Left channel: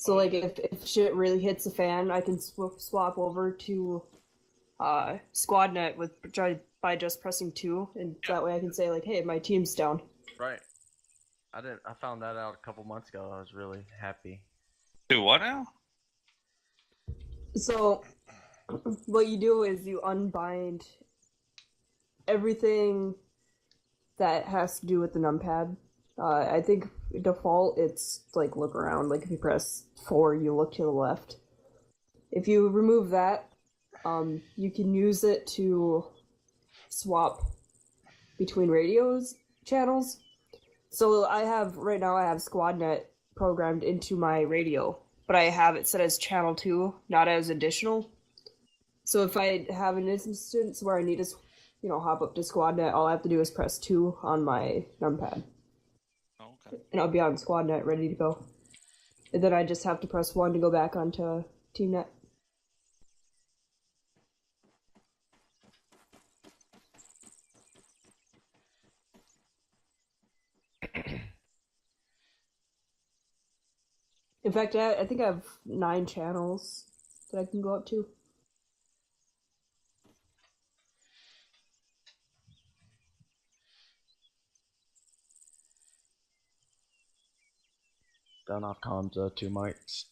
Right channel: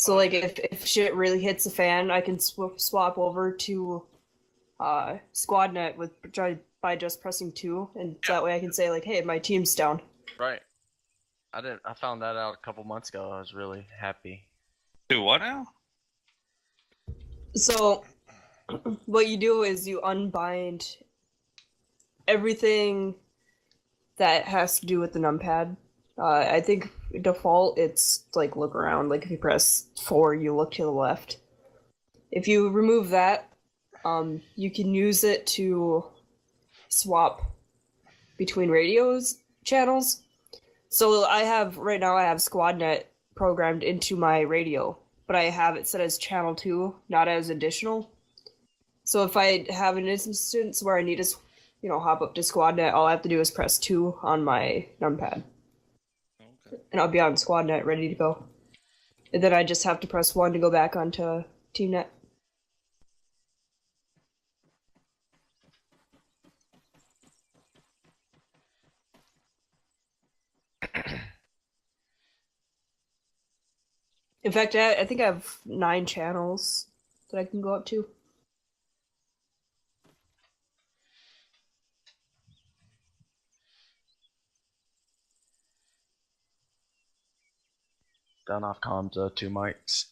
So like if shit really hits the fan, I can swap over to SquadNet by just pressing 2, and that way I can say like, hey, my team's down. Right. I found that out a couple months ago. I was really happy. Do what now? So what you do is you unbind everything that has to do with the numpad. I think default it's like look around. Like if you press 4, you look to the left. If you remove that, you can use it to swap between radios channels. So right now I have SquadNet programmed into my radio, but I have it set as channel 2, not as additional. So if I have an instance where I need to, hop up to SquadNet, all I have to do is press 2 on my numpad. Okay. And I'll be on SquadNet ready to go. And then I just have to press 1 to go back onto TeamNet. In fact, I think I have 9 channels that I can go up to. Down off comms, 2 mics.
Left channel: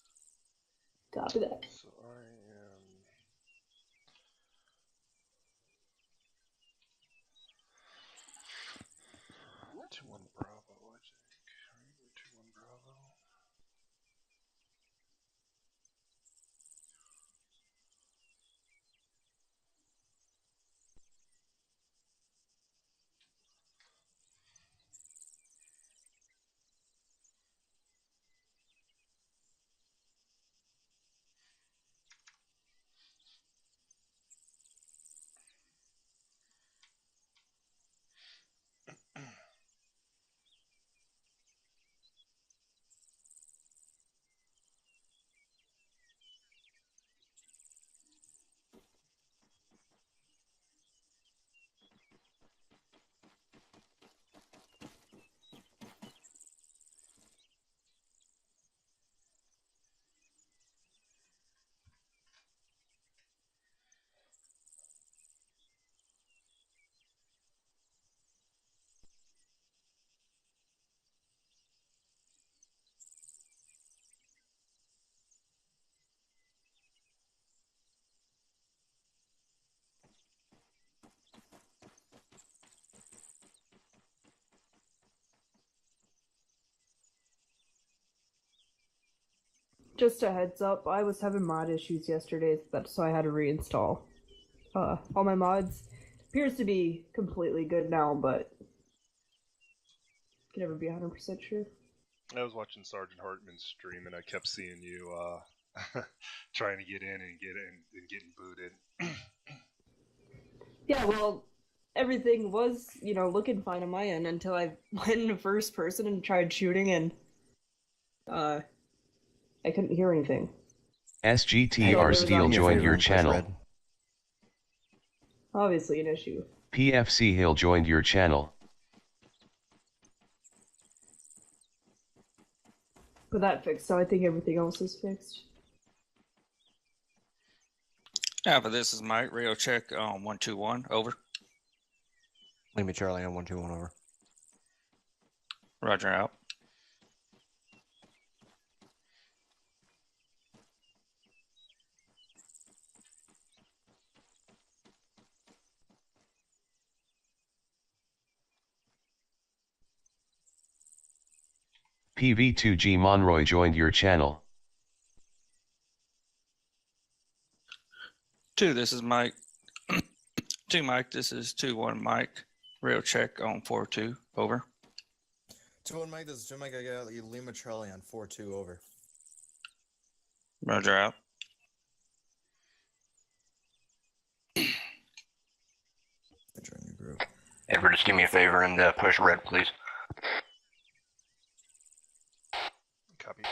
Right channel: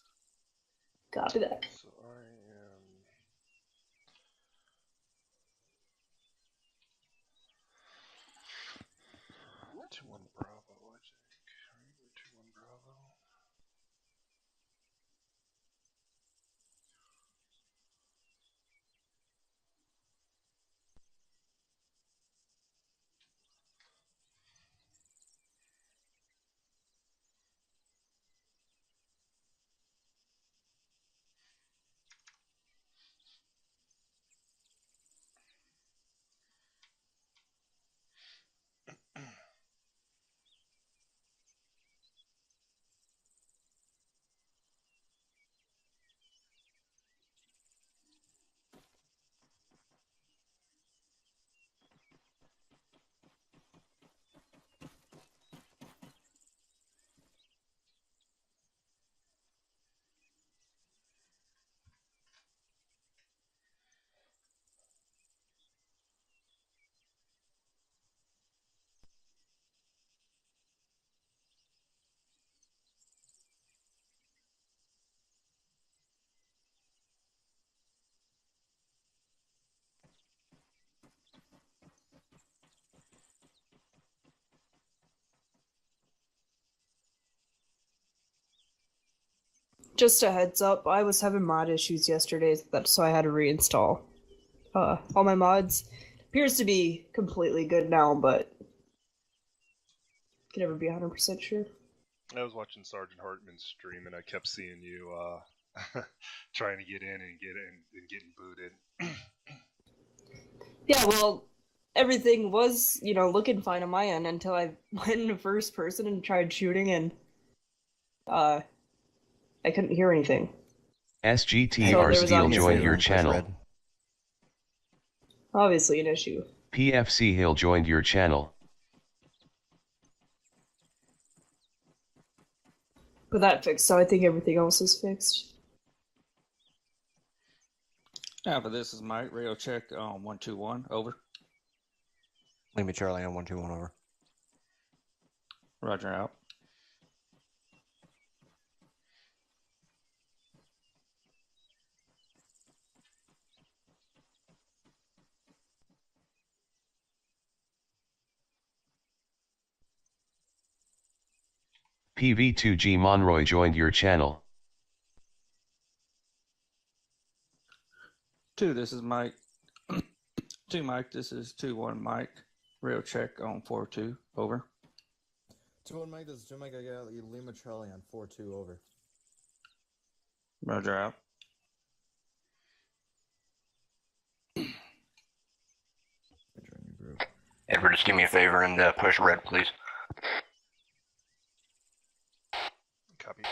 Copy that. So I am. To 1 Bravo, I think. Right? We're 2-1 Bravo. Just a heads up, I was having mod issues yesterday, so I had to reinstall all my mods. Appears to be completely good now, but can never be 100% sure. I was watching Sergeant Hartman's stream and I kept seeing you trying to get in and getting booted. Yeah, well, everything was, looking fine on my end until I went into first person and tried shooting, and I couldn't hear anything. SGTR Steel joined your channel. Obviously an issue. PFC Hill joined your channel. But that fixed, so I think everything else is fixed. Alpha, this is Mike. Radio check on 121. Over. Lima Charlie on 121. Over. Roger out. PV2G Monroy joined your channel. 2, this is Mike. 2 Mike, this is 2-1 Mike. Radio check on 4-2. Over. 2-1 Mike, this is 2 Mike. I got Lima Charlie on 4-2. Over. Roger out. Edward, just do me a favor and push red, please. Copy.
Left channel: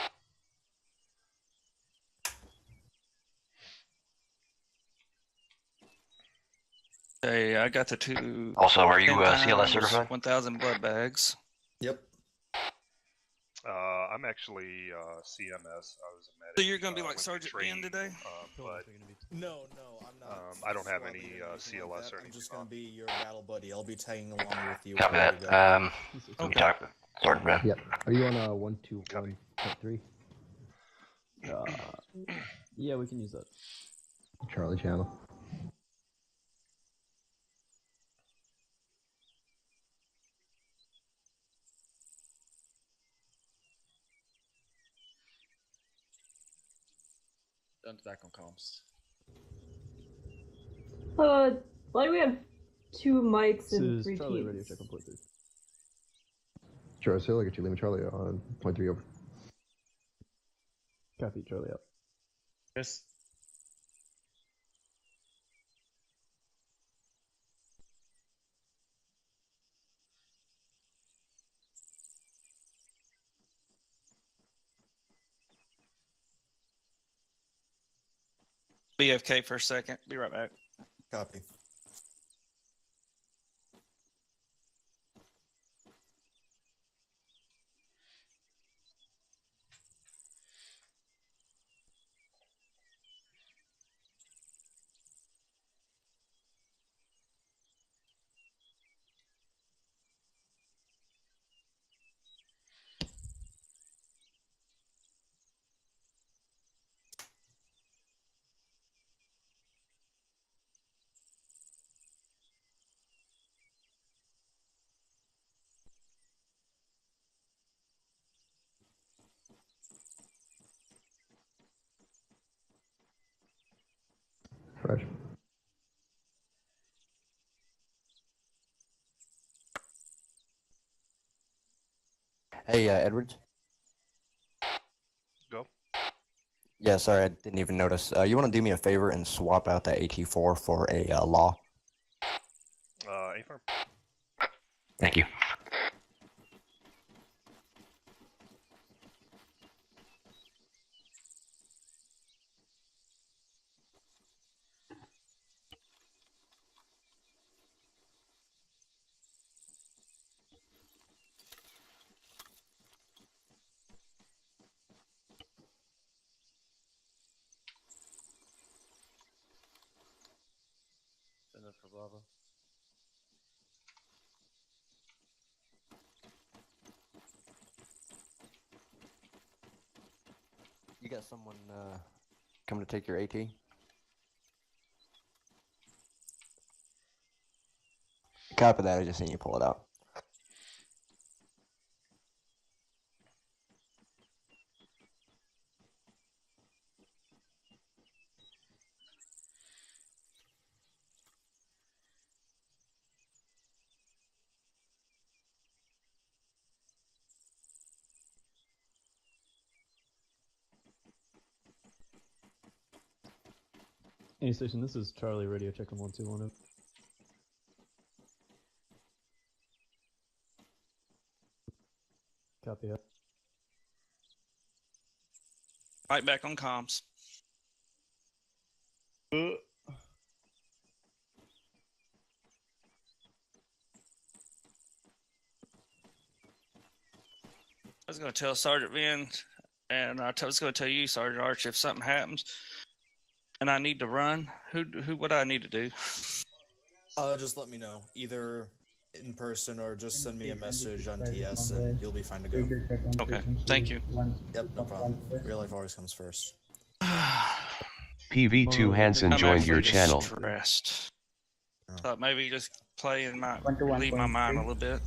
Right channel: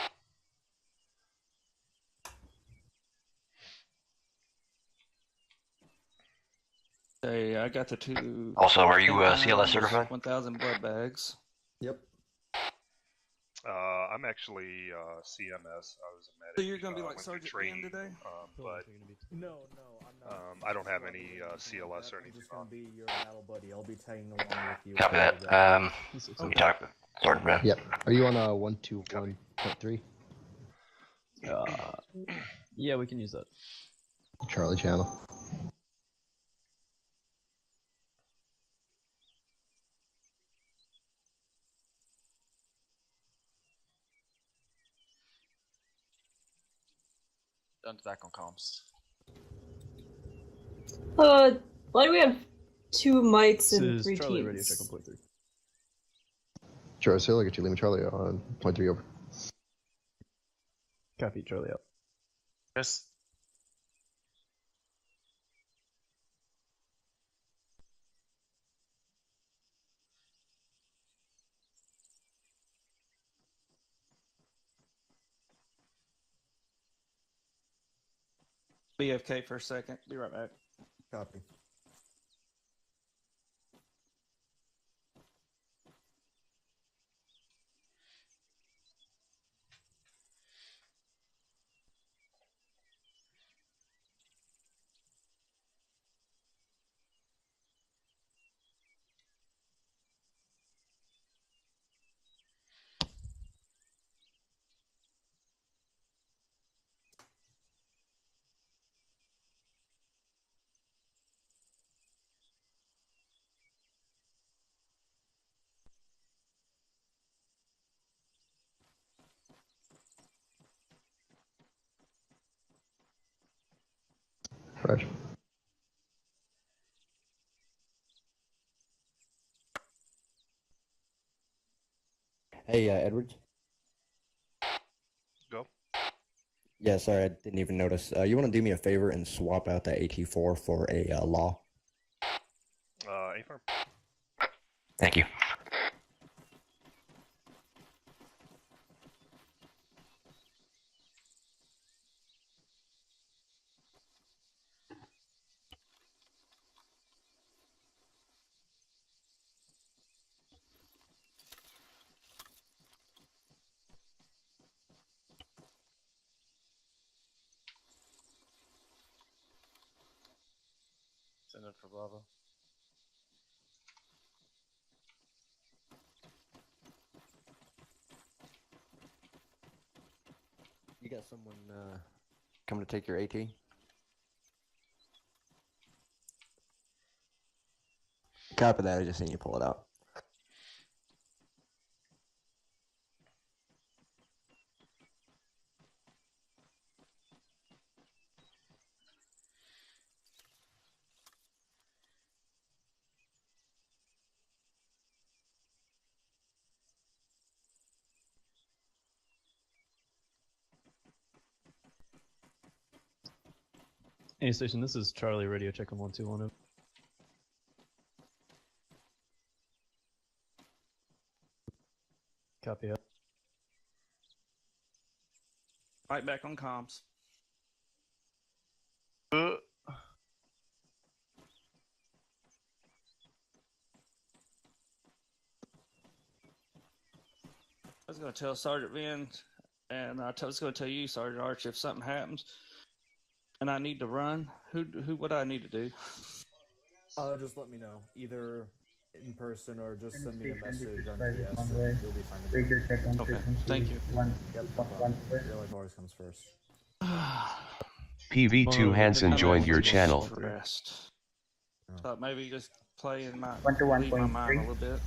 Hey, I got the 2. Also, are you CLS certified? 1,000 blood bags. Yep. I'm actually CMS. I was a medic. So you're gonna be like went through Sergeant Ian training, today? but No, I'm not. I don't have Not any anything like CLS or that. I'm anything just gonna on. be your battle buddy. I'll be tagging along with you. Copy wherever that. you go. Let me talk to Sergeant Ben. Yep. Are you on 121.3? Yeah, we can use that. Charlie channel. Done back on comms. Why do we have 2 mics This and is 3 Charlie teams? Radio check on point 3. Charlie Hill, I got you Lima Charlie on point 3 over. Copy, Charlie out. Yes. BFK for a second. Be right back. Copy. Roger. Hey, Edwards. Go. Yeah, sorry, I didn't even notice. You want to do me a favor and swap out the AT4 for a law? A-firm. Thank you. Send it for Bravo. You got someone coming to take your AT? Copy that. I just seen you pull it out. Any station, this is Charlie Radio check on 1210. Copy it. Right back on comms. I was going to tell Sergeant Ben, and I was going to tell you, Sergeant Arch, if something happens and I need to run, who what do I need to do? Just let me know, either in person or just send me a message on TS, and you'll be fine to go. Okay, thank you. Yep, no problem. Real life always comes first. PV2 Hansen I'm joined your actually channel. Stressed. Thought maybe just play and might leave my mind a little bit.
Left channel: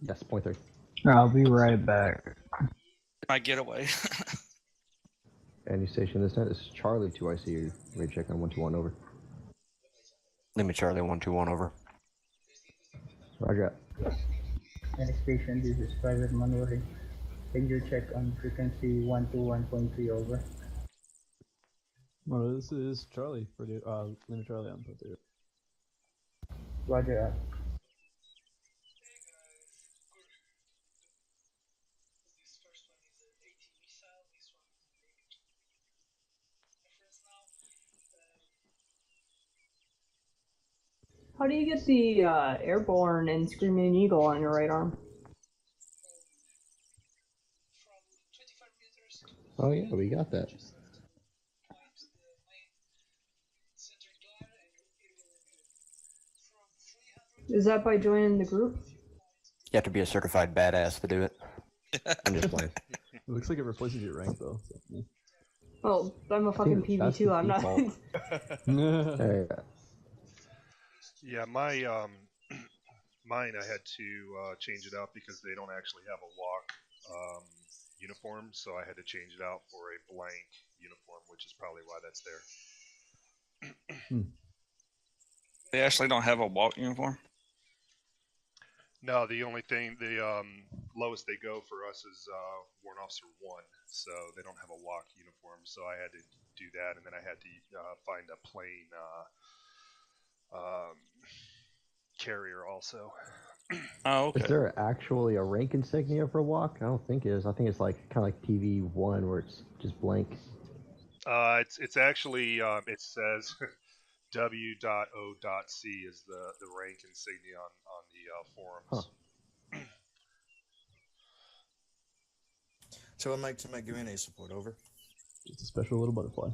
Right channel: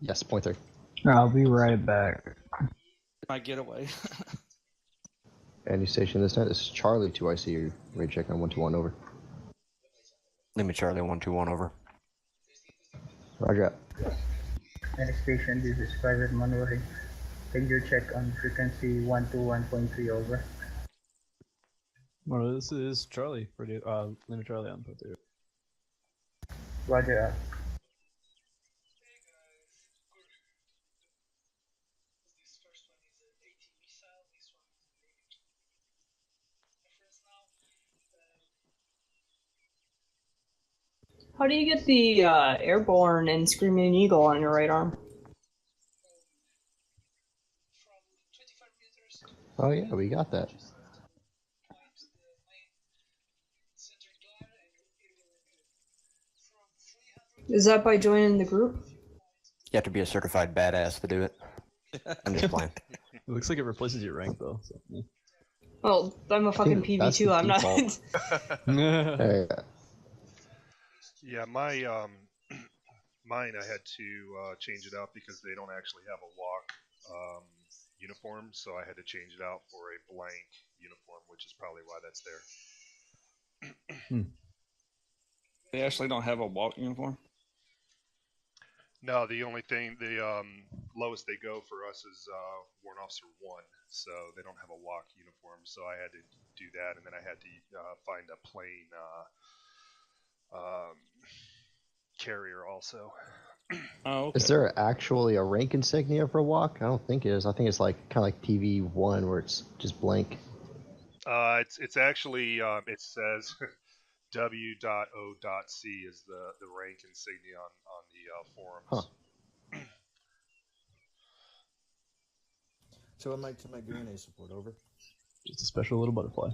Yes, point 3. I'll be right back. My getaway. Any station this night? This is Charlie 2IC. Radio check on 121 over. Let me Charlie 121 over. Roger out. Next station, this is Private Manuel. Can you check on frequency 121.3 over? Well, this is Charlie Radio. Lima Charlie on point 3. Roger. How do you get the airborne and Screaming Eagle on your right arm? Oh yeah, we got that. Is that by joining the group? You have to be a certified badass to do it. I'm just playing. It looks like it replaces your rank though. So, yeah. Well, I'm a fucking Dude, that's PV2. the I'm not. default. Yeah, my mine I had to change it out because they don't actually have a walk uniform, so I had to change it out for a blank uniform, which is probably why that's there. They actually don't have a walk uniform. No, the only thing, the lowest they go for us is Warrant Officer 1, so they don't have a walk uniform, so I had to do that, and then I had to find a plain carrier also. Oh, okay. Is there actually a rank insignia for walk? I don't think it is. I think it's like kind of like TV1 where it's just blank. It's actually it says W.O.C is the rank insignia on the forums. Huh. So Mike, give me an A support, over. Just a special little butterfly.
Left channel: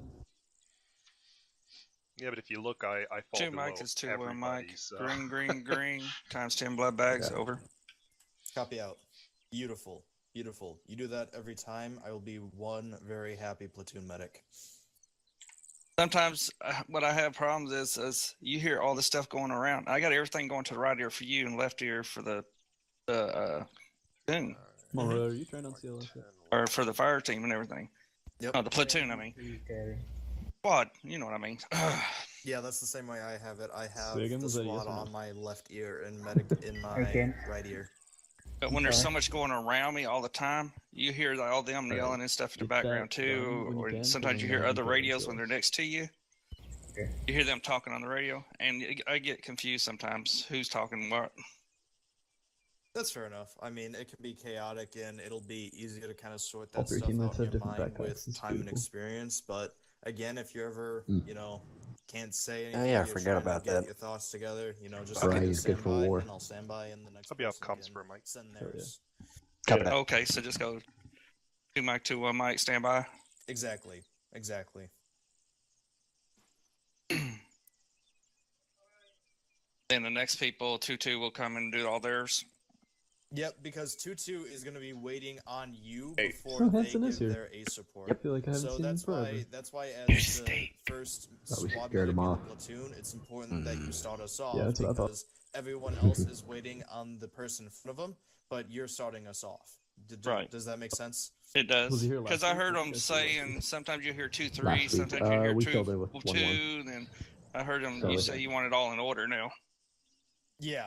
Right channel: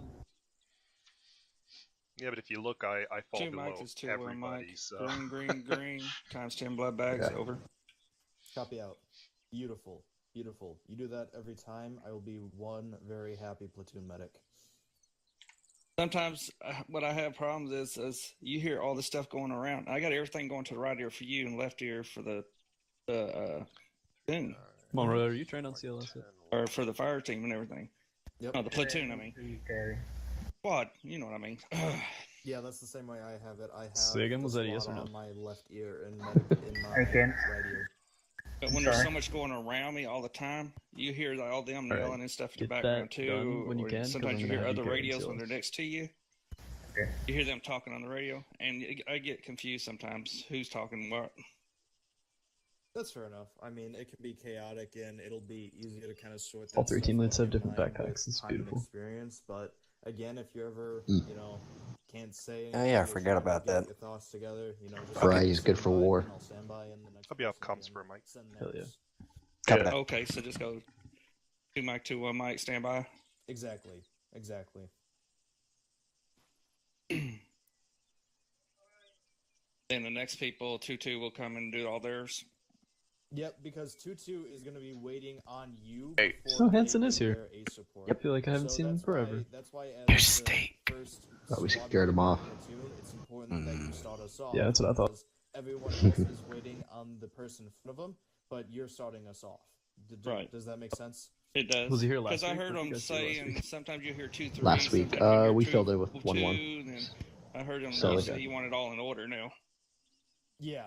Yeah, but if you look, I fall 2 below Mike is 2 everybody. Mike. So. Green, times 10 blood bags, Okay. over. Copy out. Beautiful. You do that every time, I will be one very happy platoon medic. Sometimes what I have problems is you hear all this stuff going around. I got everything going to the right ear for you and left ear for the thing, Monroe, are you trained on CLS? or for the fire team and everything. Yep. Oh, the platoon, I mean. Squad, you know what I mean. Yeah, that's the same way I have it. I have Say again, the was that squad yes or no? on my left ear and medic in my Again. right ear. But when there's so much going around me all the time, you hear all them Right. yelling and stuff in the Get that background too. done when you Or can, 'cause sometimes I'm you gonna hear have you other go radios into when it. they're next to you. Okay. You hear them talking on the radio, and I get confused sometimes who's talking what. That's fair enough. I mean, it can be chaotic, and it'll be easier to kind of sort that All 13 stuff lights out have in your different mind backpacks. with It's time and beautiful. experience. But again, if you ever, can't say anything, Oh, yeah, I you're forgot trying to about get that. Your thoughts together, just Variety's stand good for by, war. and I'll stand by in the next. I'll be off person comms can for a mic. send Hell yeah. theirs. Copy that. Okay, so just go 2 Mike, 2 1 Mike, stand by. Exactly. Then the next people, 2-2 will come and do all theirs. Yep, because 2-2 is going to be waiting on you Hey. before Oh, they Hanson give is here. their A support. I feel like I haven't So seen him that's forever. That's why as the first Oh, we squad scared him medic in off. the platoon, it's important that you start us off. Yeah, that's what I thought. Because everyone else is waiting on the person in front of them, but you're starting us off. Right. Does that make sense? It does. Was he here last Because I week? heard What did them you guys do last saying week? sometimes you hear 2-3, Last week, sometimes you hear we 2, filled it with 2, 1-1. then I heard them So you it- say you want it all in order now. Yeah.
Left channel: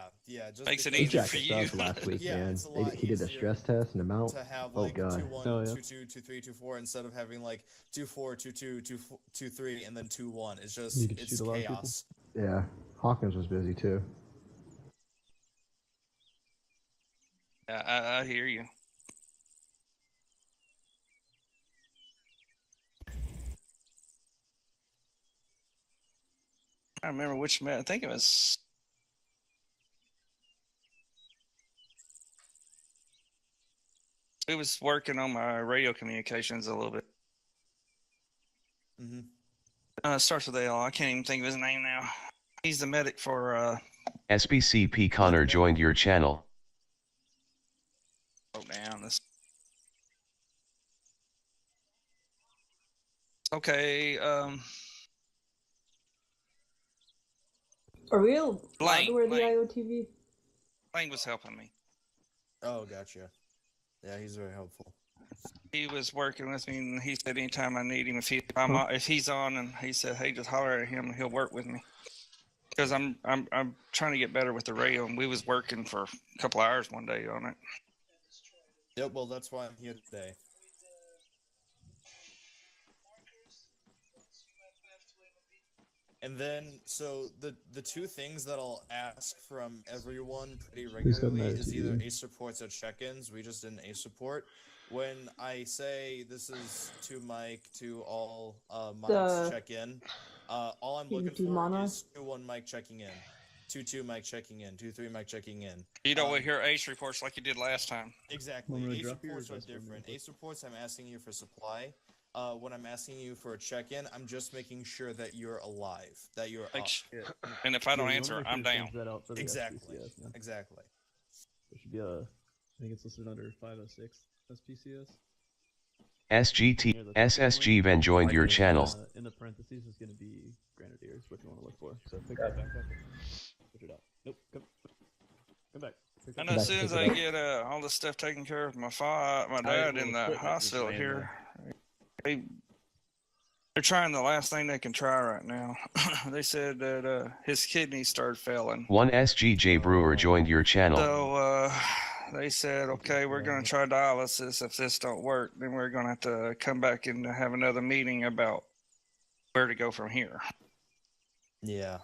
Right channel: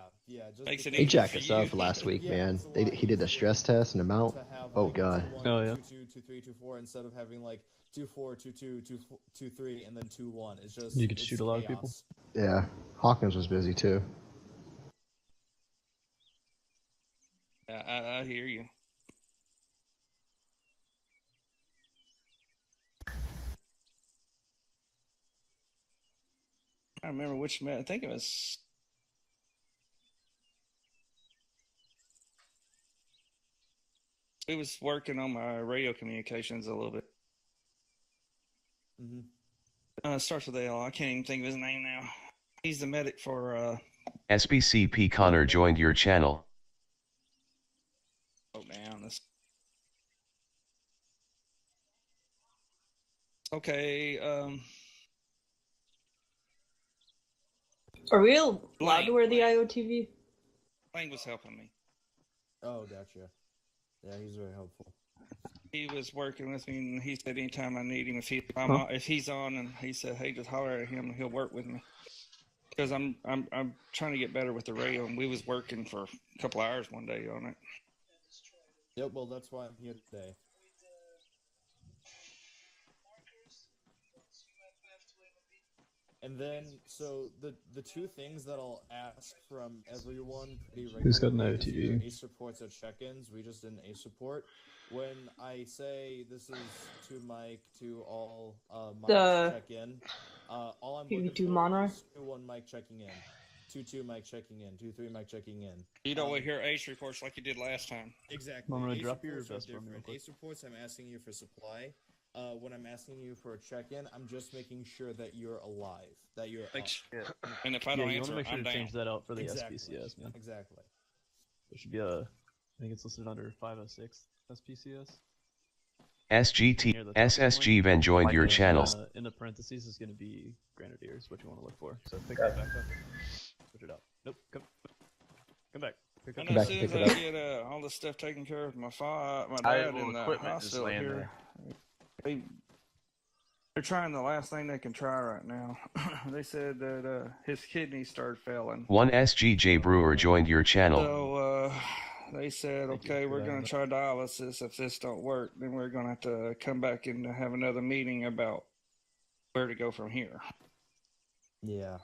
Just Makes it because- He easier jacked for us you. up last week, Yeah, man. it's a lot He did a easier stress test and amount. to have Oh, like God. 2-1, Oh, yeah. 2-2, 2-3, 2-4 instead of having like 2-4, 2-2, 2-3, and then 2-1. It's just You could it's shoot a lot of people. chaos. Yeah, Hawkins was busy too. Yeah, I hear you. I remember which man. I think it was. He was working on my radio communications a little bit. Starts with L. I can't even think of his name now. He's the medic for. SBCP Connor joined your channel. Oh, damn this. Okay. Are we allowed Blank, to wear the blank. IOTV? Lang was helping me. Oh, gotcha. Yeah, he's very helpful. He was working with me, and he said anytime I need him, if he's on, and he said, "Hey, just holler at him, and he'll work with me." Because I'm trying to get better with the radio, and we was working for a couple hours one day on it. Yep, well, that's why I'm here today. And then, so the two things that I'll ask from everyone pretty Who's got an regularly is IOTV? either ace supports or check-ins. We just did an ace support. When I say this is to Mike, to all mics check-in, all I'm looking PV2 for mono? is 2-1 mic checking in, 2-2 mic checking in, 2-3 mic checking in. You don't want to hear ace reports like you did last time. Exactly. Monroe, Ace drop your reports are vest for me real different. quick. Ace reports, I'm asking you for supply. when I'm asking you for a check-in, I'm just making sure that you're alive, that you're Like, up. and if I don't you answer, wanna make sure I'm to down. change that out for the Exactly. SPCS, man. Exactly. There should be a, I think it's listed under 506 SPCS. SGT SSG Van joined your channel. In the parentheses is going to be Grenadiers, what you want to look for. So pick that back up. Switch it out. Nope, come back. Pick And that as back. soon as pick I it up. get all this stuff taken care of, my I dad will in the equipment just hospital laying here, they're trying the last thing they can try right now. They said that his kidneys started failing. One SGJ Brewer joined your channel. So they said, okay, we're going to try dialysis. If this don't work, then we're going to have to come back and have another meeting about where to go from here. Yeah.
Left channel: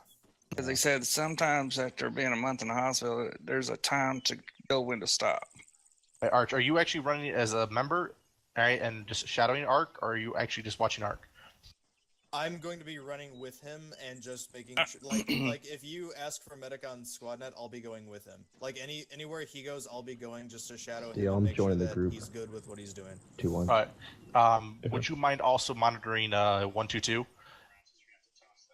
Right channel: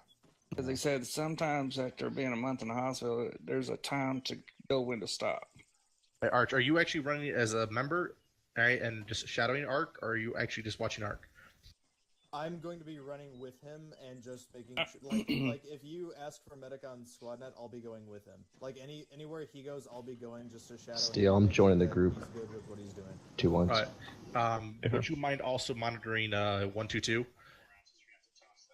Because they said sometimes after being a month in the hospital, there's a time to go when to stop. Hey, Arch, are you actually running as a member, right, and just shadowing Arc, or are you actually just watching Arc? I'm going to be running with him and just making sure, like if you ask for medic on SquadNet, I'll be going with him. Like anywhere he goes, I'll be going just to shadow him. Steel, and I'm make sure joining the that group. He's good with what he's doing. 2-1. All right. Would you mind also monitoring 122?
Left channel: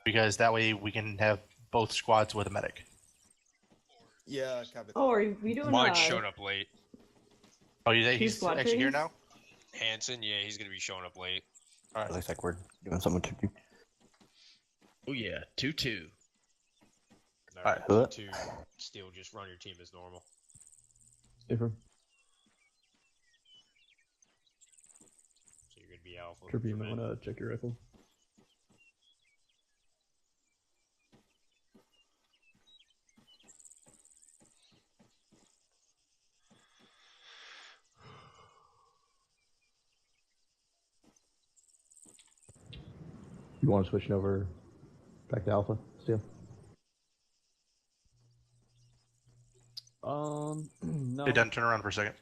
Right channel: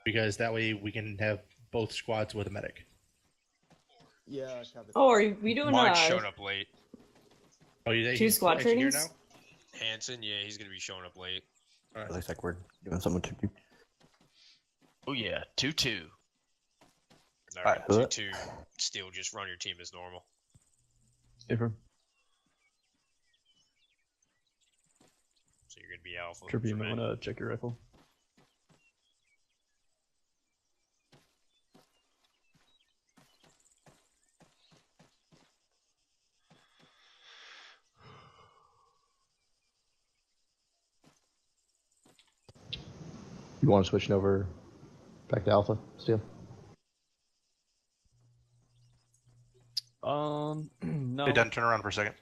Because that way we can have both squads with a medic. Yeah, copy. Oh, are we doing Mine's showing up late. Oh, he's squad actually here trainings? now? Hanson, yeah, he's gonna be showing up late. It looks like we're doing something to do. Oh yeah, 2-2. Alright. Alright, 2-2. Still just run your team as normal. Different. So you're gonna be alpha. Trippy, you for might me. want to check your rifle. You want to switch over back to Alpha, Steel? No. Hey, Dan, turn around for a second.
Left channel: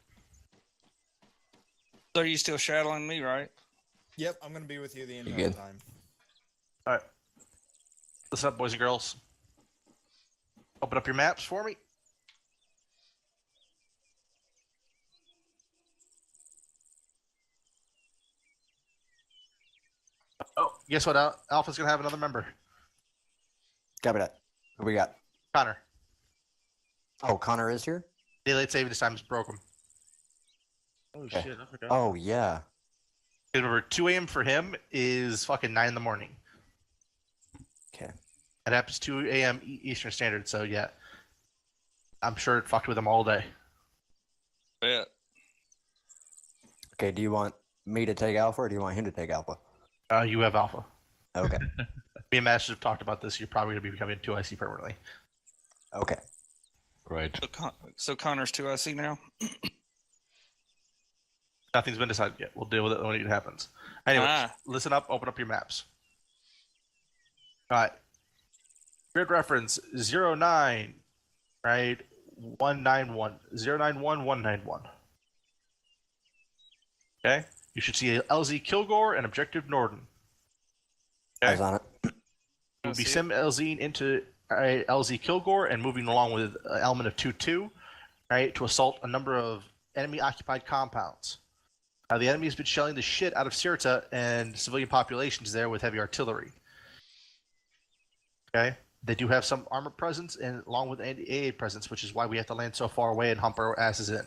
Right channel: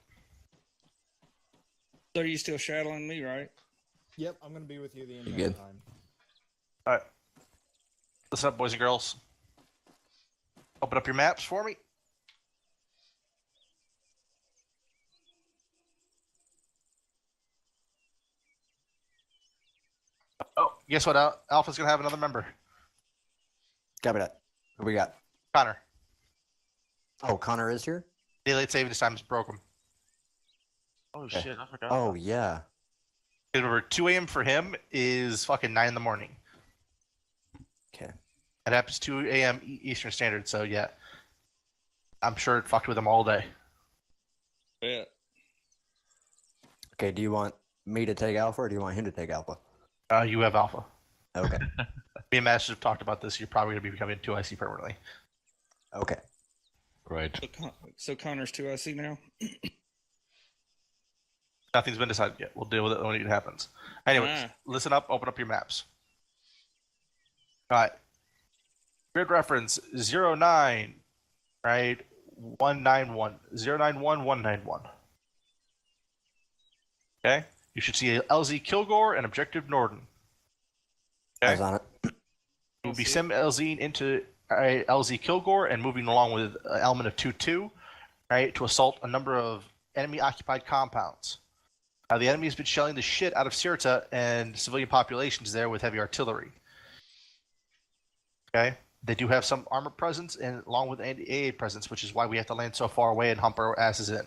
So you still shadowing me, right? Yep, I'm gonna be with you the You entire good? time. All right. Listen up, boys and girls. Open up your maps for me. Oh, guess what? Alpha's gonna have another member. Copy that. Who we got? Connor. Oh, Connor is here? Daylight savings time is broken. Oh Okay. shit, I forgot. Oh, yeah. Remember, 2 a.m. for him is fucking 9 in the morning. Okay. It happens 2 a.m. Eastern Standard, so yeah. I'm sure it fucked with him all day. Yeah. Okay, do you want me to take Alpha or do you want him to take Alpha? You have Alpha. Okay. Me and Masters have talked about this. You're probably going to be becoming 2IC permanently. Okay. Right. So Connor's 2IC now? Nothing's been decided yet. We'll deal with it when it happens. Anyway, Ah. listen up. Open up your maps. All right. Grid reference 09, right? 191. 091191. Okay? You should see LZ Kilgore and Objective Norden. Eyes on it. We'll be sim LZing into LZ Kilgore and moving along with an element of 2-2, right, to assault a number of enemy-occupied compounds. The enemy has been shelling the shit out of Sirta and civilian populations there with heavy artillery. Okay? They do have some armor presence and along with AA presence, which is why we have to land so far away and hump our asses in.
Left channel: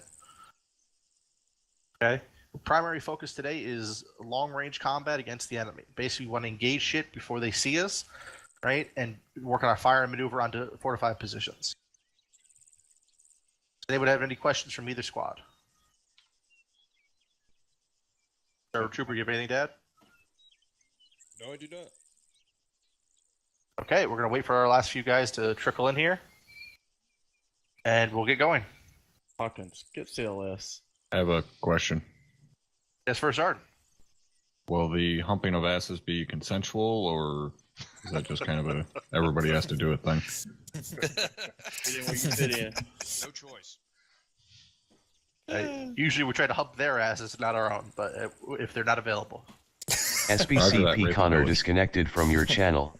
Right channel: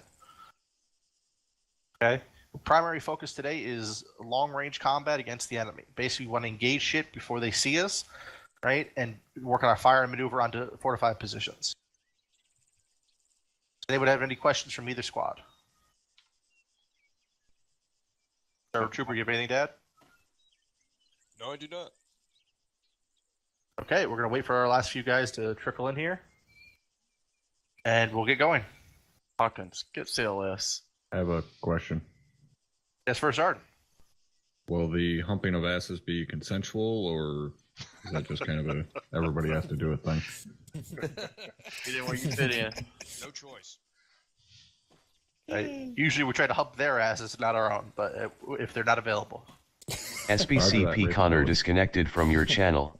Okay? The primary focus today is long-range combat against the enemy. Basically, we want to engage shit before they see us, right? And work on our fire and maneuver onto fortified positions. Does anyone have any questions from either squad? Sir Trooper, you have anything to add? No, I do not. Okay, we're going to wait for our last few guys to trickle in here. And we'll get going. Hawkins, get CLS. I have a question. Yes, first Arden. Will the humping of asses be consensual, or is that just kind of a everybody has to do it thing? Fit in where you fit in. No choice. Usually we try to hump their asses, not our own, but if they're not available. SBCP Connor disconnected from your channel.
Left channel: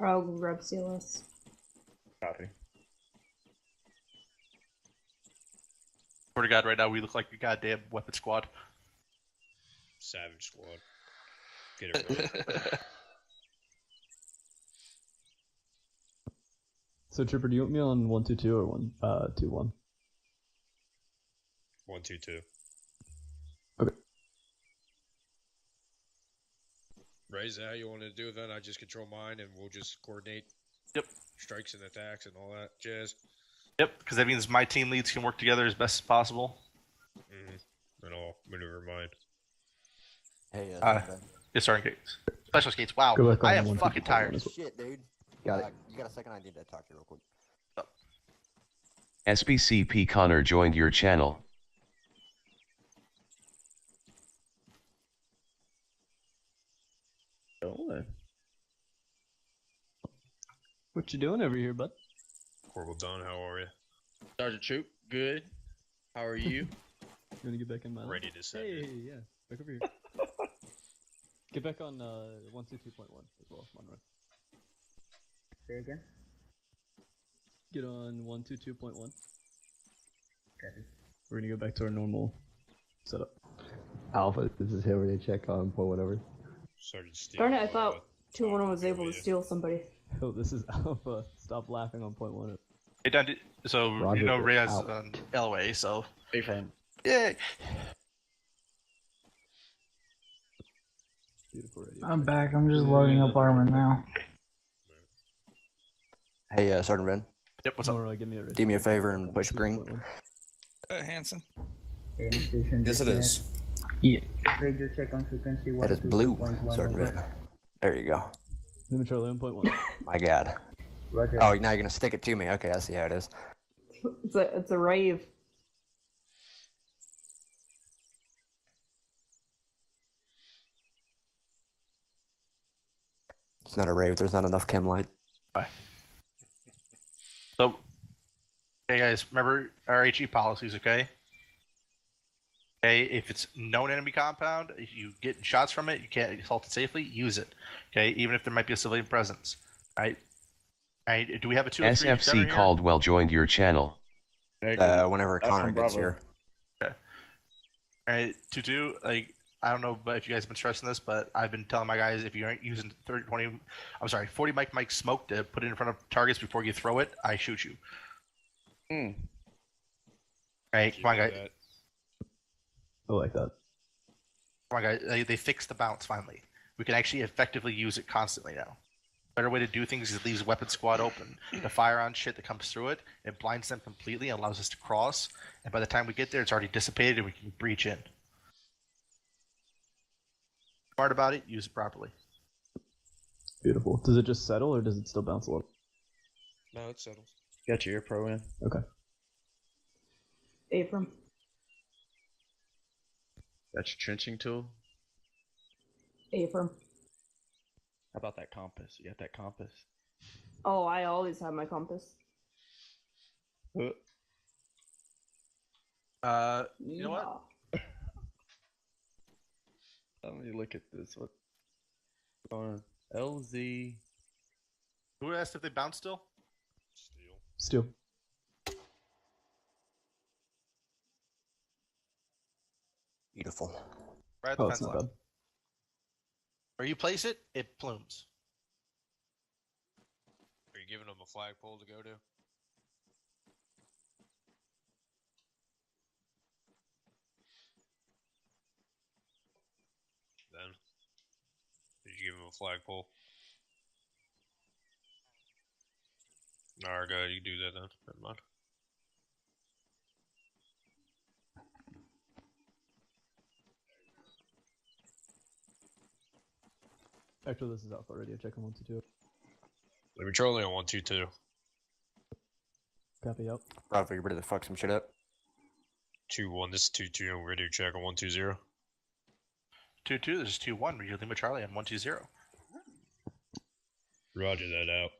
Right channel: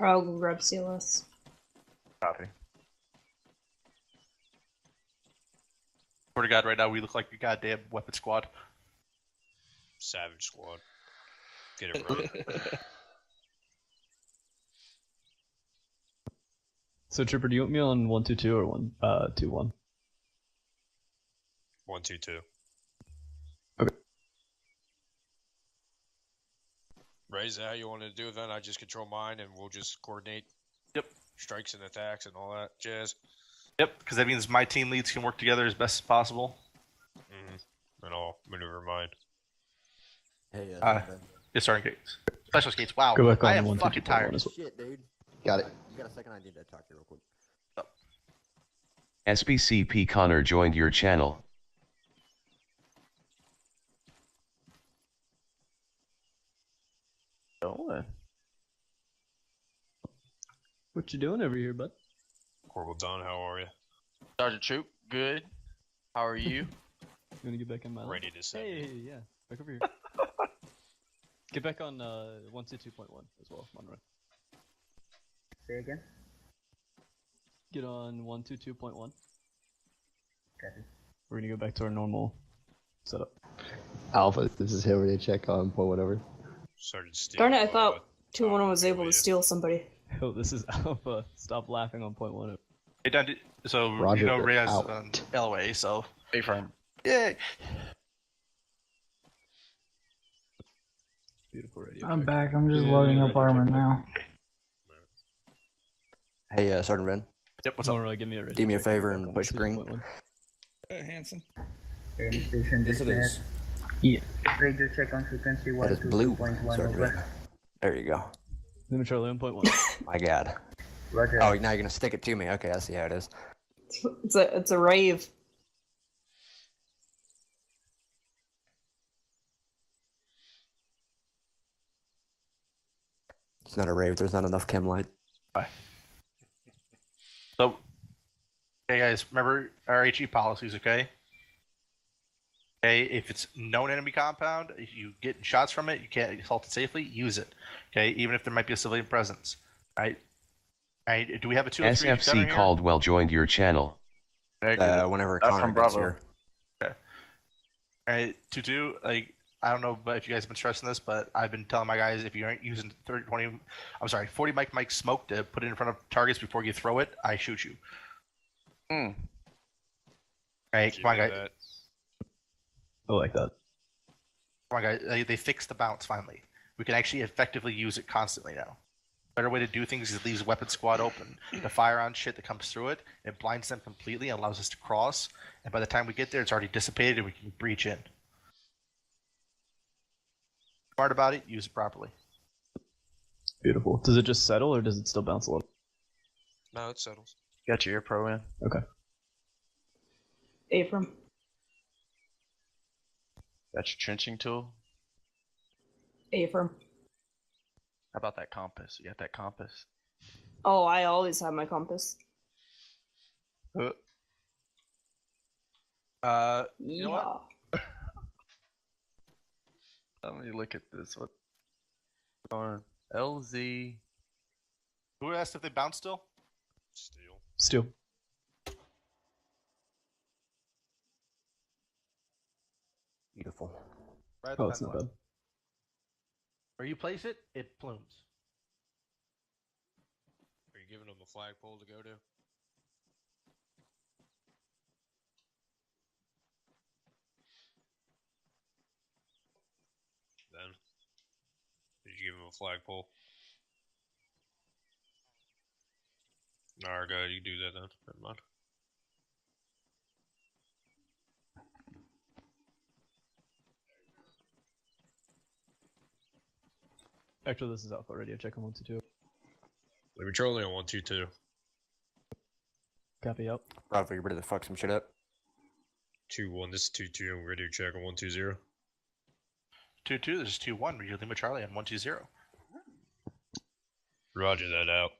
I'll grab CLS. Copy. Swear to God, right now we look like a goddamn weapon squad. Savage Squad. Get it right. So Tripper, do you want me on 122 or 121? 122. Okay. Ray, is that how you want to do it then? I just control mine and we'll just coordinate strikes and attacks and all that jazz. Yep, because that means my team leads can work together as best as possible. And I'll maneuver mine. Hey, yes, Sergeant Gates. Special Gates, wow. Go back on I the am 122 fucking tired. as well. Shit, dude. Got it. You got a second? I need to talk to you real quick. SBCP Connor joined your channel. What you doing over here, bud? Corporal Don, how are you? Sergeant Troop, good. How are you? You want to get back in my Ready to send Hey, it. yeah. Back over here. Get back on 122.1 as well, Monroe. Say again. Get on 122.1. Copy. We're gonna go back to our normal setup. Alpha, this is Hillary. Check on point whatever. Sergeant Steve. Darn it, I thought 2-1 was able to steal somebody. Oh, this is Alpha. Stop laughing on point 1. Hey, Don, so Roger, you know Ray has out. LOA, so Hey, friend. yay. Beautiful radio. I'm back. I'm just loading up ArmA now. Hey, Sergeant Ben. Yep, what's up? Monroe, give me a radio. Do me a favor and push green. Hanson. Station Yes, it is. Yeah. Radio check on frequency. That is blue, 122.1. Sergeant Ben. There you go. Limit Charlie on point 1. My God. Roger. Oh, now you're gonna stick it to me. Okay, I see how it is. It's a rave. It's not a rave. There's not enough chem light. Bye. So, hey guys, remember our HE policies, okay? Okay, if it's known enemy compound, if you get shots from it, you can't assault it safely, use it. Okay, even if there might be a civilian presence. Right? Right? Do we have a 2 SFC Caldwell joined your channel. Whenever That's Connor from gets Bravo. here. Okay. Alright, 2-2, like, I don't know if you guys have been stressing this, but I've been telling my guys if you aren't using 40 mic smoke to put it in front of targets before you throw it, I shoot you. Alright, come on guys. I like that. Come on, guys. They fixed the bounce finally. We can actually effectively use it constantly now. Better way to do things is leaves weapon squad open. The fire on shit that comes through it, it blinds them completely and allows us to cross. And by the time we get there, it's already dissipated and we can breach in. Smart about it, use it properly. Beautiful. Does it just settle or does it still bounce a little? No, it settles. Got your ear pro in. Okay. Abram. Got your trenching tool. Abram. How about that compass? You got that compass? Oh, I always have my compass. You know what? Let me look at this. What? On LZ. Who asked if they bounce still? Still. Beautiful. Right at Oh, the it's fence not line. bad. Where you place it, it plumes. Are you giving them a flagpole to go to? Then, did you give him a flagpole? Alright, go ahead, you do that then. Never mind. Actually, this is Alpha Radio. Check on 122. Let me troll on 122. Copy out. Bravo, you ready to fuck some shit up? 2-1, this is 2-2, I'm ready to check on 120. 2-2, this is 2-1. We're dealing with Charlie on 120. Roger that out.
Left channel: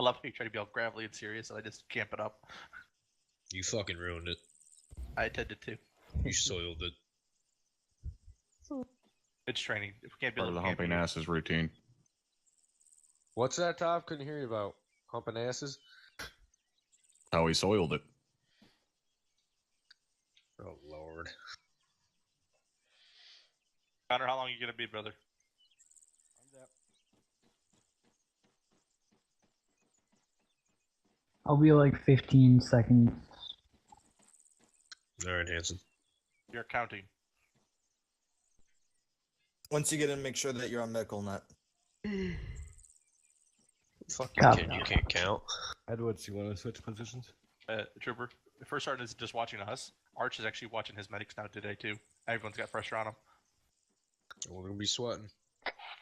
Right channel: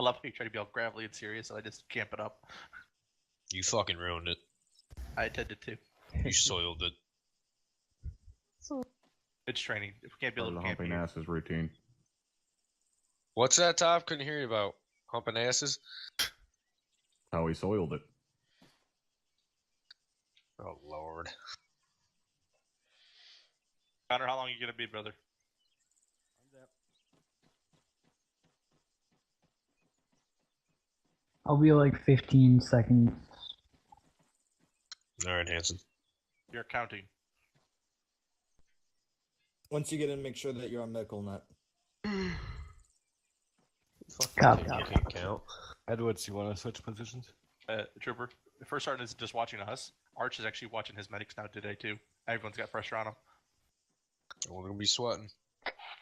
I love how you try to be all gravelly and serious, and I just camp it up. You fucking ruined it. I intended to. You soiled it. It's training. If we can't be a Part of little the humping campy. asses routine. What's that, Tom? Couldn't hear you about humping asses. How he soiled it. Oh, Lord. Connor, how long are you gonna be, brother? I'll be like 15 seconds. All right, Hanson. You're counting. Once you get in, make sure that you're on medical net. You can't count. Edwards, you want to switch positions? Trooper, the first sergeant isn't just watching us. Arch is actually watching his medics now today too. Everyone's got pressure on him. We're gonna be sweating.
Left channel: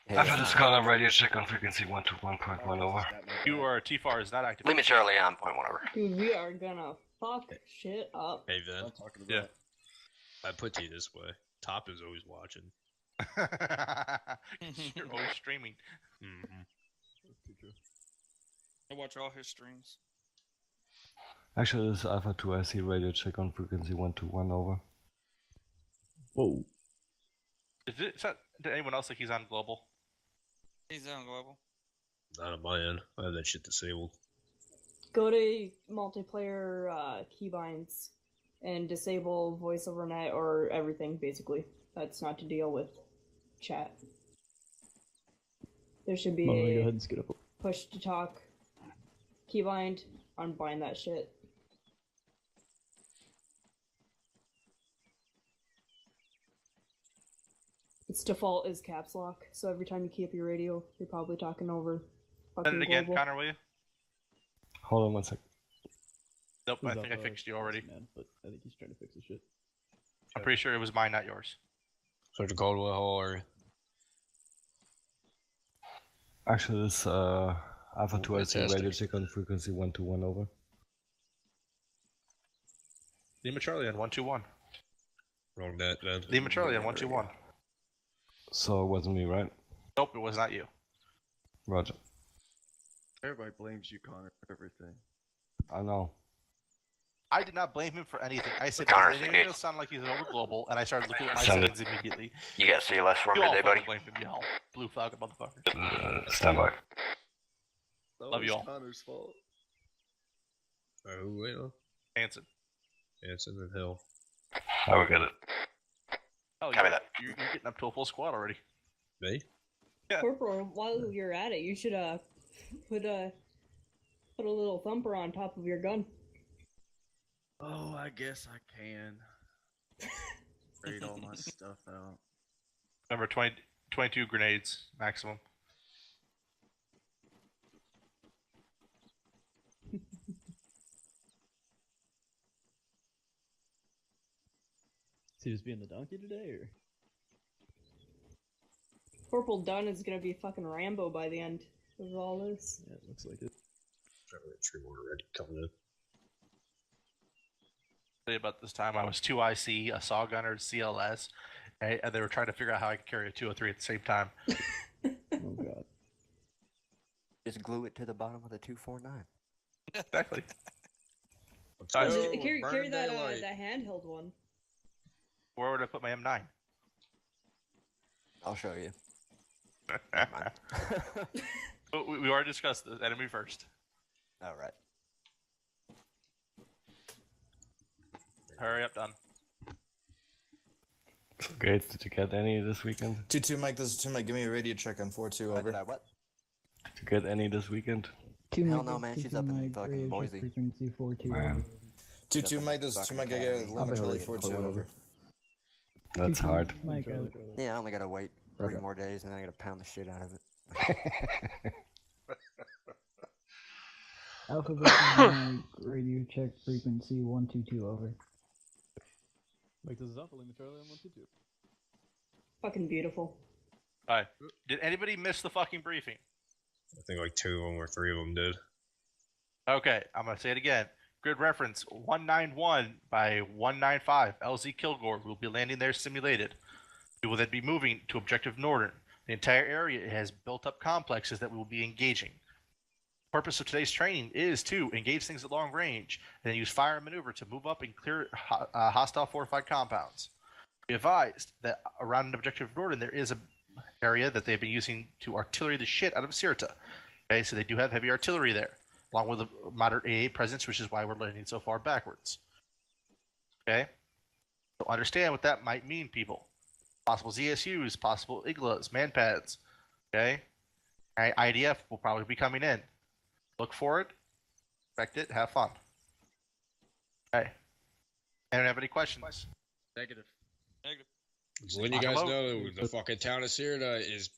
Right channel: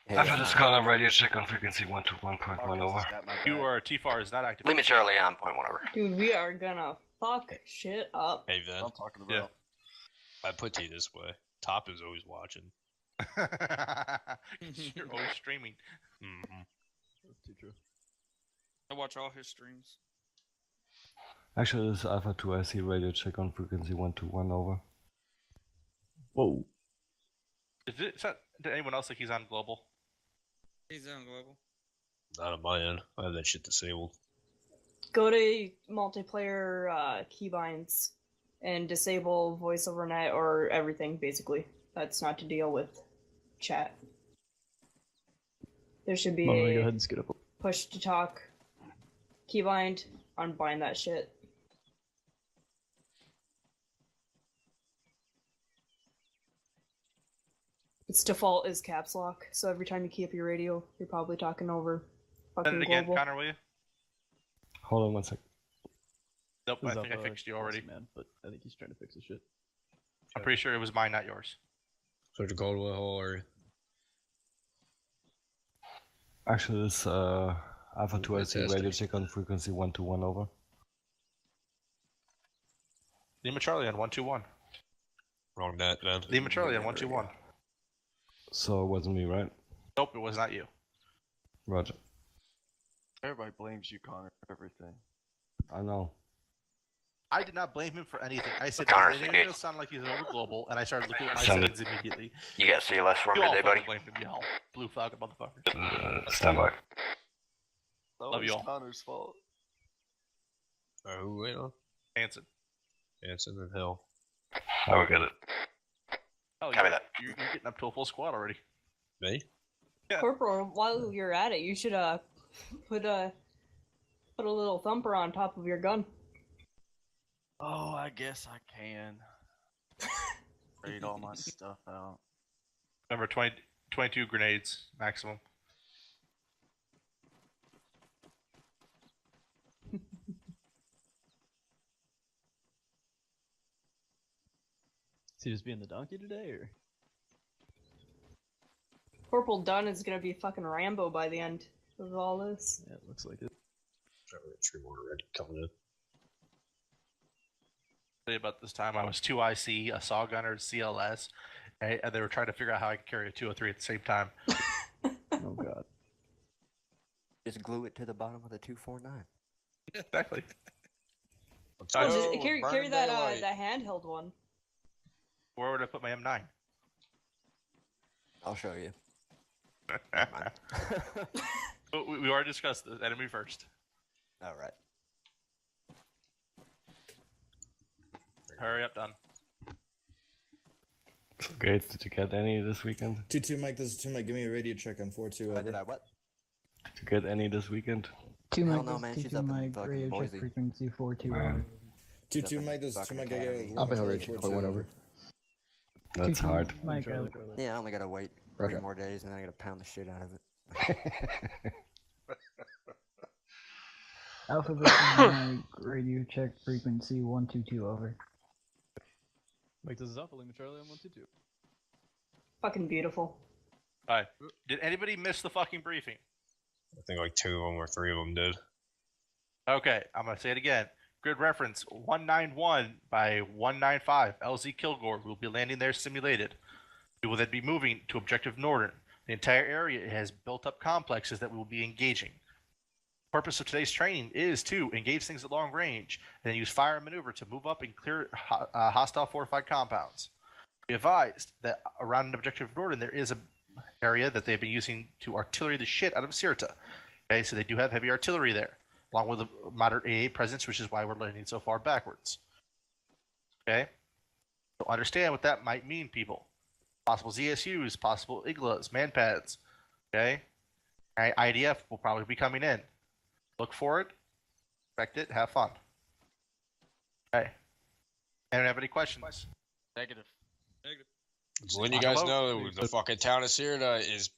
After this call, I'm radio check on frequency 121.1 over. You are T-FAR is not active. Lima Charlie on point 1 over. Dude, we are gonna fuck shit up. Hey, Vin. I'm talking about. Yeah. I put to you this way. Top is always watching. You're always streaming. Mm-hmm. I watch all his streams. Actually, this is Alpha 2. I see radio check on frequency 121 over. Whoa. Did anyone else think he's on global? He's on global. Not on my end. I have that shit disabled. Go to multiplayer keybinds and disable voice over net or everything, basically. That's not to deal with chat. There should be Well, let me go a ahead and skip up. push to talk keybind, unbind that shit. Its default is caps lock, so every time you key up your radio, you're probably talking over fucking Send it again, global. Connor, will you? Hold on 1 sec. Nope, I Who's think I up, fixed you already. Man, but I think he's trying to fix his shit. I'm pretty sure it was mine, not yours. Sergeant Caldwell, how are you? Actually, this Alpha 2. I see Fantastic. radio check on frequency 121 over. Lima Charlie on 121. Wrong net, man. Lima Charlie on 121. So it wasn't me, right? Nope, it was not you. Roger. Everybody blames you, Connor, for everything. I know. I did not blame him for anything. I said Connor's it engaged. sound like he's over global, and I started looking at my Send settings immediately. You got CLS for You me all today, buddy? fucking blamed him, y'all. Blue flag motherfuckers. Stand by. Love you all. Connor's fault. Who wait on? Hanson. Hanson and Hill. I will get it. Oh, Copy you're, that. you're getting up to a full squad already. Me? Yeah. Corporal, while you're at it, you should put a little thumper on top of your gun. Oh, I guess I can. Read all my stuff out. Remember, 22 grenades maximum. Is he just being the donkey today, or? Corporal Dunn is gonna be fucking Rambo by the end of all this. Yeah, it looks like it. Three more red coming in. Tell you about this time I was 2 IC, a saw gunner, CLS, and they were trying to figure out how I could carry a 203 at the same time. Oh god. Just glue it to the bottom of the 249. Exactly. Carry that that handheld one. Where would I put my M9? I'll show you. we already discussed the enemy first. All right. Hurry up, done. Great. Did you get any this weekend? 2-2 Mike, this is 2 Mike. Give me a radio check on 4-2. Over. Did I what? Did you get any this weekend? Hell no, man. She's up in fucking Boise. Frequency 42. Man. 2-2 Mike, this is 2 Mike. I got a I've been Charlie ready 4-2 over. That's hard. Mike, Yeah, I only gotta wait 3 Okay. more days and then I gotta pound the shit out of it. Alphabet radio check frequency 122 over. Mike, this is Alpha Lima Charlie on 122. Fucking beautiful. Alright. Did anybody miss the fucking briefing? I think like 2 of them or 3 of them did. Okay, I'm gonna say it again. Grid reference 191 by 195 LZ Kilgore will be landing there simulated. We will then be moving to Objective Northern. The entire area has built up complexes that we will be engaging. The purpose of today's training is to engage things at long range and then use fire and maneuver to move up and clear hostile fortified compounds. Be advised that around Objective Northern there is an area that they've been using to artillery the shit out of Sirta. Okay, so they do have heavy artillery there, along with a moderate AA presence, which is why we're landing so far backwards. Okay? So understand what that might mean, people. possible ZSUs, possible iglas, manpads. Okay? Alright, IDF will probably be coming in. Look for it, expect it, have fun. Okay. Anyone have any questions? Negative. Just letting you guys know, the fucking town of Sirta is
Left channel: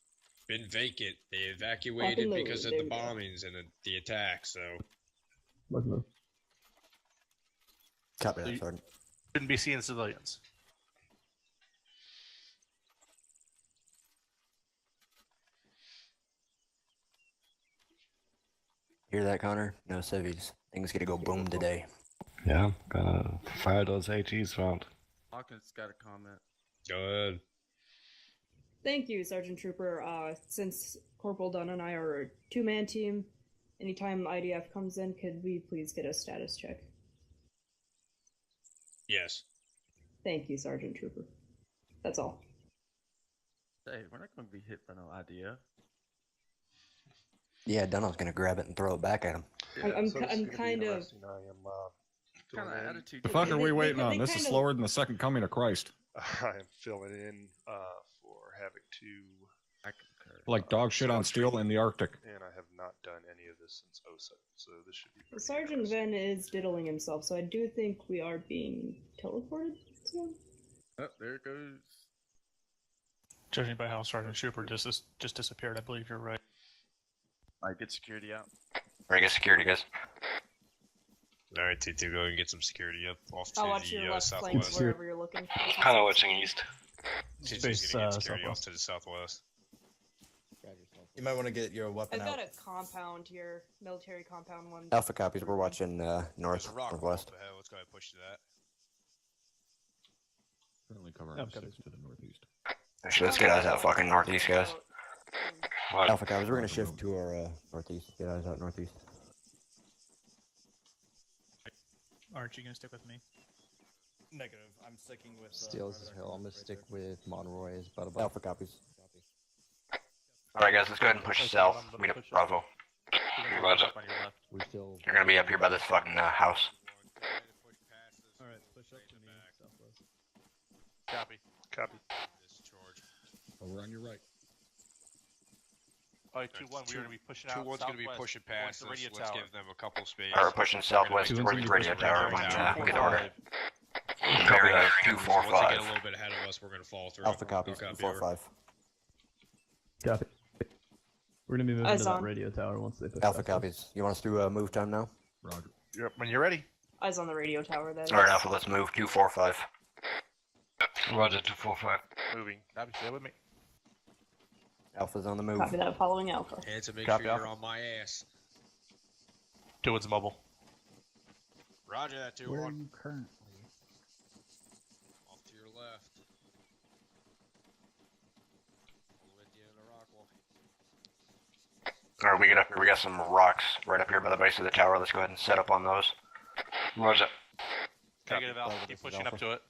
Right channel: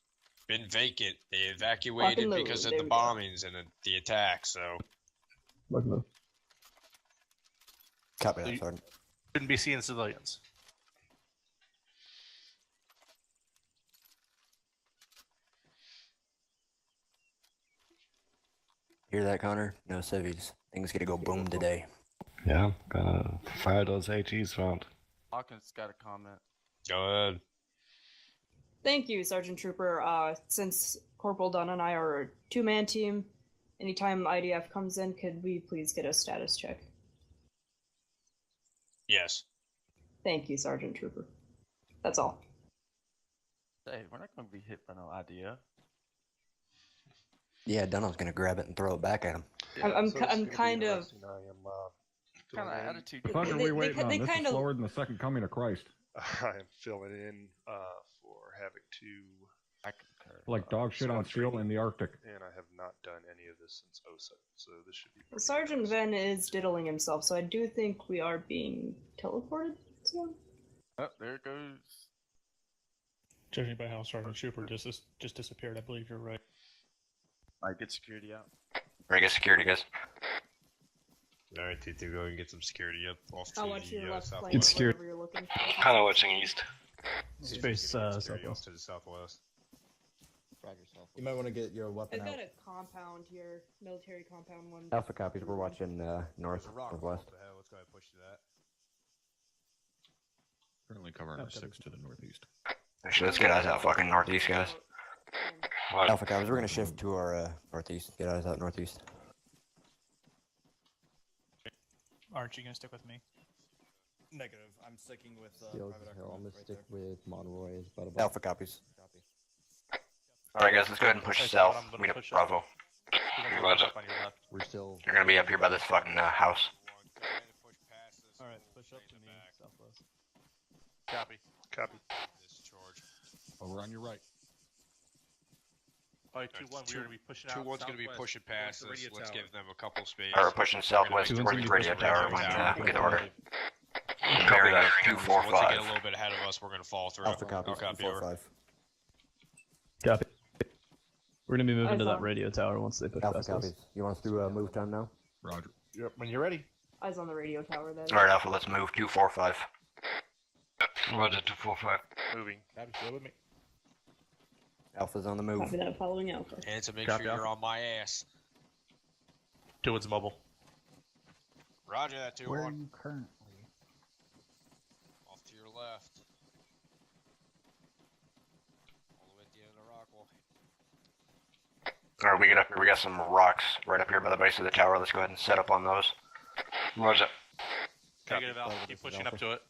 been vacant. They evacuated Fucking because of there the we go. bombings and the attacks. So Copy that, Sergeant. Shouldn't be seeing civilians. Hear that, Connor? No civvies. Things gonna go boom today. Yeah, gonna fire those AGs round. Hawkins got a comment. Go ahead. Thank you, Sergeant Trooper. Since Corporal Dunn and I are a two-man team, anytime IDF comes in, could we please get a status check? Yes. Thank you, Sergeant Trooper. That's all. Hey, we're not gonna be hit by no idea. Yeah, Dunno's gonna grab it and throw it back at him. I'm kind of. I am Kind of filling in. attitude. The fuck are we waiting on? they This is kinda- slower than the second coming of Christ. I am filling in for Havoc 2. I concur. Like dog shit on SWAT steel training, in the Arctic. and I have not done any of this since OSA, so this should be pretty Sergeant interesting. Venn is diddling himself, so I do think we are being teleported to. Oh, there it goes. Judging by how Sergeant Trooper just disappeared, I believe you're right. Alright, get security out. Ready to get security, guys. Alright, T2, go and get some security up off to I'll watch your the left flank southwest. wherever you're looking. Kind of watching east. T2's Space, gonna get security southwest. off to the southwest. You might want to get your weapon I've out. got a compound here, military compound one. Alpha copies. We're watching north, There's a rock northwest. up ahead. Let's go ahead and push to that. Currently covering Okay. 6 to the northeast. Actually, let's get eyes out fucking northeast, guys. Alpha copies. We're gonna shift to our northeast. Get eyes out northeast. Aren't you gonna stick with me? Negative. I'm sticking with. Steals Private Hill. I'm gonna Eye. stick with Monroy as Butterball. Alpha copies. Alright, guys, let's go ahead and push south. Meet up Bravo. Roger. We're still. You're gonna be up here by this fucking house. Alright, push up to me, southwest. Copy. Copy. Over on your right. Alright, 2-1, we're gonna be pushing out. 2-1's gonna be southwest pushing towards past the us. radio Let's tower. give them a couple space. Alright, we're pushing southwest towards the radio tower when we get the order. Copy Bearing that. 245. Once they get a little bit ahead of us, we're gonna fall through. Alpha copies. Copy, 245. Copy. We're gonna be moving Eyes to that on. radio tower once they push Alpha past us. copies. You want us to move time now? Roger. Yep, when you're ready. Eyes on the radio tower, that is. Alright, Alpha, let's move 245. Roger, 245. Moving. Copy, stay with me. Alpha's on the move. Copy that, following Alpha. And to make Copy, sure you're Alpha. on my ass. 2-1's mobile. Roger that, 2-1. Where are you currently? Off to your left. All the way at the end of the rock wall. Alright, we get up here. We got some rocks right up here by the base of the tower. Let's go ahead and set up on those. Roger. Negative Alpha, keep pushing up to it.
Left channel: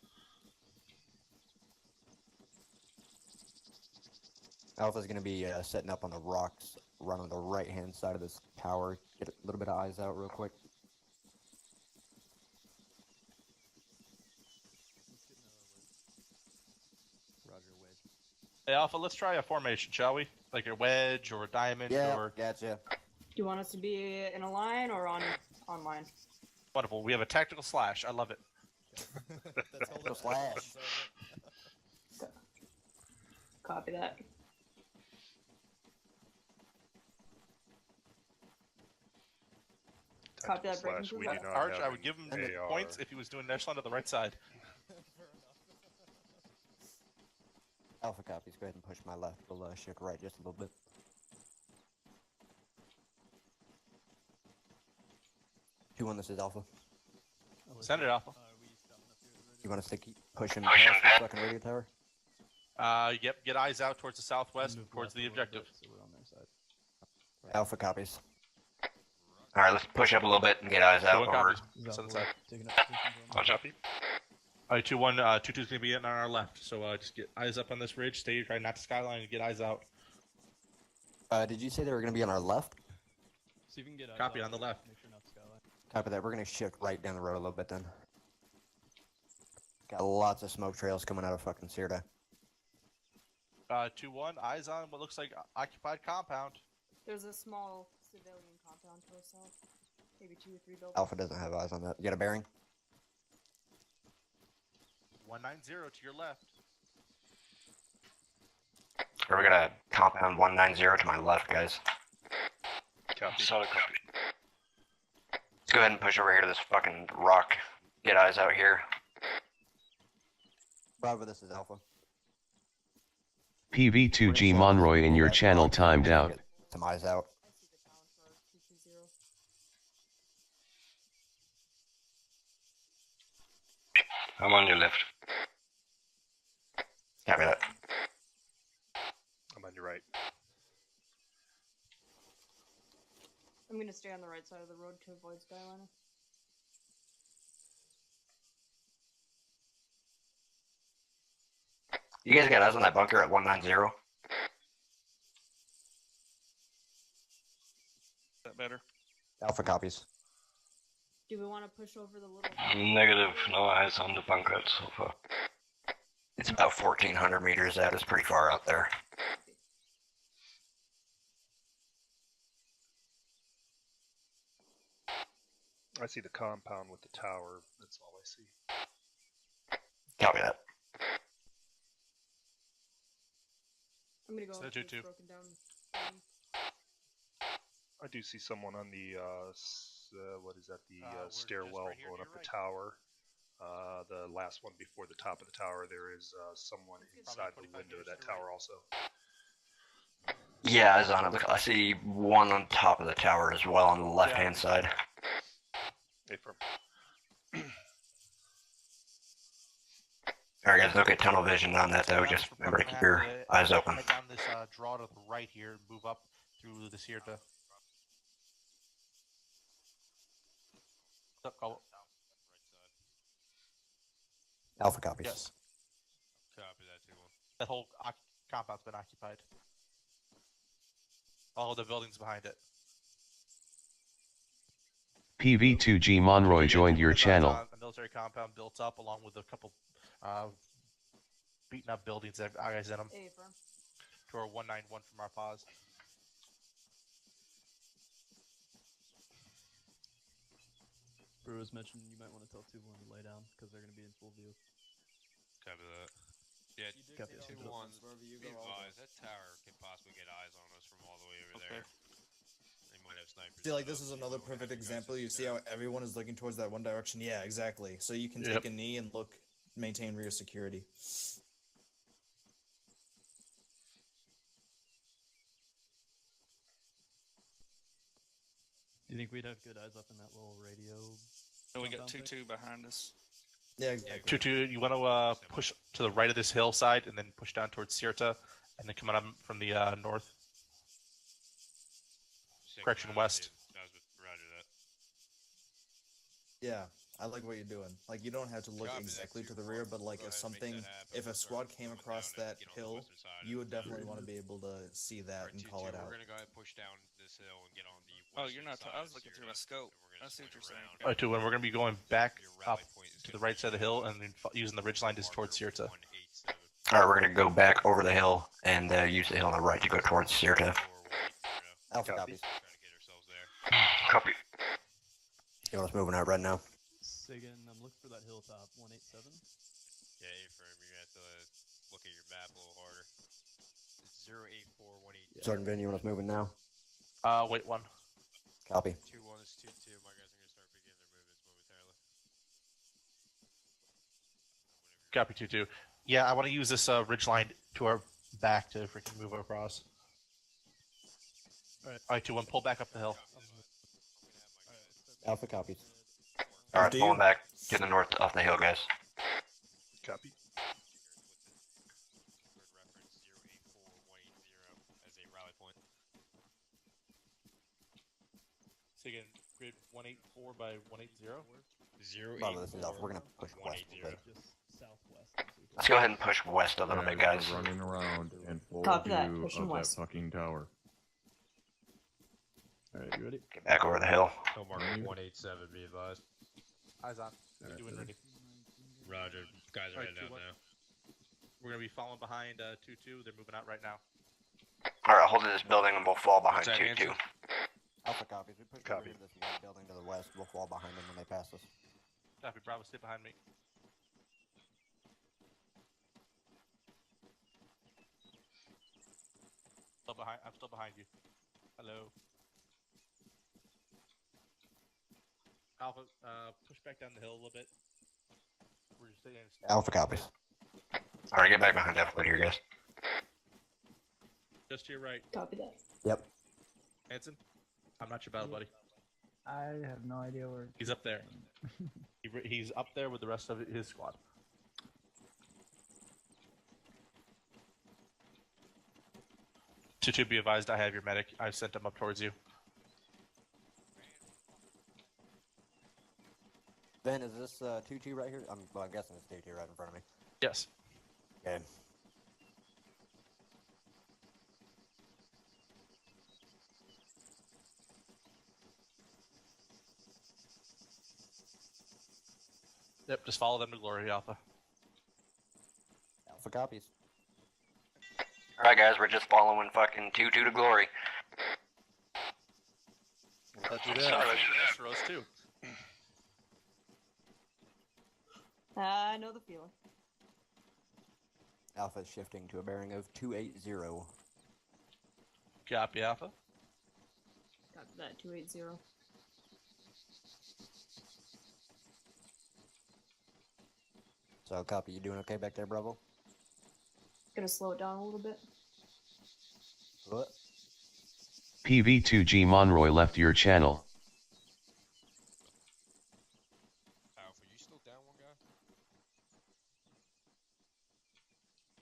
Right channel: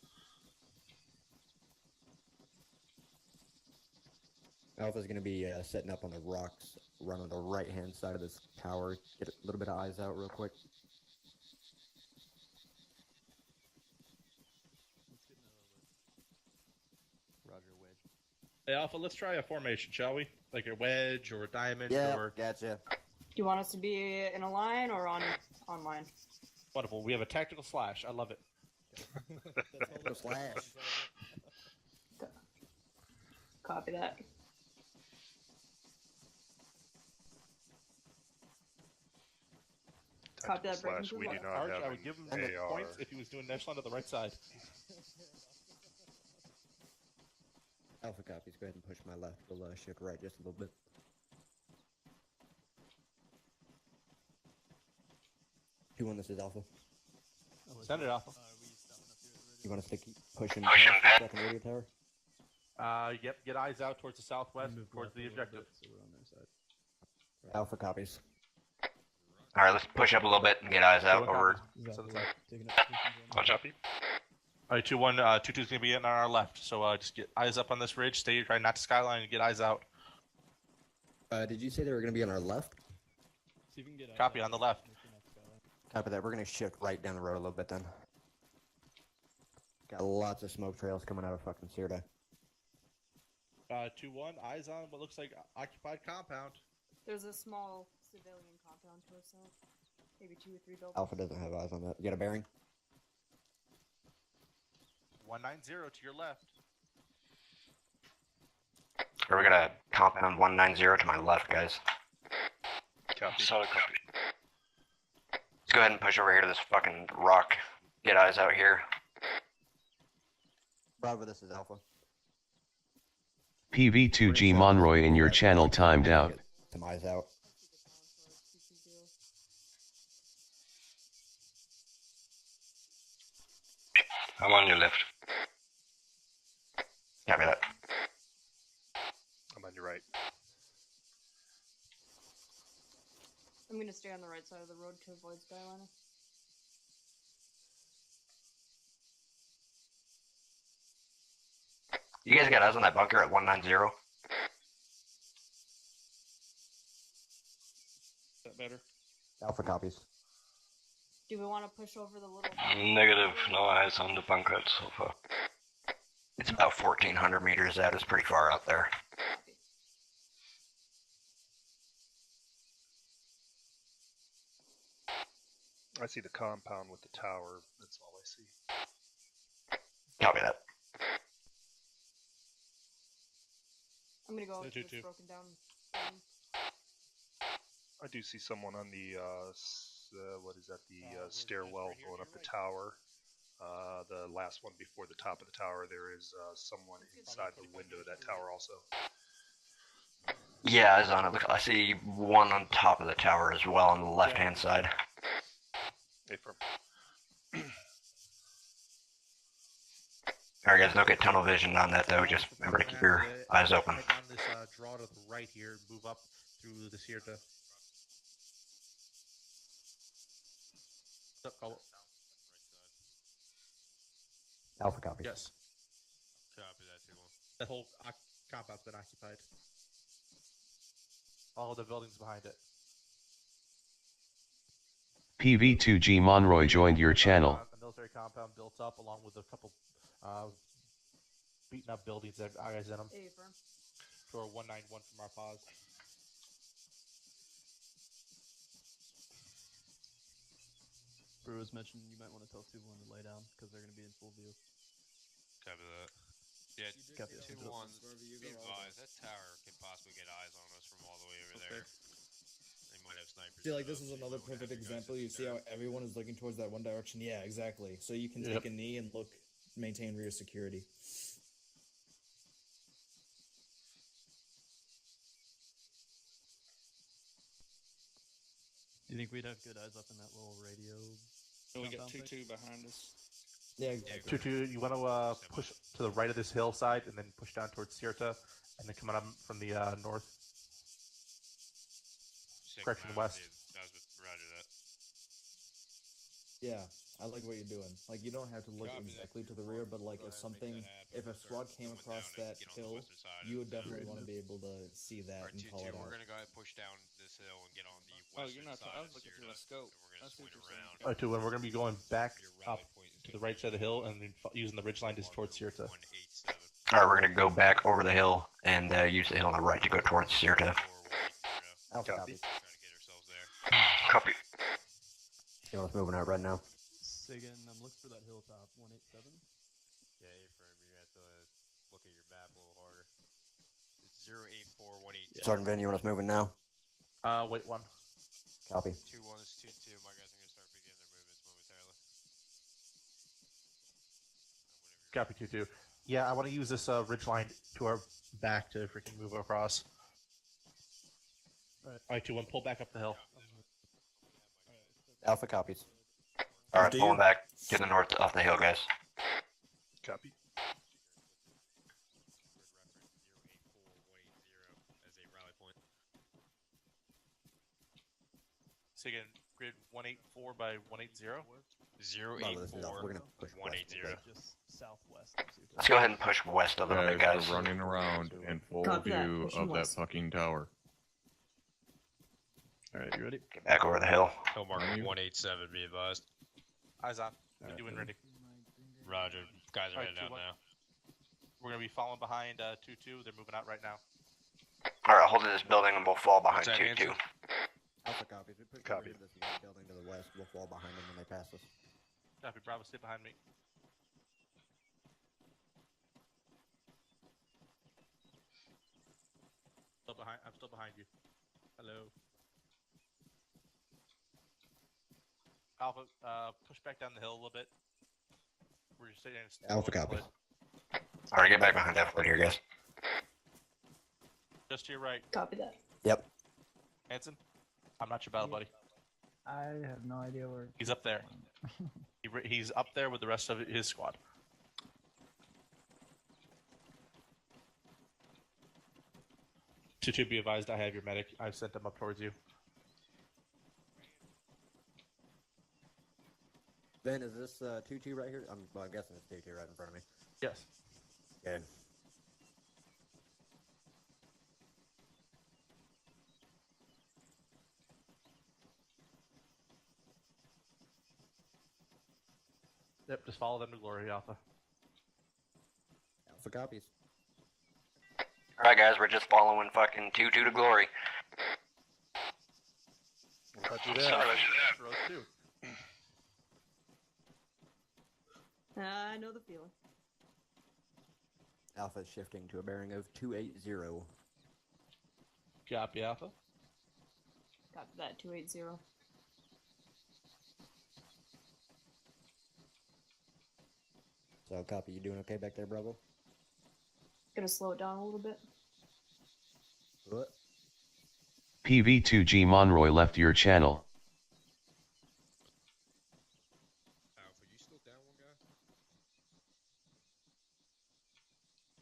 Alpha's gonna be setting up on the rocks, run on the right-hand side of this tower. Get a little bit of eyes out real quick. Roger, wedge. Hey, Alpha, let's try a formation, shall we? Like a wedge or a diamond Yeah, or... gotcha. Do you want us to be in a line or on line? Wonderful. We have a tactical slash. I love it. Slash. Copy that. Copy that, breaking Slash, we through do what? not Sarge, have I would give him the AR. points if he was doing echelon to the right side. Alpha copies. Go ahead and push my left. We'll shift right just a little bit. Two on this is Alpha. Send it, Alpha. You want us to keep pushing Pushing past back. the fucking radio tower? Yep, get eyes out towards the southwest, towards the objective. So we're on their side. Alpha copies. Alright, let's push up a little bit and get eyes out 2-1 over. copies. Send it side. Watch out, people. Alright, 2-1, 2-2's gonna be getting on our left, so just get eyes up on this ridge, stay right not to skyline, and get eyes out. Did you say they were gonna be on our left? See if we can get Copy, on the left. Make sure not to skyline. Copy that. We're gonna shift right down the road a little bit then. Got lots of smoke trails coming out of fucking Sirta. 2-1, eyes on what looks like occupied compound. There's a small civilian compound to our south. Maybe 2 or 3 buildings. Alpha doesn't have eyes on that. You got a bearing? 190 to your left. We're gonna compound 190 to my left, guys. Copy. Solid copy. Let's go ahead and push over here to this fucking rock. Get eyes out here. Bravo, this is Alpha. PV2G Monroy in your channel timed out. Some eyes out. I'm on your left. Copy that. I'm on your right. I'm gonna stay on the right side of the road to avoid Skyliner. You guys got eyes on that bunker at 190? Is that better? Alpha copies. Do we want to push over the little... Negative, no eyes on the bunker so far. It's about 1,400 meters. That is pretty far out there. I see the compound with the tower. That's all I see. Copy that. I'm gonna go So to two, this two. broken down. I do see someone on the what is that? The stairwell going up the tower. The last one before the top of the tower. There is someone inside the window of that tower also. Yeah, eyes on it. Look, I see one on top of the tower as well on the left-hand side. Affirm. Alright guys, look at tunnel vision on that though. Just remember to keep your eyes open. Head down this draw to the right here and move up through the Sierra. Alpha copies. Yes. Copy that, 2-1. That whole compound's been occupied. All of the buildings behind it. PV2G Monroy joined your channel. A military compound built up along with a couple beaten up buildings that have eyes in them. Affirm. To our 191 from our pause. Brew was mentioned you might want to tell 2-1 to lay down because they're going to be in full view. Copy that. Yeah, Copy that. 2-1. Be advised, that tower can possibly get eyes on us from all the way over there. They might have snipers. See, like, this is another perfect example. You see how everyone is looking towards that one direction? Yeah, exactly. So you can take a knee and look, maintain rear security. Do you think we'd have good eyes up in that little radio? And we got compound thing? 2-2 behind us. Yeah, exactly. 2-2, you want to push to the right of this hillside and then push down towards Sierra and then come on up from the north. Correction, west. Roger that. Yeah, I like what you're doing. Like, you don't have to look exactly to the rear, but like if a squad came across that hill, you would definitely want to be able to see that and call it out. We're gonna go ahead and push down this hill and get on the western Oh, you're not. side I of was looking Sierra, through a scope. and we're gonna I see what swing you're saying. around. Alright, 2-1, we're going to be going back up to the right side of the hill and then using the ridge line just towards Sierra. Alright, we're gonna go back over the hill and use the hill on the right to go towards Sierra. Alpha copies. Copy. You want us moving out right now? Sagan, I'm looking for that hilltop, 187. Yeah, affirm. You're gonna have to look at your map a little harder. It's 08418. Sergeant Vin, you want us moving now? Wait one. Copy. 2-1 is 2-2. My guys are gonna start beginning their movements momentarily. Copy 2-2. Yeah, I want to use this ridge line to our back to freaking move across. Alright, 2-1, pull back up the hill. Alpha copies. Alright, pulling back to the north off the hill, guys. Copy. As a rally point. So again, grid 184 by 180. Bravo, this is Alpha. We're gonna push west. Okay. Just southwest. Let's go ahead and push west a little bit, guys. Running around in full Copy that. view Pushing of west. that fucking tower. Alright, you ready? Get back over the hill. Hillmark 187, be advised. Eyes on. Doing ready. Roger. Guys are Alright, heading out 2-1. now. We're gonna be falling behind 2-2. They're moving out right now. Alright, hold this building and we'll fall behind What's that 2-2. answer? Alpha copies. We put Copy. this one building to the west. We'll fall behind them when they pass us. Copy, Bravo, stay behind me. I'm still behind you. Hello. Alpha, push back down the hill a little bit. We're just sitting in Alpha copies. Alright, get back behind that foot here, guys. Just to your right. Copy that. Yep. Hanson, I'm not your battle buddy. I have no idea where. He's up there. He's up there with the rest of his squad. To be advised, I have your medic. I've sent him up towards you. Ben, is this 2-2 right here? I'm guessing it's 2-2 right in front of me. Yes. Okay. Yep, just follow them to glory, Alpha. Alpha copies. Alright, guys, we're just following fucking 2-2 to glory. Roger that. Sorry. Rose too. I know the feeling. Alpha is shifting to a bearing of 280. Copy, Alpha. Copy that, 280. So, copy, you doing okay back there, Bravo? Gonna slow it down a little bit. What? PV2G Monroy left your channel. Alpha, you still down one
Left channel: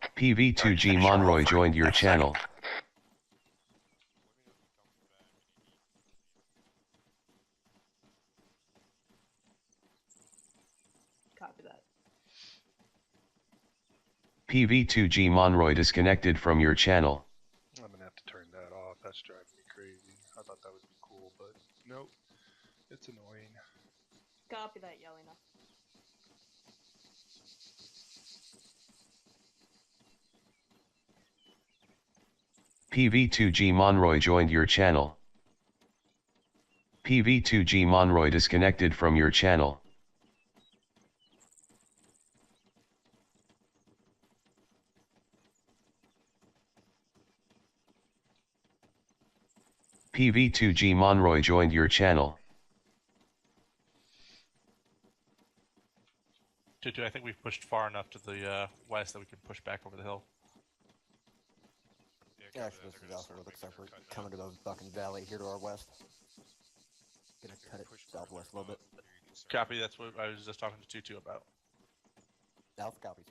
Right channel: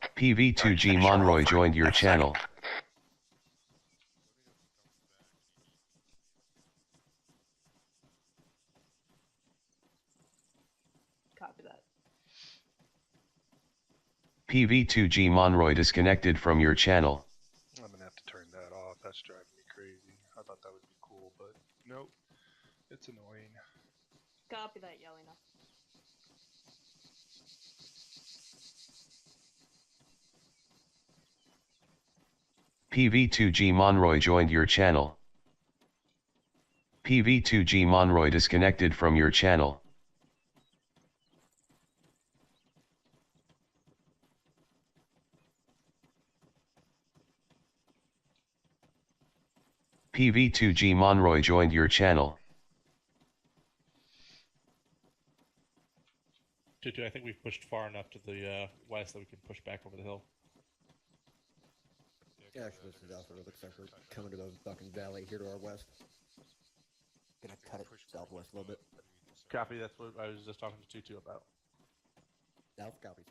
guy? PV2G Monroy joined your channel. Copy that. PV2G Monroy disconnected from your channel. I'm gonna have to turn that off. That's driving me crazy. I thought that would be cool, but nope. It's annoying. Copy that, Yelena. PV2G Monroy joined your channel. PV2G Monroy disconnected from your channel. PV2G Monroy joined your channel. 2-2, I think we've pushed far enough to the west that we can push back over the hill. Yeah, actually, this is Alpha. It looks like we're coming to the fucking valley here to our west. Gonna cut it southwest a little bit. Copy, that's what I was just talking to 2-2 about. Alpha copies.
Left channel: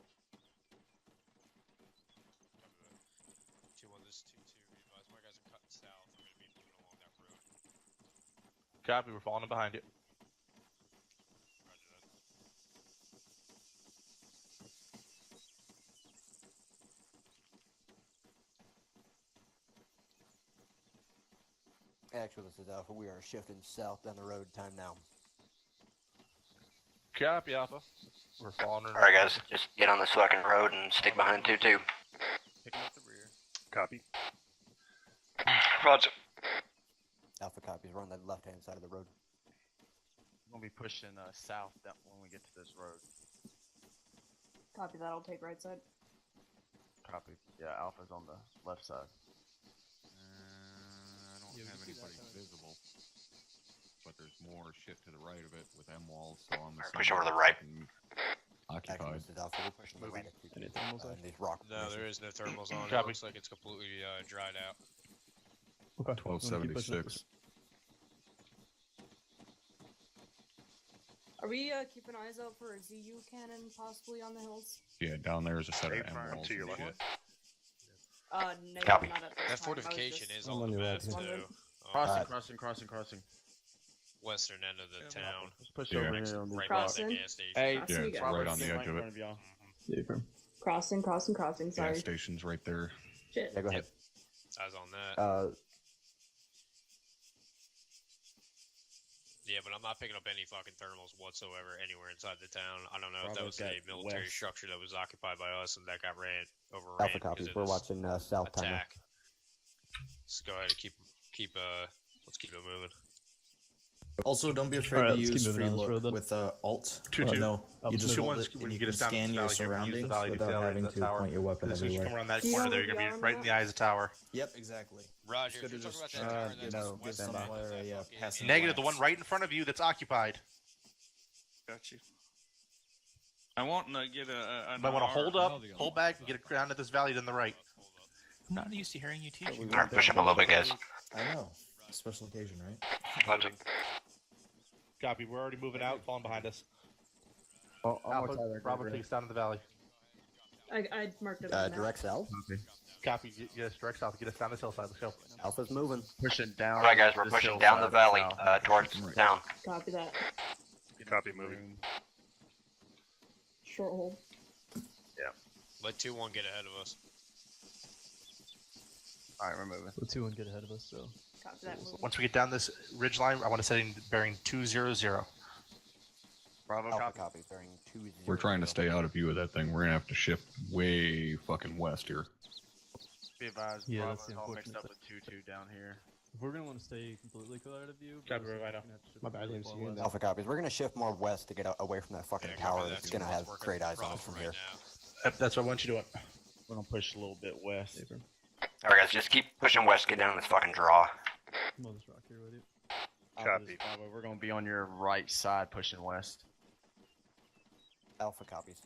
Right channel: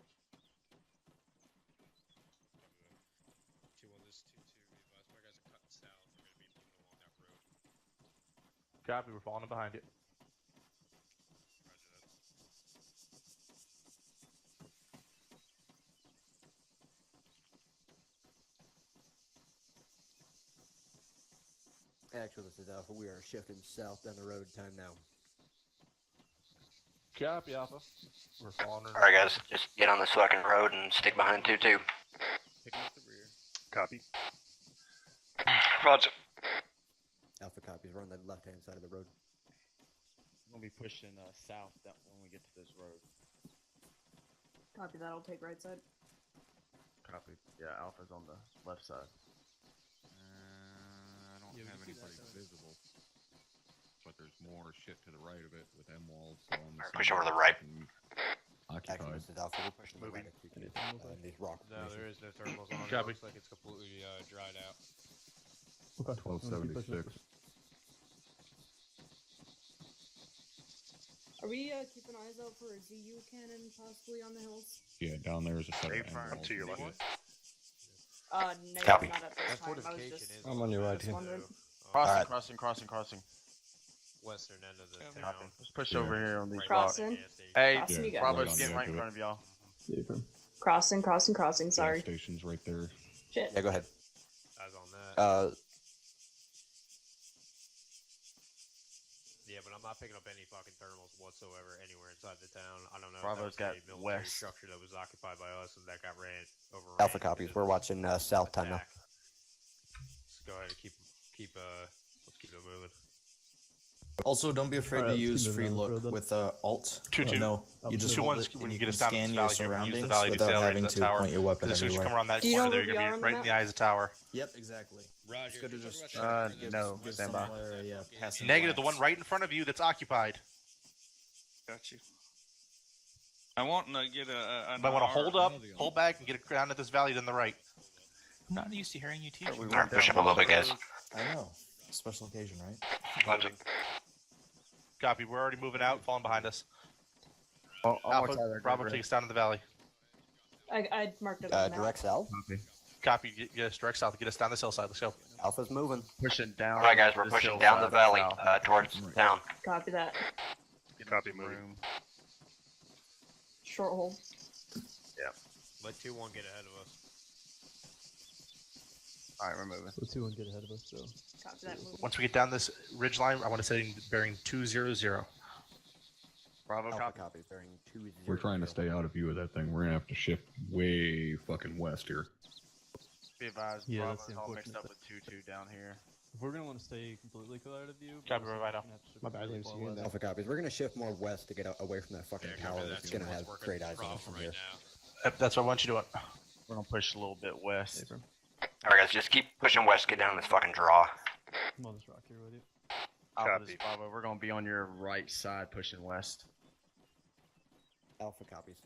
2-1, this is 2-2. Advise more guys are cutting south. We're gonna be moving along that road. Copy, we're falling behind you. Actually, this is Alpha. We are shifting south down the road. Time now. Copy, Alpha. We're falling. Alright, guys, just get on this fucking road and stick behind 2-2. Picking up the rear. Copy. Roger. Alpha copies. We're on the left-hand side of the road. We'll be pushing south when we get to this road. Copy that, I'll take right side. Copy. Yeah, Alpha's on the left side. I don't have anybody visible, but there's more shit to the right of it with M walls. So on the Push over to the right. Actually, Occupied. this is Alpha. We're pushing the right. These rock No, there is no thermals on. It Copy. looks like it's completely dried out. 1276. Are we keeping eyes out for a ZU cannon possibly on the hills? Yeah, down there is a set of M Up walls. to your left. No, Copy. not at this That time. I was fortification just, is on the map, just wondering. too. Crossing. Western end of the town. Let's push Yeah. over here on the Right Crossing. by the gas station. Hey, Crossing Yeah, again. right Bravo's on the getting edge right in of front it. of y'all. Yeah, firm. Crossing. Sorry. Gas station's right there. Shit. Yeah, go ahead. Eyes on that. Yeah, but I'm not picking up any fucking thermals whatsoever anywhere inside the town. I don't know Bravo's if that was got a military west. structure that was occupied by us and that got overran. Alpha copies. We're watching south time now. Let's go ahead and let's keep it moving. Also, don't be afraid Alright, to let's use keep moving free down this look road then. with Alt. 2-2. No, you just two hold ones it and when you get can us down scan this your valley, you're gonna use the surroundings valley to without sail having into to the tower. point your weapon As soon as you everywhere. come around that Do you corner know there, where you're we gonna are be on right the in the map? eyes of the tower. Yep, exactly. Roger. It's good to just no, give stand by. somewhere a passing Negative, the glance. one right in front of you that's occupied. Got you. I want to get a. But I want to hold up, pull back, and get it down to this valley then the right. I'm not used to hearing you teach. Alright, push up a little bit, guys. I know. Special occasion, right? Roger. Copy, we're already moving out, falling behind us. Oh, Alpha, Bravo takes down to the valley. I marked it on the map. Direct south. Copy, get us direct south, get us down this hillside, let's go. Alpha's moving. Pushing down. Alright, guys, we're this pushing down the hillside valley south. towards town. Copy that. Copy, moving. Short hold. Yeah. Let 2-1 get ahead of us. Alright, we're moving. So 2-1 get ahead of us, so. Copy that move. Once we get down this ridge line, I want to set in bearing 200. Bravo Alpha copy. copy. Bearing 20. We're trying to stay out of view of that thing. We're gonna have to shift way fucking west here. Be advised, Yeah, that's Bravo's the all mixed unfortunate up with 2-2 down here. If we're gonna want to stay completely out of view, Copy, Rhino. My bad, I didn't see you in there. Alpha copies. We're gonna shift more west to get away from that fucking tower. Copy that. It's gonna have Working great eyes on us from right here. now. Yep, that's what I want you doing. We're gonna push a little bit west. Alright, guys, just keep pushing west, get down this fucking draw. I'm on this rock here, ready? Copy. Bravo, we're gonna be on your right side pushing west. Alpha copies.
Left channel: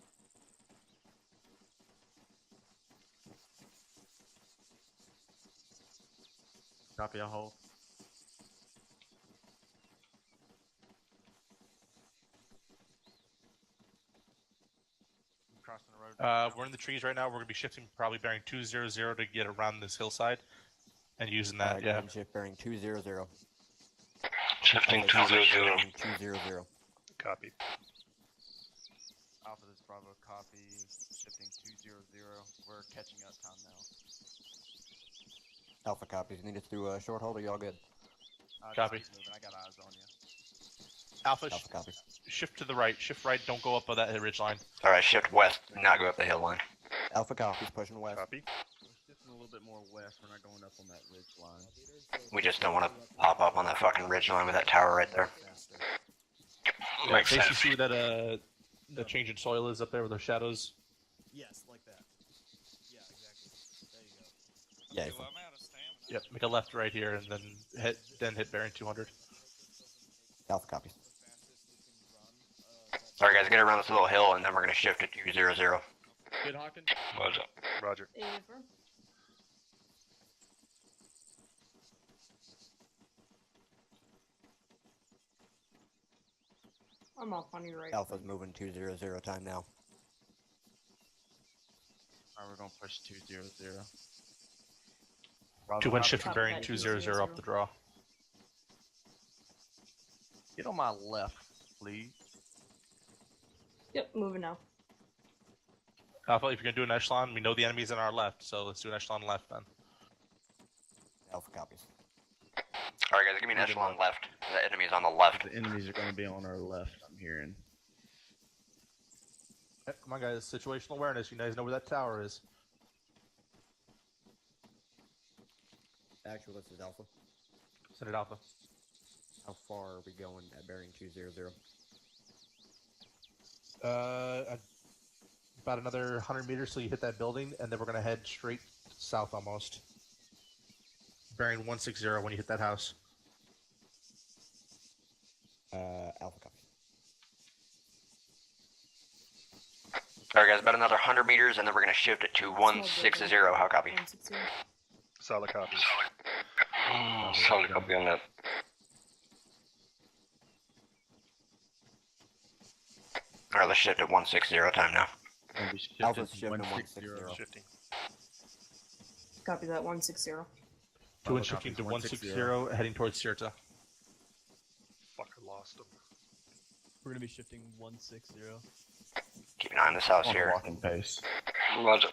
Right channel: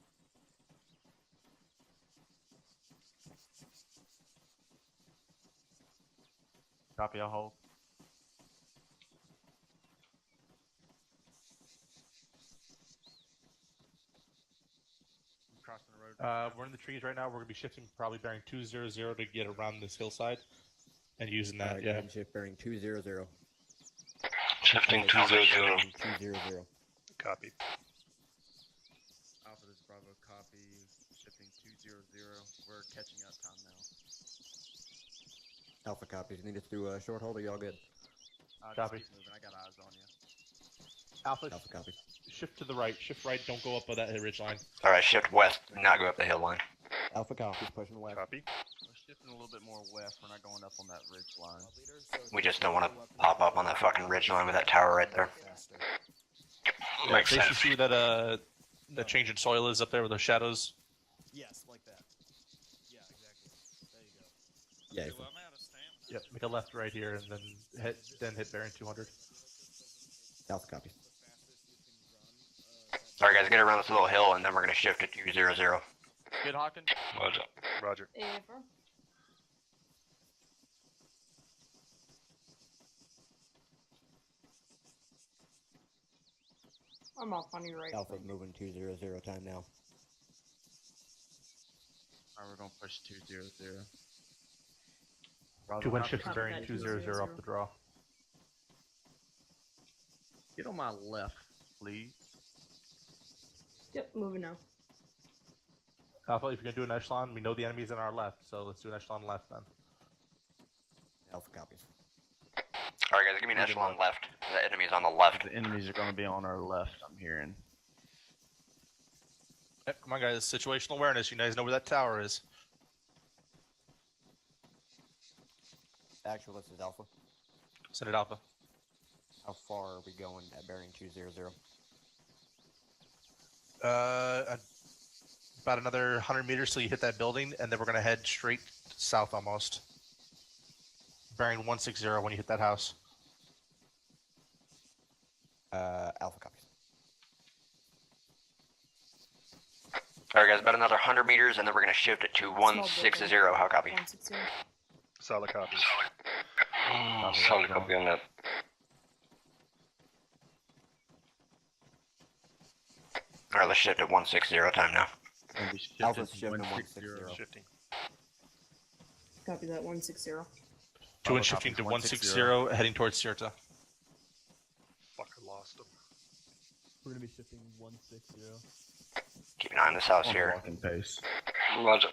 Copy, I'll hold. Crossing the road. We're in the trees right now. We're gonna be shifting, probably bearing 200 to get around this hillside, and using that. Yeah. Shift bearing 200. Shifting 200. 200. Copy. Alpha, this is Bravo, copy. Shifting 200. We're catching up time now. Alpha copies. Need us to do a short hold. Are y'all good? Copy. Just keep moving. I got eyes on you. Alpha, Alpha copies. shift to the right. Shift right. Don't go up on that ridge line. Alright, shift west, not go up the hill line. Alpha copies. Pushing west. Copy. We're shifting a little bit more west. We're not going up on that ridge line. We just don't want to pop up on that fucking ridge line with that tower right there. Makes First, sense. you see where that change in soil is up there with those shadows. Yes, like that. Yeah, exactly. There you go. Yeah. I'm out of stamina. Yep. Make a left right here, and then hit bearing 200. Alpha copies. Alright, guys, get around this little hill, and then we're gonna shift to 200. Good, Hawkins. Roger. Roger. Ava. I'm off on your right. Alpha's moving 200 time now. Alright, we're gonna push 200. 2-1 shift Copy bearing that, 200 200. up the draw. Get on my left, please. Yep, moving now. Alpha, if you're gonna do an echelon, we know the enemy's on our left, so let's do an echelon left then. Alpha copies. Alright, guys, give me an echelon left. The enemy's on the left. The enemies are gonna be on our left, I'm hearing. Yep, come on, guys. Situational awareness. You guys know where that tower is. Actual, this is Alpha. Send it Alpha. How far are we going at bearing 200? About another 100 meters till you hit that building, and then we're gonna head straight south almost. Bearing 160 when you hit that house. Alpha copies. Alright, guys, about another 100 meters, and then we're gonna shift it to 160. How copy? 160. Solid copy. Solid copy on that. Alright, let's shift at 160 time now. Alpha's shifting 160. Shifting. Copy that 160. 2-1 shifting to 160, heading towards Sirta. Fucker lost him. We're gonna be shifting 160. Keep an eye on this house here. Walking pace. Roger.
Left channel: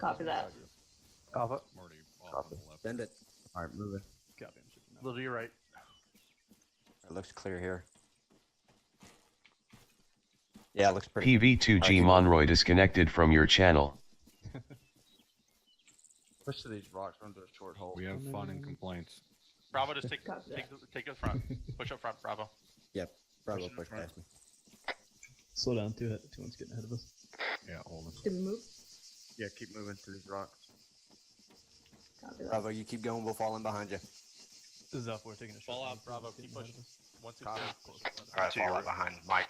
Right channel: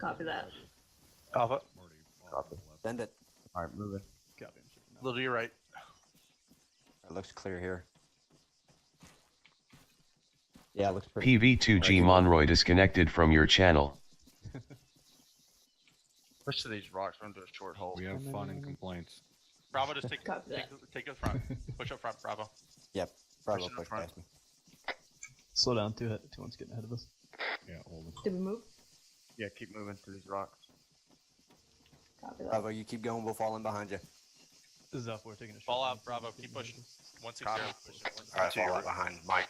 Copy that. Alpha, Copy. Send it. Alright, moving. Copy, I'm shifting a little to your right. It looks clear here. Yeah, it looks pretty. PV2G Monroy disconnected from your channel. Push to these rocks, run to a short hole. We have fun and complaints. Bravo, just take the front. Push up front, Bravo. Yep, Bravo Push in push front. past me. Slow down too. Too much getting ahead of us. Yeah, hold it. Did we move? Yeah, keep moving to these rocks. Copy that. Bravo, you keep going. We'll fall in behind you. This is Alpha. We're taking a shot. Fall out, Bravo. Keep pushing. 160. Alright, fall out behind Mike.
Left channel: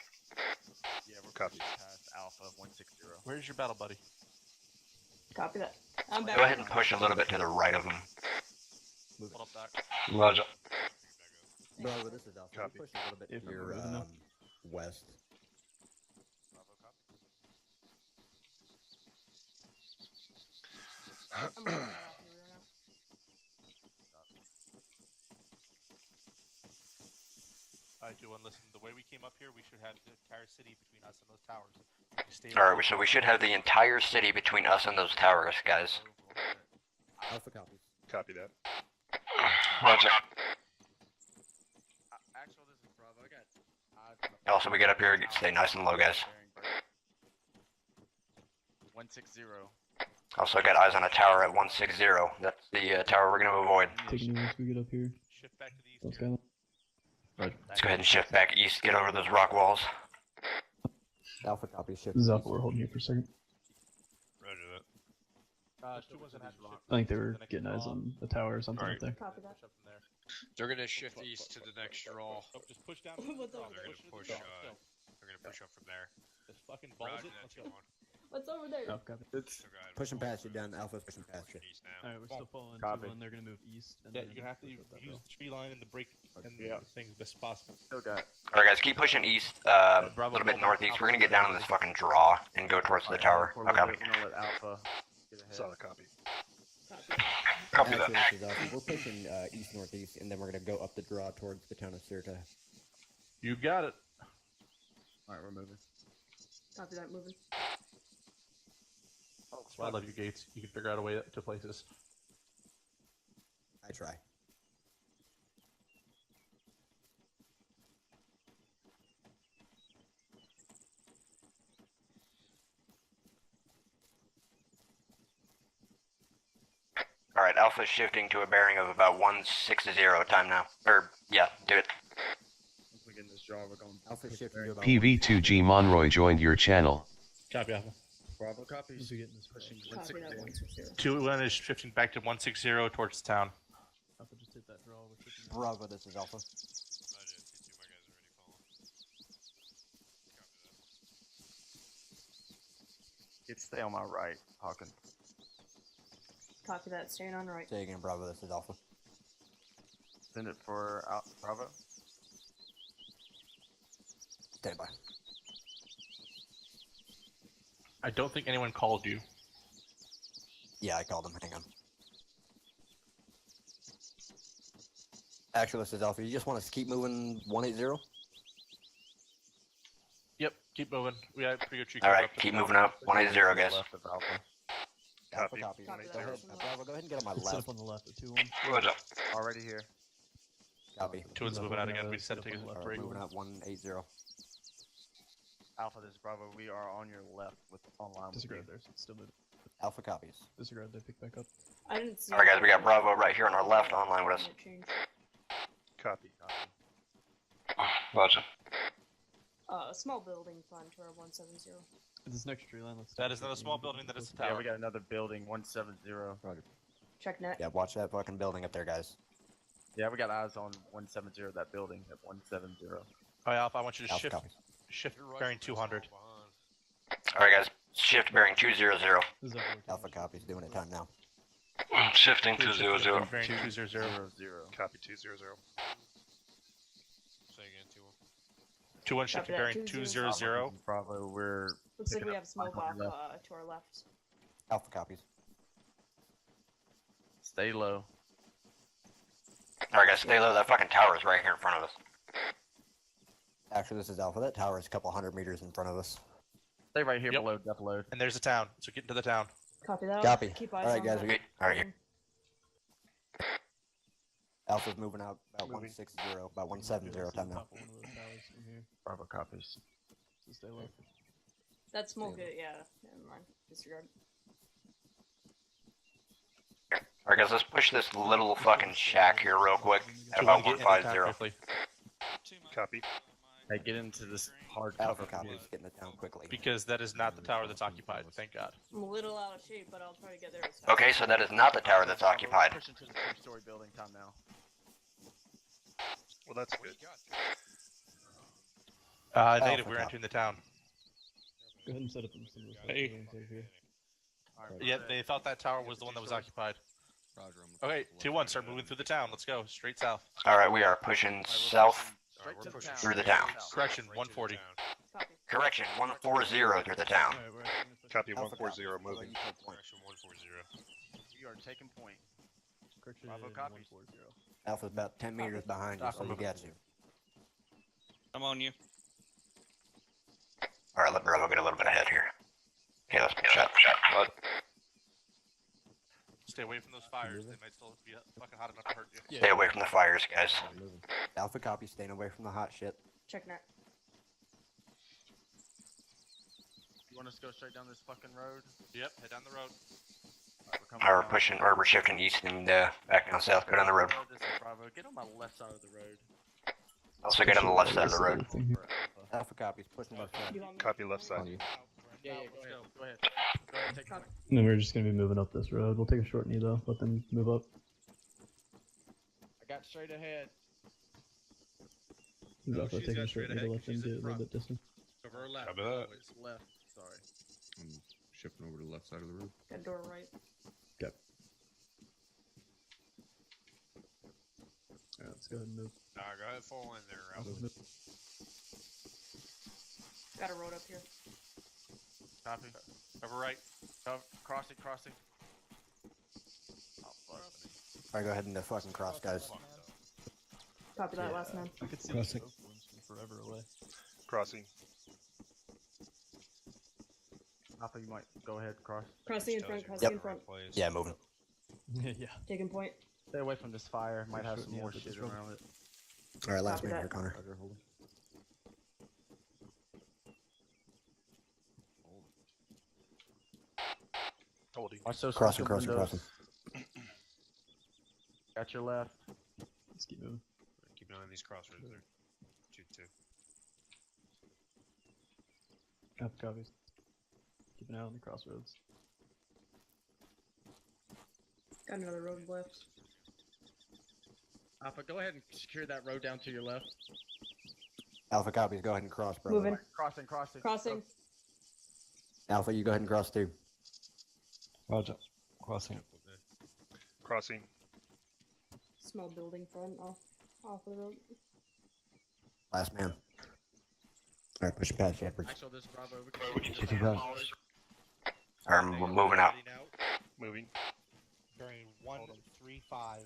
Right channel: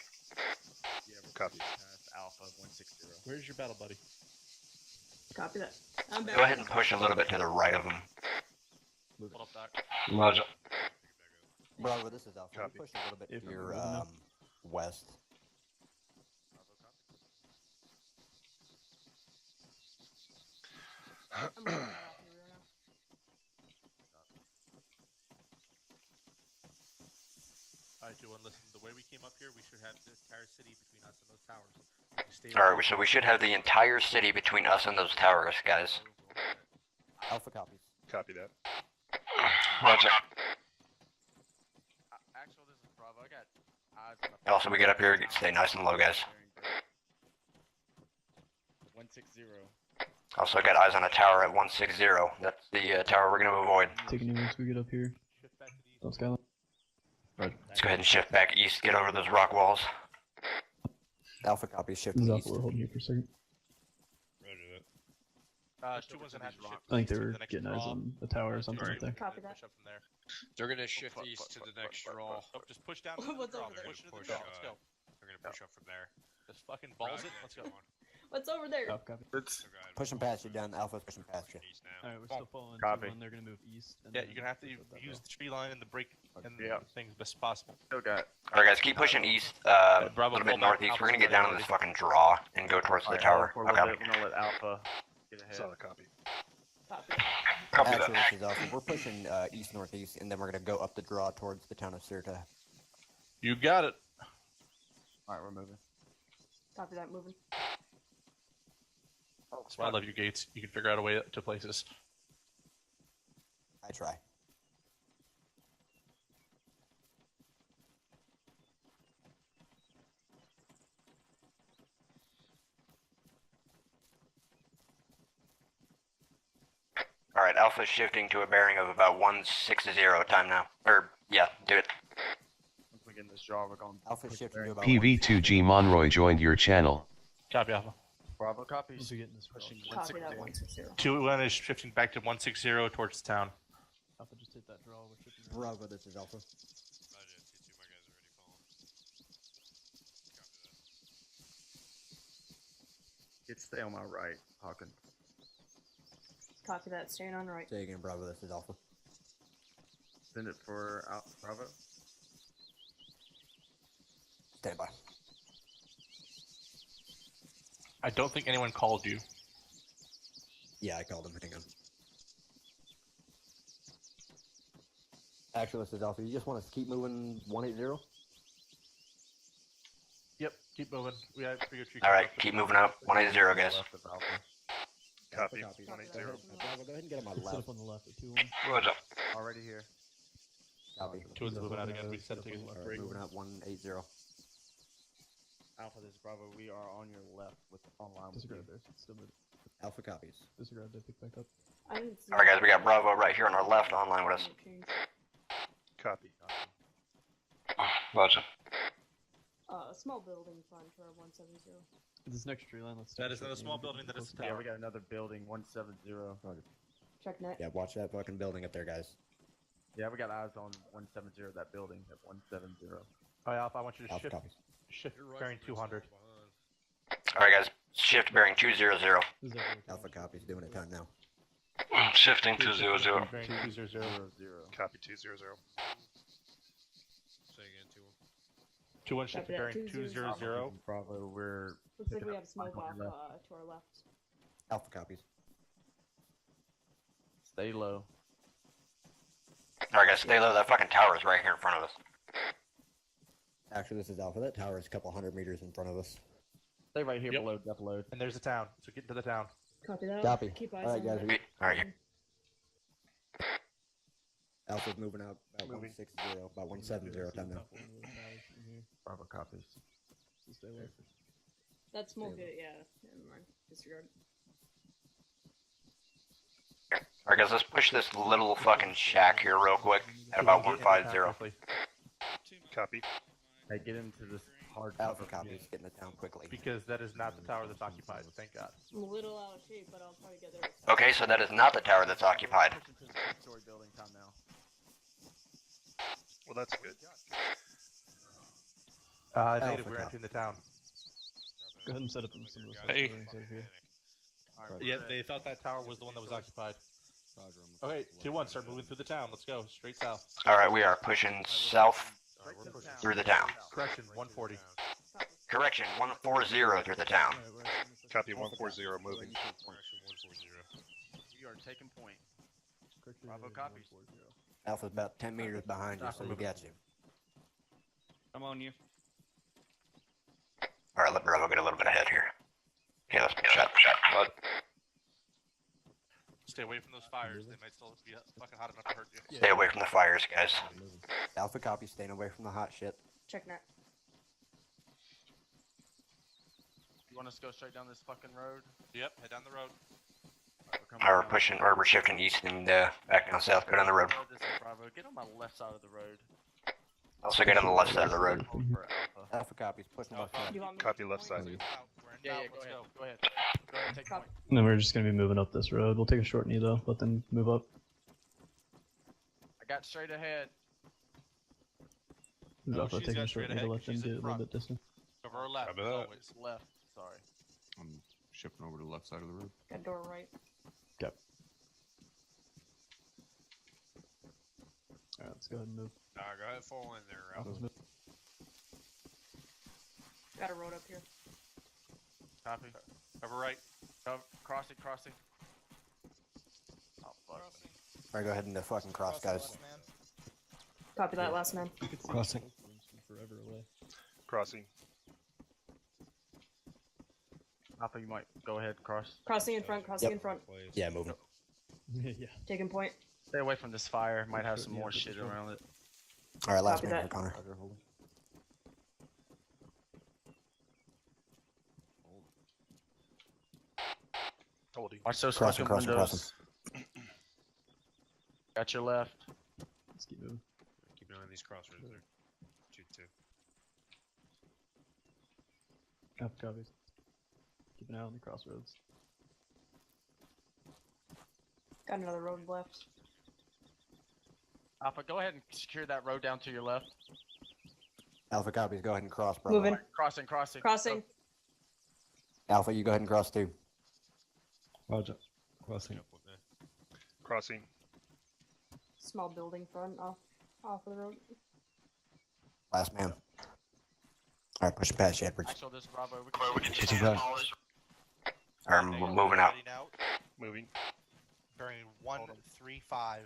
Yeah, we'll Copy. past Alpha 160. Where's your battle buddy? Copy that. I'm back. Go ahead and push a little bit to the right of him. Hold up, Doc. Roger. Bravo, this is Alpha. You Copy. push a little bit If to I'm your moving up. west. I'm gonna get out here right now. Alright, Duan, listen. The way we came up here, we should have this entire city between us and those towers. Alright, so we should have the entire city between us and those towers, guys. Alpha copies. Copy that. Roger. Actual, this is Bravo. I got eyes on Also, we get up here, stay nice and low, guys. 160. Also got eyes on a tower at 160. That's the tower we're going to avoid. Taking a risk. We get up here. South Skyline. Let's go ahead and shift back east, get over those rock walls. Alpha copies. Shift This is east. Alpha. We're holding here for a second. Roger that. Two one's gonna have to shift. I think they were getting eyes on the tower or something up there. Copy that. Push up from there. They're gonna shift east to the next draw. Just push down. What's over They're there? gonna push. They're gonna push up from there. Just fucking balls Roger it. that, Let's go. 2-1. What's over there? Alpha copy. So go ahead, Pushing fall past you down. Alpha's pushing past you. pushing east now. Alright, we're still following Copy. 2-1. They're gonna move east. And Yeah, then you're gonna have to push up that use hill. the tree line and the break and the thing as best as possible. Still got. Alright guys, keep pushing east, a little bit northeast. We're going to get down to this fucking draw and go towards the tower. We're Okay. gonna let Alpha get ahead. Solid copy. Copy that. Actually, this is Alpha. We're pushing east northeast, and then we're gonna go up the draw towards the town of Sirta. You got it. Alright, we're moving. Copy that. Moving. That's why I love you, Gates. You can figure out a way to places. I try. Alright, Alpha's shifting to a bearing of about 160 time now. Or, yeah, do it. Once we get in this draw, we're going. Alpha shifting to about PV2G Monroy joined your channel. Copy, Alpha. Bravo copies. Once we get in this Pushing Copy that. 160. 160. 2-1 is shifting back to 160 towards the town. Alpha just hit that draw. We're shifting around. Bravo. This is Alpha. Roger, 2-2, my guys are already falling. Copy that. Get stay on my right, Hawkins. Copy that. Staying on right. Say again, Bravo. This is Alpha. Send it for Bravo. Stand by. I don't think anyone called you. Yeah, I called him. Hang on. Actually, this is Alpha. You just want us to keep moving 180? Yep, keep moving. We have pretty good tree. Alright, keep moving up. 180, guys. Left of Alpha. Copy. Copy. 180. Bravo, go ahead and get on my Let's set left. up on the left at 2-1. Roger. Already here. Copy. 2-1's moving out again. We just had to take a break. Moving up 180. Alpha, this is Bravo. We are on your left with online. Disregard there. So it's still moving. Alpha copies. Disregard. They pick back up. I didn't see. Alright guys, we got Bravo right here on our left online with us. Copy. Roger. Small building fine to our 170. This next tree line. Let's. That is another small building. That is the Yeah, tower. we got another building, 170. Check net. Yeah, watch that fucking building up there, guys. Yeah, we got eyes on 170, that building at 170. Alright, Alpha, I want you to Alpha shift copies. bearing 200. Alright guys, shift bearing 200. This is Alpha. Alpha copies. Doing it time now. Shifting 200. Bearing 200. Copy 200. Say again, 2-1. 2-1 shifting that, bearing 200. Bravo, we're. Looks like picking we up have smoke on off your left. to our left. Alpha copies. Stay low. Alright guys, stay low. That fucking tower is right here in front of us. Actually, this is Alpha. That tower is a couple hundred meters in front of us. Stay right here Yep. below depth load. And there's a town, so get into the town. Copy that. Copy. Keep eyes Alright, on guys, that. we- Alright. Alpha's moving out about Moving. 160, about 170 time now. Top one of those towers in here. Bravo copies. So stay low. That smoke, yeah. Never mind. Disregard. Alright, guys, let's push this little fucking shack here real quick at about 150. Copy. Hey, get into this hard Alpha cover. copies, getting it down quickly. Because that is not the tower that's occupied, thank God. I'm a little out of shape, but I'll try to get there. Okay, so that is not the tower that's occupied. Push into the 4-story building, Tom, now. Well, that's good. Native, we're entering the town. Go ahead and set up some of those Hey. buildings over here. Yeah, they thought that tower was the one that was occupied. Okay, 2-1, start moving through the town. Let's go, straight south. Alright, we are pushing south through the town. Correction, 140. Correction, 140 through the town. Copy 140, moving. We are taking point. Bravo copies. Alpha's about 10 meters behind you, so we got you. I'm on you. Alright, let Bravo get a little bit ahead here. Okay, let's shut. Stay away from those fires. They might still be fucking hot enough to hurt you. Stay away from the fires, guys. Alpha copy, staying away from the hot shit. Check net. You want us to go straight down this fucking road? Yep, head down the road. We're pushing, or we're shifting east and back down south. Go down the road. This is Bravo. Get on my left side of the road. Also get on the left side of the road. Alpha copies, pushing left side. Copy left side. Yeah, go ahead. Go ahead, take it. No, we're just gonna be moving up this road. We'll take a short knee though. Let them move up. I got straight ahead. Alpha taking a short knee to let them do it a little bit distant. Over our left. Oh, it's left. Sorry. I'm shifting over to the left side of the road. That door right. Yep. Alright, let's go ahead and move. Alright, go ahead, fall in there, Ralph. Got a road up here. Copy. Over right. Crossing. Oh, fuck. Alright, go ahead and fucking cross, guys. Copy that, last man. Crossing. Forever away. Crossing. Alpha, you might go ahead, cross. Crossing in front, crossing in front. Yeah, moving. Yeah. Taking point. Stay away from this fire. Might have some more shit around it. Alright, last Copy man that. for Connor. Holding. Watch those Crossing, fucking crossing, windows. Got your left. Let's keep moving. Keep an eye on these crossroads there. Shoot two. Alpha copies. Keep an eye on the crossroads. Got another road left. Alpha, go ahead and secure that road down to your left. Alpha copies, go ahead and cross, bro. Moving. Crossing. Crossing. Alpha, you go ahead and cross too. Roger. Crossing. Crossing. Small building front off of the road. Last man. Alright, pushing past you, Edwards. Actually, this is Bravo. Alright, we're moving out. Moving. Bearing 135.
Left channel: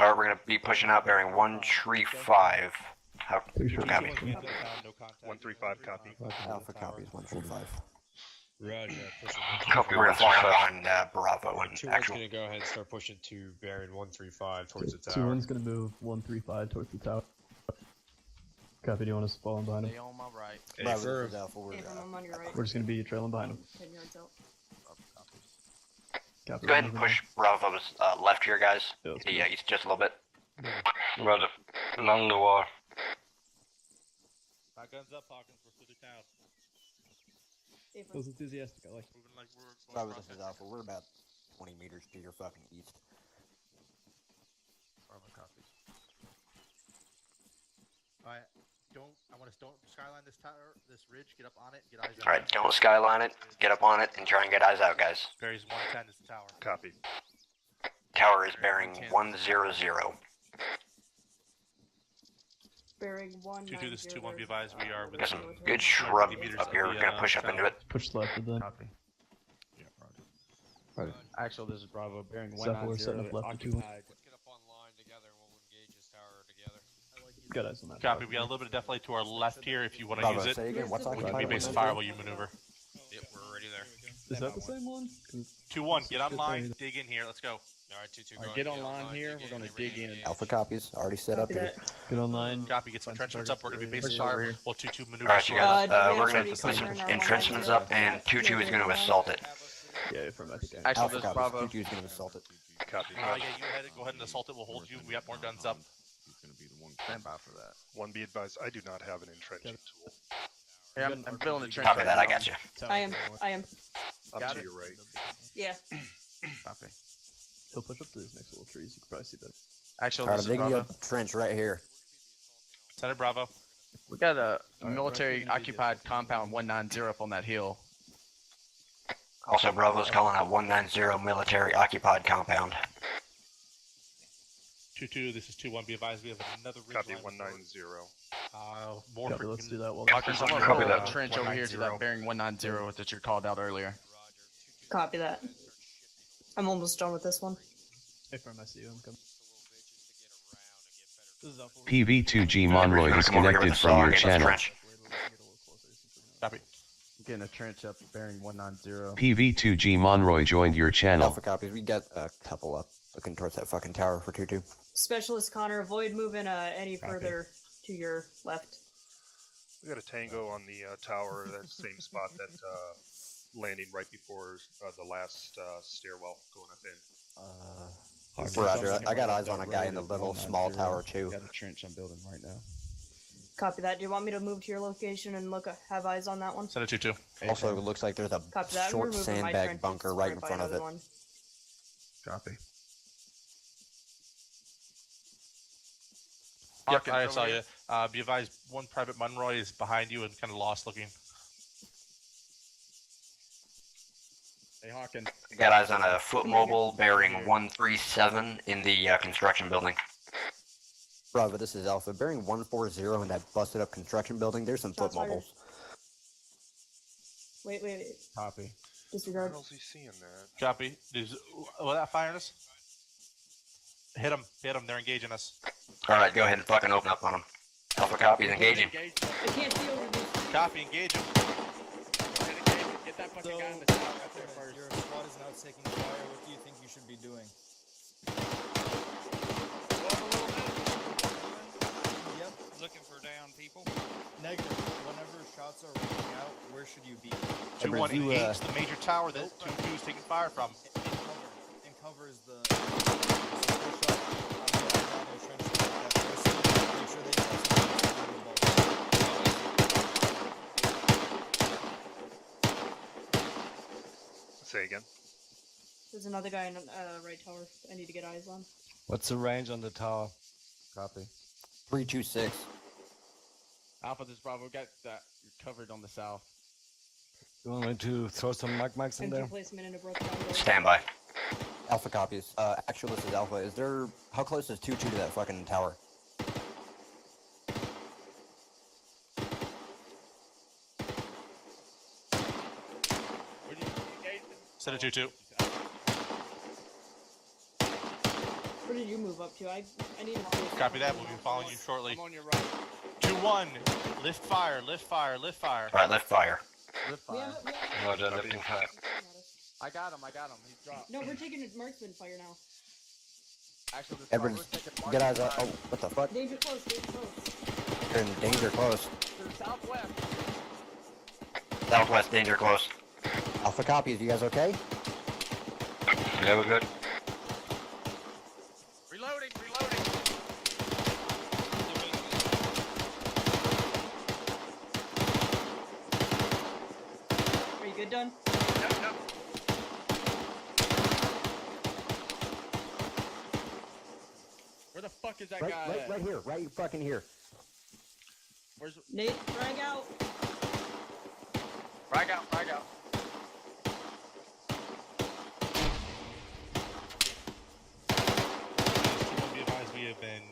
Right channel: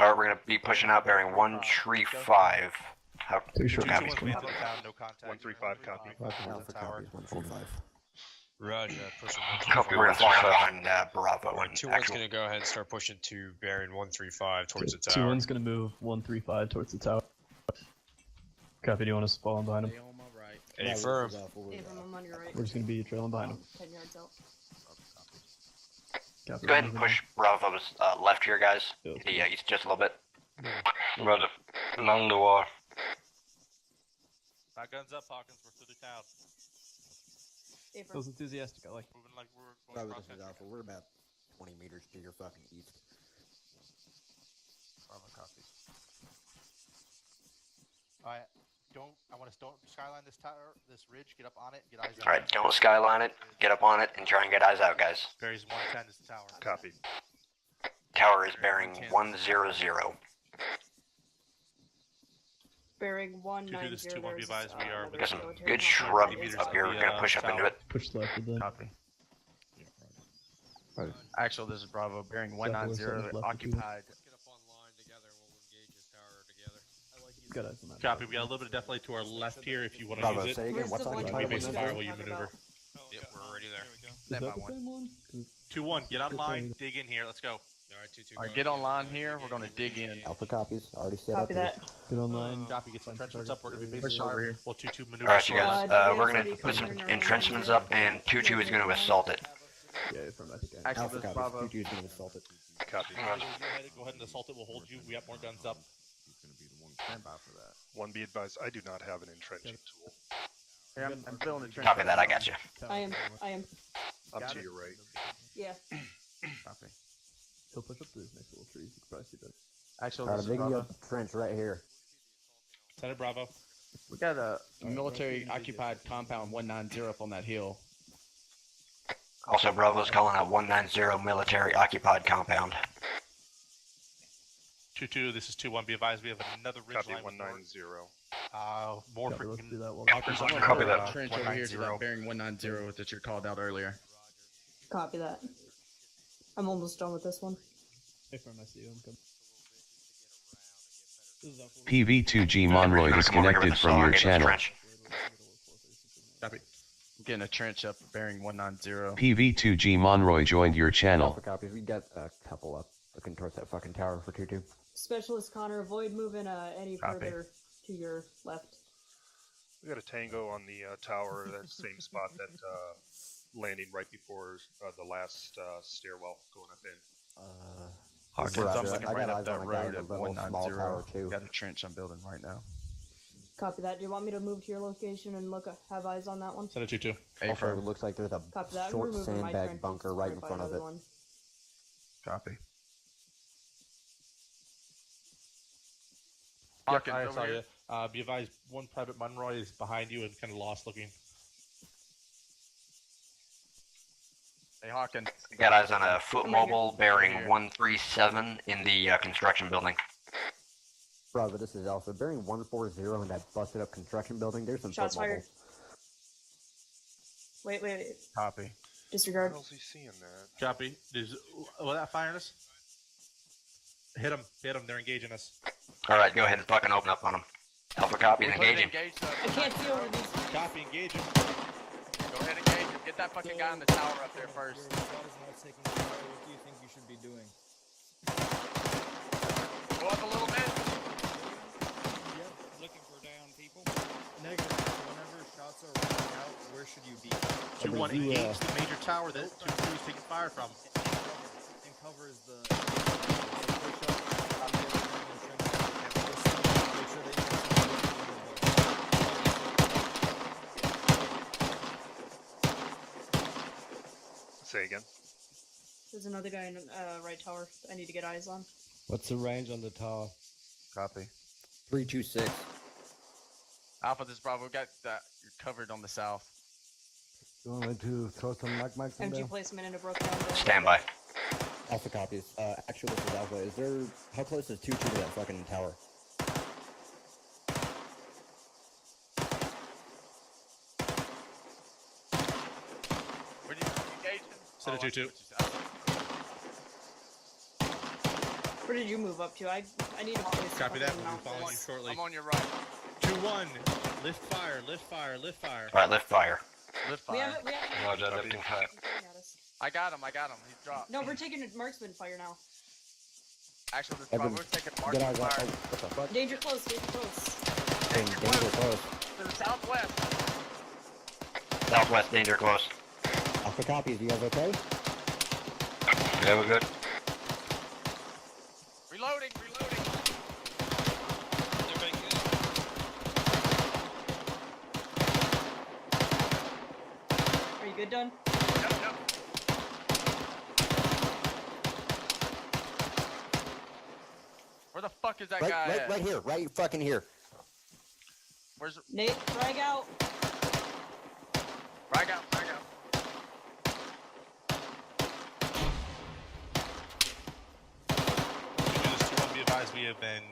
Alright, we're gonna be pushing out bearing 135. How? Copy. 135, copy. Alpha copies, 145. Roger. Copy, we're gonna fly behind Bravo and 2-1's actual. gonna go ahead and start pushing to bearing 135 towards the 2-1's tower. gonna move 135 towards the tower. Copy, do you want us to fall in behind him? Stay on my right. Affirm. I'm on your right. We're just gonna be trailing behind him. 10 yards out. Copy, Go ahead and moving push Bravo's left here, guys. Yeah, east just a little bit. Roger. Along the wall. Back guns up, Hawkins. We're through the town. That was enthusiastic, I like. Moving like we're Bravo, going this across is Alpha. We're about 20 meters to your fucking east. Bravo, copy. Alright, I want to don't skyline this tower, this ridge, get up on it, get eyes out. Alright, don't skyline it, get up on it, and try and get eyes out, guys. Bearing 110 is the tower. Copy. Tower is bearing 100. Bearing 190. To do this 2-1, be advised, we are Got some within good shrub 50 meters up of here. the, We're gonna push up into tower. it. Push left of the. Copy. Right. Actually, this is Bravo, bearing South we're 190, setting up left of 2-1. occupied. Get up online together and we'll engage this tower together. Got eyes on that. Copy, we got a little bit of death light to our left here if you want to Bravo, use it. say again, what's We occupied? base fire while you maneuver. Yep, we're already there. Is that the same one? 2-1, get online, dig in here, let's go. Alright, 2-2. Alright, get online here. We're gonna dig in. Alpha copies already set Copy up. that. Get online. Copy, get some entrenchments up. We're going to be Push basing over our here. well 2-2 maneuver. Alright, you guys. We're gonna Ready put some for another entrenchments one. up, and 2-2 is gonna assault it. Yeah, from I think I Actually, Alpha there's copies. Bravo. 2-2 is going to assault it. Copy. Go ahead and assault it. We'll hold you. We got more guns up. Stand by for that. One be advised, I do not have an entrenching tool. Yeah, I'm filling the trench. Copy that, I got you. I am. Up Got to it. your right. Yeah. Copy. He'll push up to these next little trees. You can probably see that. Actually, Alright, this I'm is digging you Bravo. a trench right here. Center Bravo. We got a military occupied compound 190 up on that hill. Also, Bravo's calling out 190 military occupied compound. 2-2, this is 2-1. Be advised, we have another ridge Copy line. 190. More Yeah, for let's do that while Walkers on Copy your, that. Trench over here to that bearing 190 that you called out earlier. Copy that. I'm almost done with this one. Hey, from I see you. I'm coming. This is Alpha. PV2G Monroy disconnected from your channel. Copy. Getting a trench up bearing 190. PV2G Monroy joined your channel. Alpha copies. We got a couple up looking towards that fucking tower for 2-2. Specialist Connor, avoid moving any Copy. further to your left. We got a tango on the tower, that same spot that landing right before the last stairwell going up in. Roger, I got eyes on a guy in a little small tower too. Got a trench I'm building right now. Copy that. Do you want me to move to your location and have eyes on that one? Center 2-2. Also, it looks like there's a Copy that. I'm short removing my sandbag trenches bunker right in by front of another it. one. Copy. Yep, I Hawkins saw over you. here. Be advised, one Private Monroy is behind you and kind of lost looking. Hey Hawkins. Got eyes on a foot mobile bearing 137 in the construction building. Bravo, this is Alpha. Bearing 140 in that busted up construction building. There's some Shots foot fired. mobiles. Wait. Copy. Disregard. How the hell's he seeing that? Copy. Will that firing us? Hit them. They're engaging us. Alright, go ahead and fucking open up on them. Alpha copies engaging. I can't see over these. Copy, engage them. Go ahead and get that fucking guy on the tower up there first. Your squad is now taking fire. What do you think you should be doing? Go up a little bit. Yep, looking for down people. Negative. Whenever shots are running out, where should you be? 2-1 engage the major tower that 2-2 is taking fire from. In cover is the. So push up. I'm looking down the trench. Get person. Make sure they have Say again. There's another guy in right tower. I need to get eyes on. What's the range on the tower? Copy. 326. Alpha, this Bravo. We got that. You're covered on the south. You want me to throw some mags in Empty there? placement in a broken window. Stand by. Alpha copies. Actually, this is Alpha. Is there... How close is 2-2 to that fucking tower? Where do you engage? Center 2-2. Where did you move up to? I need to place. Copy that. We'll be following you shortly. I'm on your right. 2-1. Lift fire. Alright, lift fire. Lift We fire. haven't. Roger, lifting fire. I got him. He's dropped. No, we're taking marksman fire now. Actually, this Everyone, Bravo's taking get marksman eyes on... fire. Oh, what the fuck? Danger close. Danger close. To the southwest. Southwest danger close. Alpha copies. You guys okay? Yeah, we're good. Reloading. Are you good, done? Yep. Where the fuck is that guy at? Right here. Right fucking here. Where's it? Nate, drag out. Frag out. Be advised, we have been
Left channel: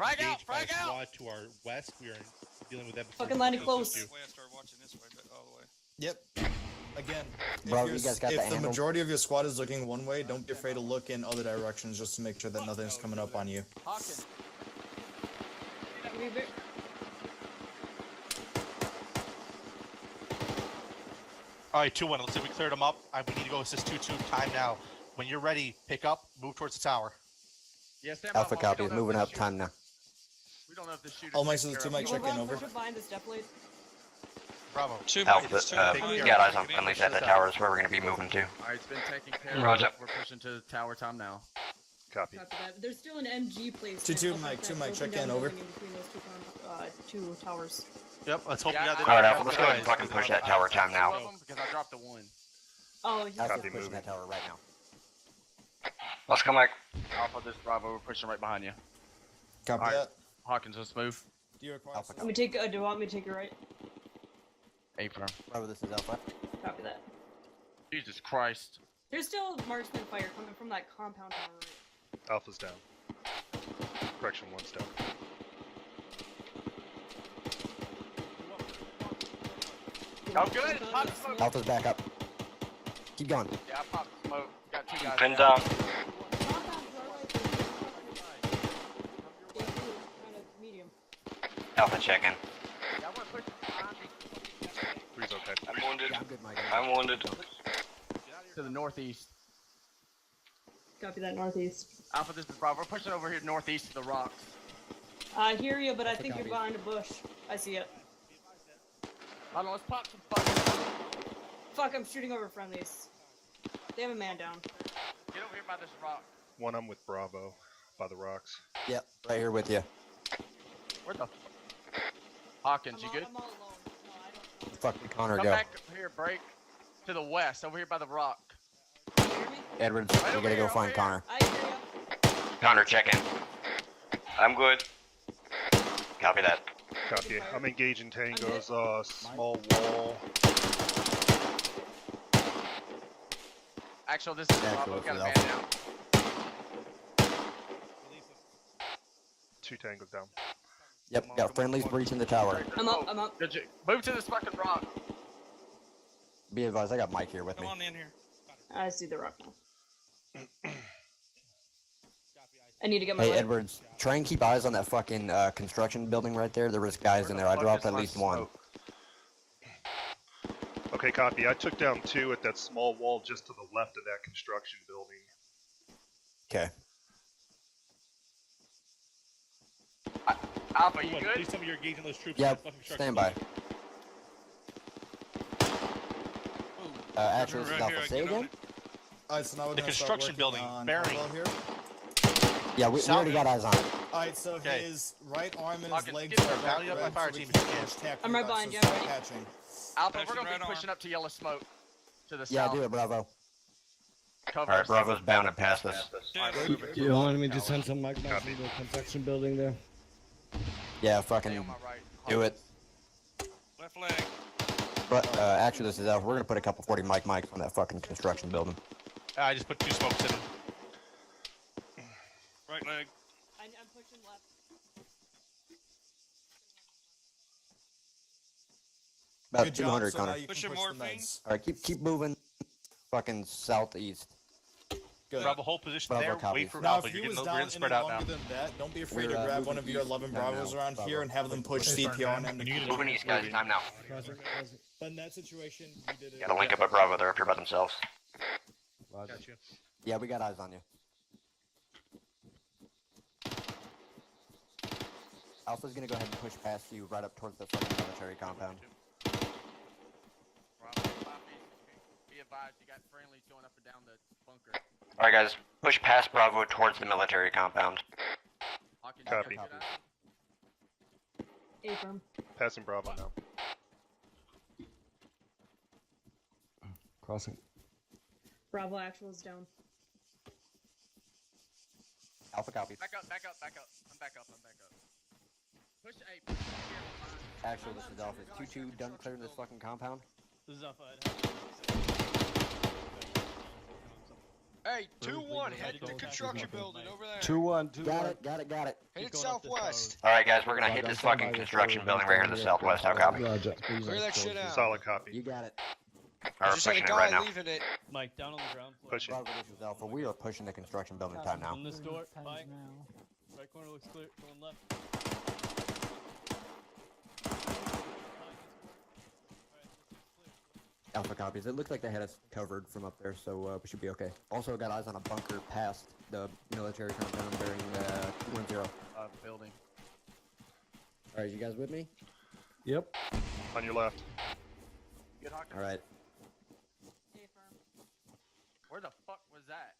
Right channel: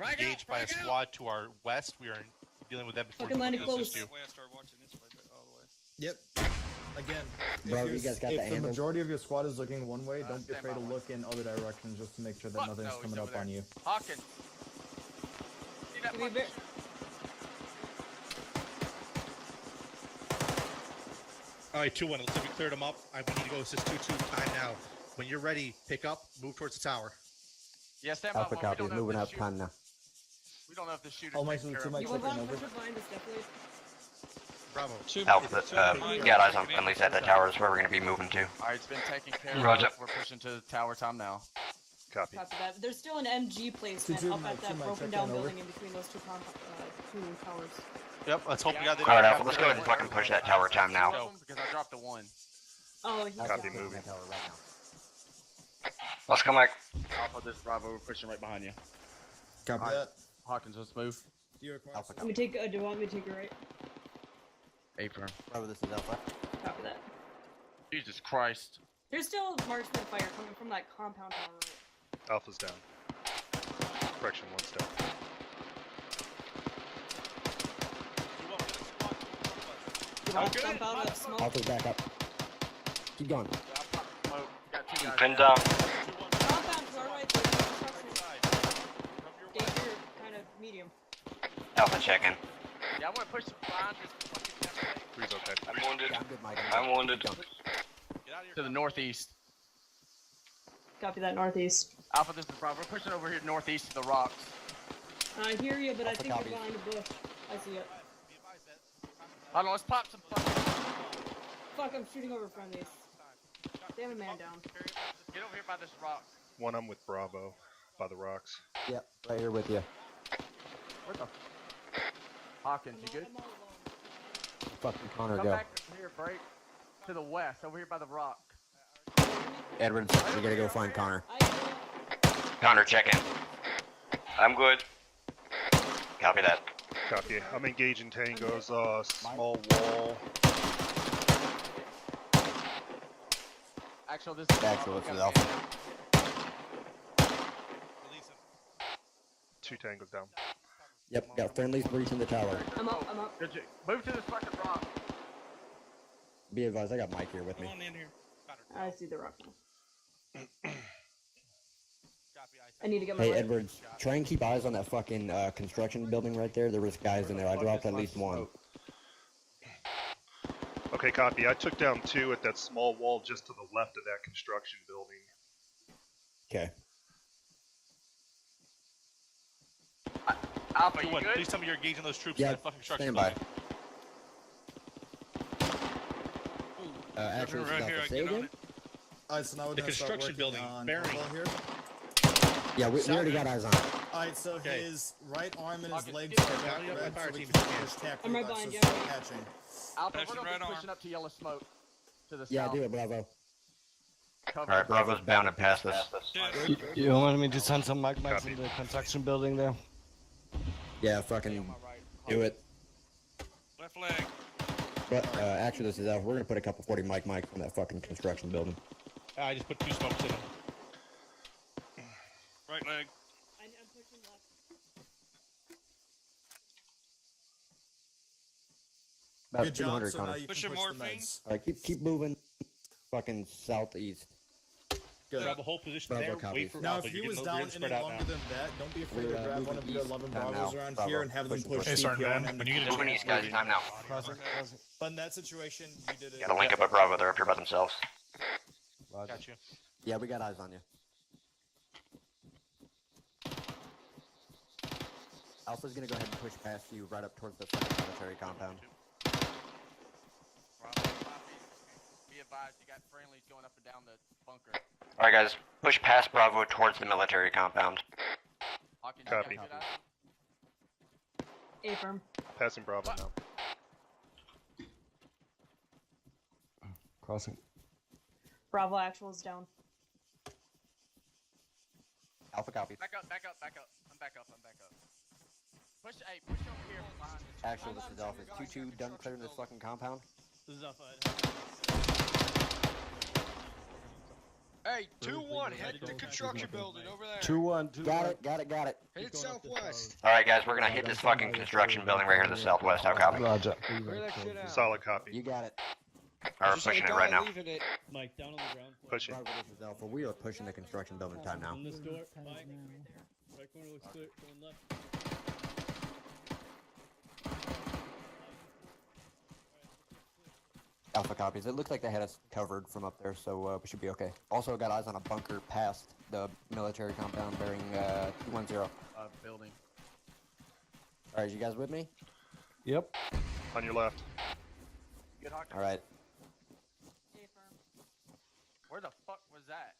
engaged by a squad to our west. We are dealing with them. Fucking landing close. That way I started watching this way, but all the way. Yep. Again, Bro, if, you guys got if the the angle? majority of your squad is looking one way, don't be afraid to look in other directions just to make sure that nothing's coming up on you. Hawkins. See that We one? be- Alright, 2-1. Let's see if we cleared them up. We need to go assist 2-2. Time now. When you're ready, pick up, move towards the tower. Yeah, stand by. Alpha while we copy. don't know if Moving this up. shooter- Time now. We don't know if this shooter's All mics taking to the care two of mic us. check in, over. Behind us, definitely. Bravo. Alpha, you got eyes on friendlies at the tower. Is where we're going to be moving to. Alright, it's been taken care of. Roger. We're pushing to the tower time now. Copy. Copy that. There's still an MG placed Two up mic, that two mic, broken check down in, over. building in between those two towers. Yep, let's hope we got the. Alright, Alpha, let's go ahead and fucking push that tower time now. Because I dropped the one. Oh, he's Copy, not. moving. Let's go, Mike. Alpha, this Bravo, we're pushing right behind you. Copy Alright. that. Hawkins, let's move. Do you require Alpha Do you want me to take it right? Affirm. Bravo, this is Alpha. Copy that. Jesus Christ. There's still marksman fire coming from that compound tower, right? Alpha's down. Correction, one's down. How good? Alpha's back up. Keep going. Yeah, I popped smoke. Got two guys Pinned down. Alpha check in. Yeah, I want to push behind me. Three's okay. I'm wounded. Yeah, I'm good, Mike. I'm wounded. To the northeast. Copy that northeast. Alpha, this is Bravo. We're pushing over here northeast to the rocks. I hear you, but I Alpha think copy. you're behind a bush. I see it. I don't know, let's pop some fucking... Fuck, I'm shooting over friendlies. They have a man down. Get over here by this rock. One I'm with Bravo, by the rocks. Yep, right here with you. Where the... Hawkins, you good? Fuck the Connor, Come go. back here, break. To the west, over here by the rock. Edwards, we gotta go find Connor. Connor, check in. I'm good. Copy that. Copy. I'm engaging tangos, small wall. Actually, this is Actual, Bravo. this is Got a Alpha. man down. 2 tangos down. Yep, got friendlies breaching the tower. I'm up, I'm up. Good. Move to this fucking rock. Be advised, I got Mike here with me. Come on in here. I see the rock now. I need to get my Hey, light. Edwards, try and keep eyes on that fucking construction building right there. There was guys in there. I dropped at least one. Okay, copy. I took down 2 at that small wall just to the left of that construction building. Okay. Alpha, you good? Please tell me you're engaging those troops. Yep, stand by. Actually, Right here, I say get on again? it. Alright, so now we're The gonna start construction working building, on bearing. Bravo here. Yeah, we already got eyes on it. Alright, so Okay. his right arm and his Fucking legs get are it. back Rally up red, my so fire we team. can push tack I'm right you guys, behind so you. start catching. Alpha, Pushing we're gonna right be arm. pushing up to yellow smoke. To the Yeah, south. do it, Bravo. Cover Alright, us. Bravo's bounded past us. You want me to send some magmas Copy. in the construction building there? Yeah, fucking do it. Left leg. But actually, this is Alpha. We're gonna put a couple 40 mic on that fucking construction building. I just put 2 smokes in them. Right leg. I'm pushing left. About Good job, 200, so now Connor. you can Push your push the morphine. meds. All right, keep moving. Fucking southeast. Good. Bravo, hold position Bravo there. copy. Wait for Now, Alpha. if he You're was getting down really any spread out longer now. than that, don't be afraid We're, to grab moving one of your east 11 time Bravos now. around Bravo. here and have them push Pushing CP on him. When you Moving east, guys. Time now. But in that situation, we did it. Gotta link up at Bravo. They're up here by themselves. Gotcha. Yeah, we got eyes on you. Alpha's gonna go ahead and push past you right up towards the fucking military compound. Bravo, copy. Be advised, you got friendlies going up and down the bunker. Alright, guys. Push past Bravo towards the military compound. Hawkins, Copy. you got that? Affirm. Passing Bravo now. Crossing. Bravo actual is down. Alpha copy. Back up, back up, back up. I'm back up, I'm back up. Push, hey, push over the whole line. Actual, this is Alpha. Is 2-2 done clearing this fucking compound? This is Alpha. Hey, 2-1, head to the construction building over there. 2-1, 2-1. Got it. Headed southwest. Alright, guys. We're gonna hit this fucking construction building right here to the southwest. How copy? Roger. Clear that shit out. Solid copy. You got it. Alright, we're pushing it right now. Leaving it. Mike, down on the ground. Pushing. Bravo, this is Alpha. We are pushing the construction building time now. On this door, Mike. Right corner looks clear. Going left. Alpha copies. It looks like they had us covered from up there, so we should be okay. Also got eyes on a bunker past the military compound bearing 210. Building. Alright, you guys with me? Yep. On your left. Good Hawkins. All right. Where the fuck was that?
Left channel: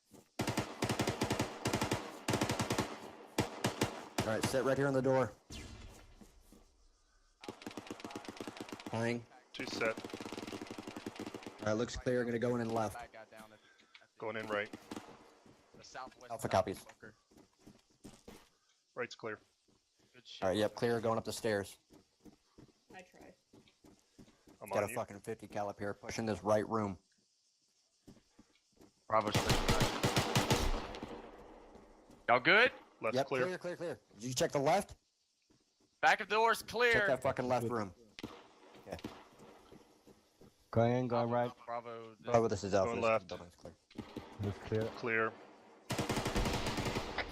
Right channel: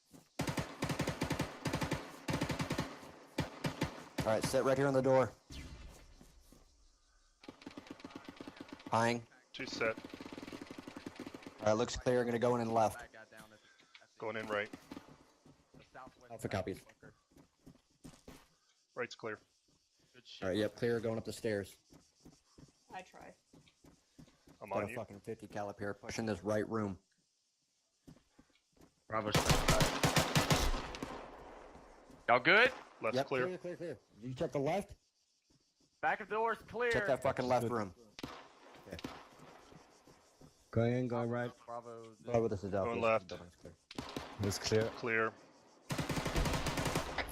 All right, sit right here on the door. Pine. 2 set. Looks clear. Gonna go in and left. Going in right. Alpha copies. Right's clear. Yep, clear. Going up the stairs. I try. I'm Got on a you. fucking 50 cal here, pushing this right room. Bravo. Y'all good? Left's Yep, clear. Clear. Did you check the left? Back of the door's clear. Check that fucking left room. Okay. Going in, going right. Bravo, this is Alpha. Going left. It's clear. Clear.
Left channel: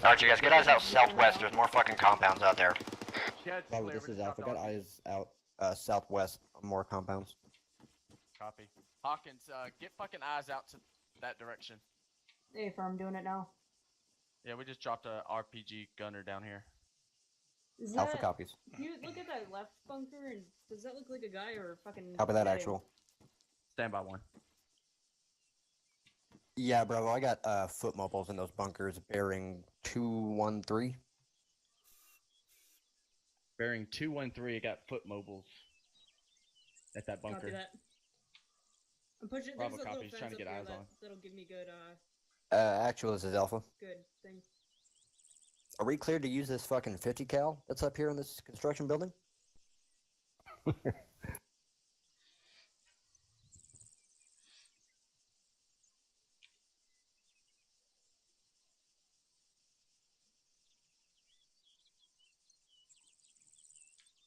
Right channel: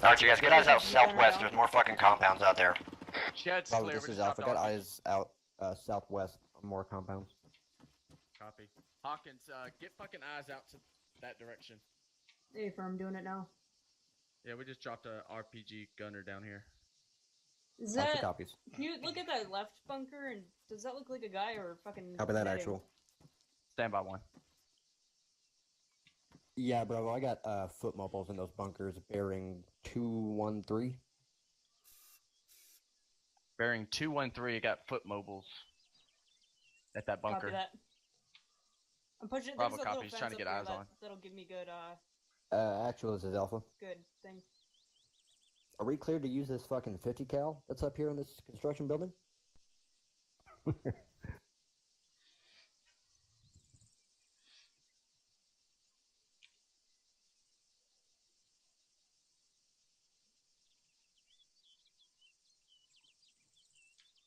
Alright, you guys, get eyes out southwest. There's more fucking compounds out there. Shed's Bravo, clear. this We is just Alpha. dropped Got our- eyes out southwest. More compounds. Copy. Hawkins, get fucking eyes out to that direction. Hey, I'm doing it now. Yeah, we just dropped a RPG gunner down here. Is Alpha that, copies. Can you look at that left bunker and does that look like a guy or a fucking Copy that, netting? actual. Stand by one. Yeah, Bravo, I got foot mobiles in those bunkers bearing 213. Bearing 213, I got foot mobiles at that bunker. Copy that. I'm pushing. Bravo there's a copy, little he's trying to fence get up eyes there on. That'll give me good Actual, this is Alpha. good thing. Are we cleared to use this fucking 50 cal that's up here in this construction building?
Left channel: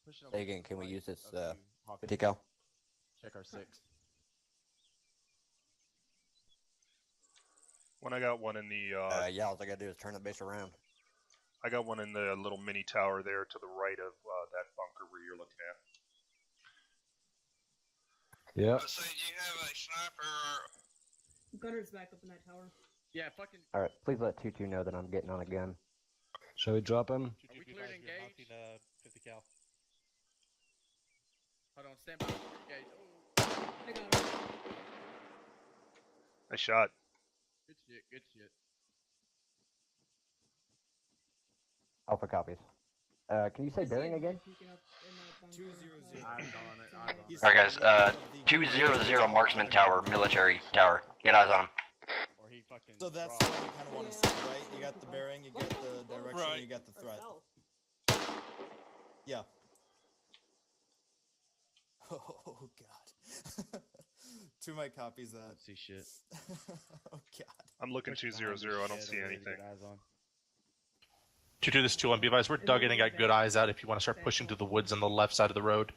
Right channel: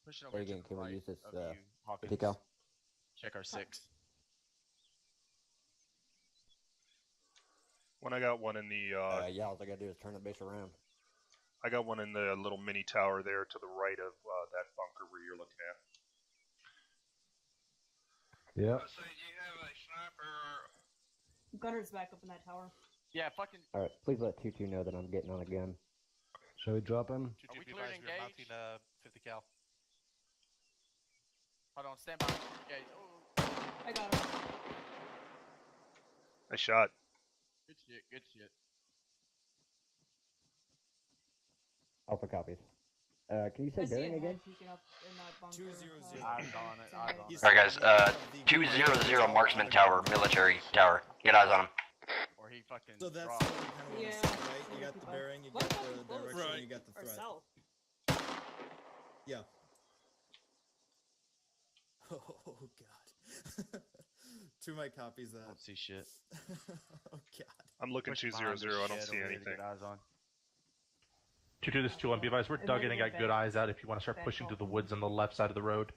Pushing over Say to again, the can we right use this of you, Hawkins. 50 cal? Check our 6. When I got one in the Yeah, all I gotta do is turn the base around. I got one in the little mini tower there to the right of that bunker where you're looking at. Yep. Gunner's back up in that tower. Yeah, fucking. Alright, please let 2-2 know that I'm getting on a gun. Shall we drop him? Are we clear to engage? 50 cal. Hold on, stand by. Engage. Oh. I got him. I shot. Good shit, good shit. Alpha copies. Can you say bearing again? Eyes on it, eyes on it. Alright, guys, 200 Marksman Tower, military tower. Get eyes on him. Or he fucking So that's dropped. what you kind of want to see, right? You got the bearing, you got the direction, you got the Or threat. south. Yeah. Oh god. 2 mic copies that. See shit. Oh god. I'm looking Push 200. behind I the don't shed see over there to anything. get eyes on. 2-2, this is 2-1. Be advised, we're dug in and got good eyes out if you want to start pushing to the woods on the left side of the road.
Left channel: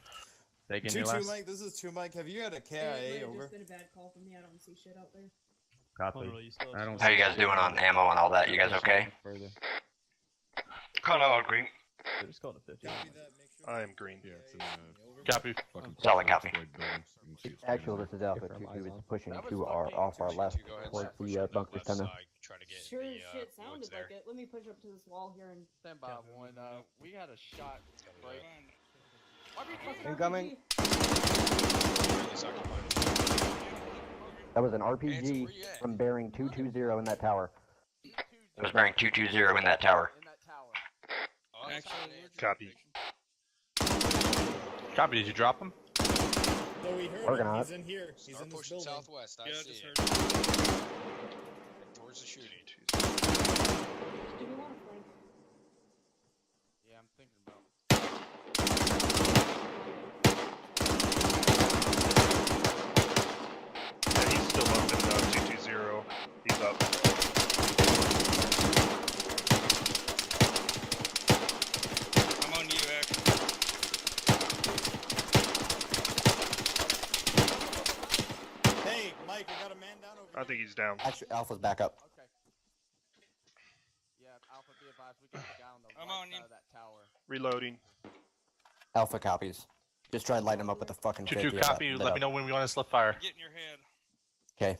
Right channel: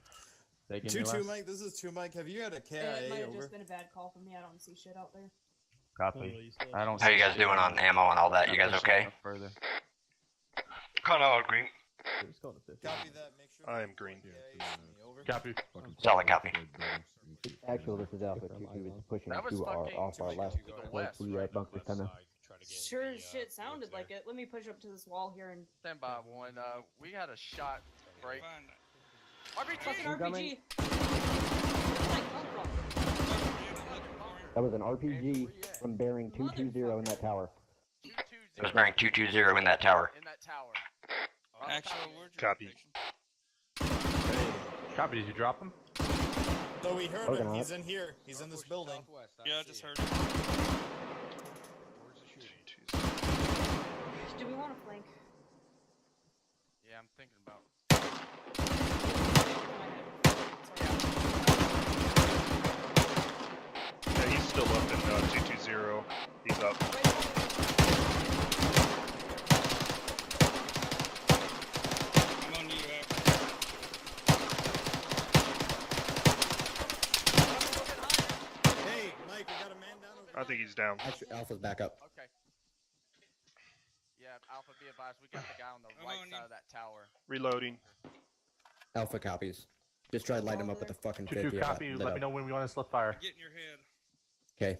Taking 2-2 your last. Mike, this is 2 Mike. Have you had a It KIA might have over? just been a bad call for me. I don't see shit out there. Copy. I don't How you guys doing on ammo and all that? You guys okay? Further. Kinda all green. Just call it a 50. Copy that, make sure. I am green. Copy. Solid copy. Actual, this is Alpha. 2-2 is pushing That was to our fucking- off our left towards the bunker center. Sure as shit sounded like it. Let me push up to this wall here and Stand by one. We had a shot break. fucking Incoming. RPG. That was an RPG from bearing 220 in that tower. It was bearing 220 in that tower. In that tower. Copy. Copy, did you drop him? No, we heard Working him. on He's it. in here. He's in this building. Yeah, I just heard. Towards the shooting. Do we want to flank? Yeah, I'm thinking about. Yeah, he's still up in 220. He's up. I'm on you, Hey, Mike, we got a man down over I think he's down. Alpha's back up. Okay. Yeah, Alpha, be advised. We got a guy on the I'm right on side you. of that tower. Reloading. Alpha copies. Just try to light him up with the fucking 2-2 50. copy. Let me know when we want to slip fire. Get in your head. Okay.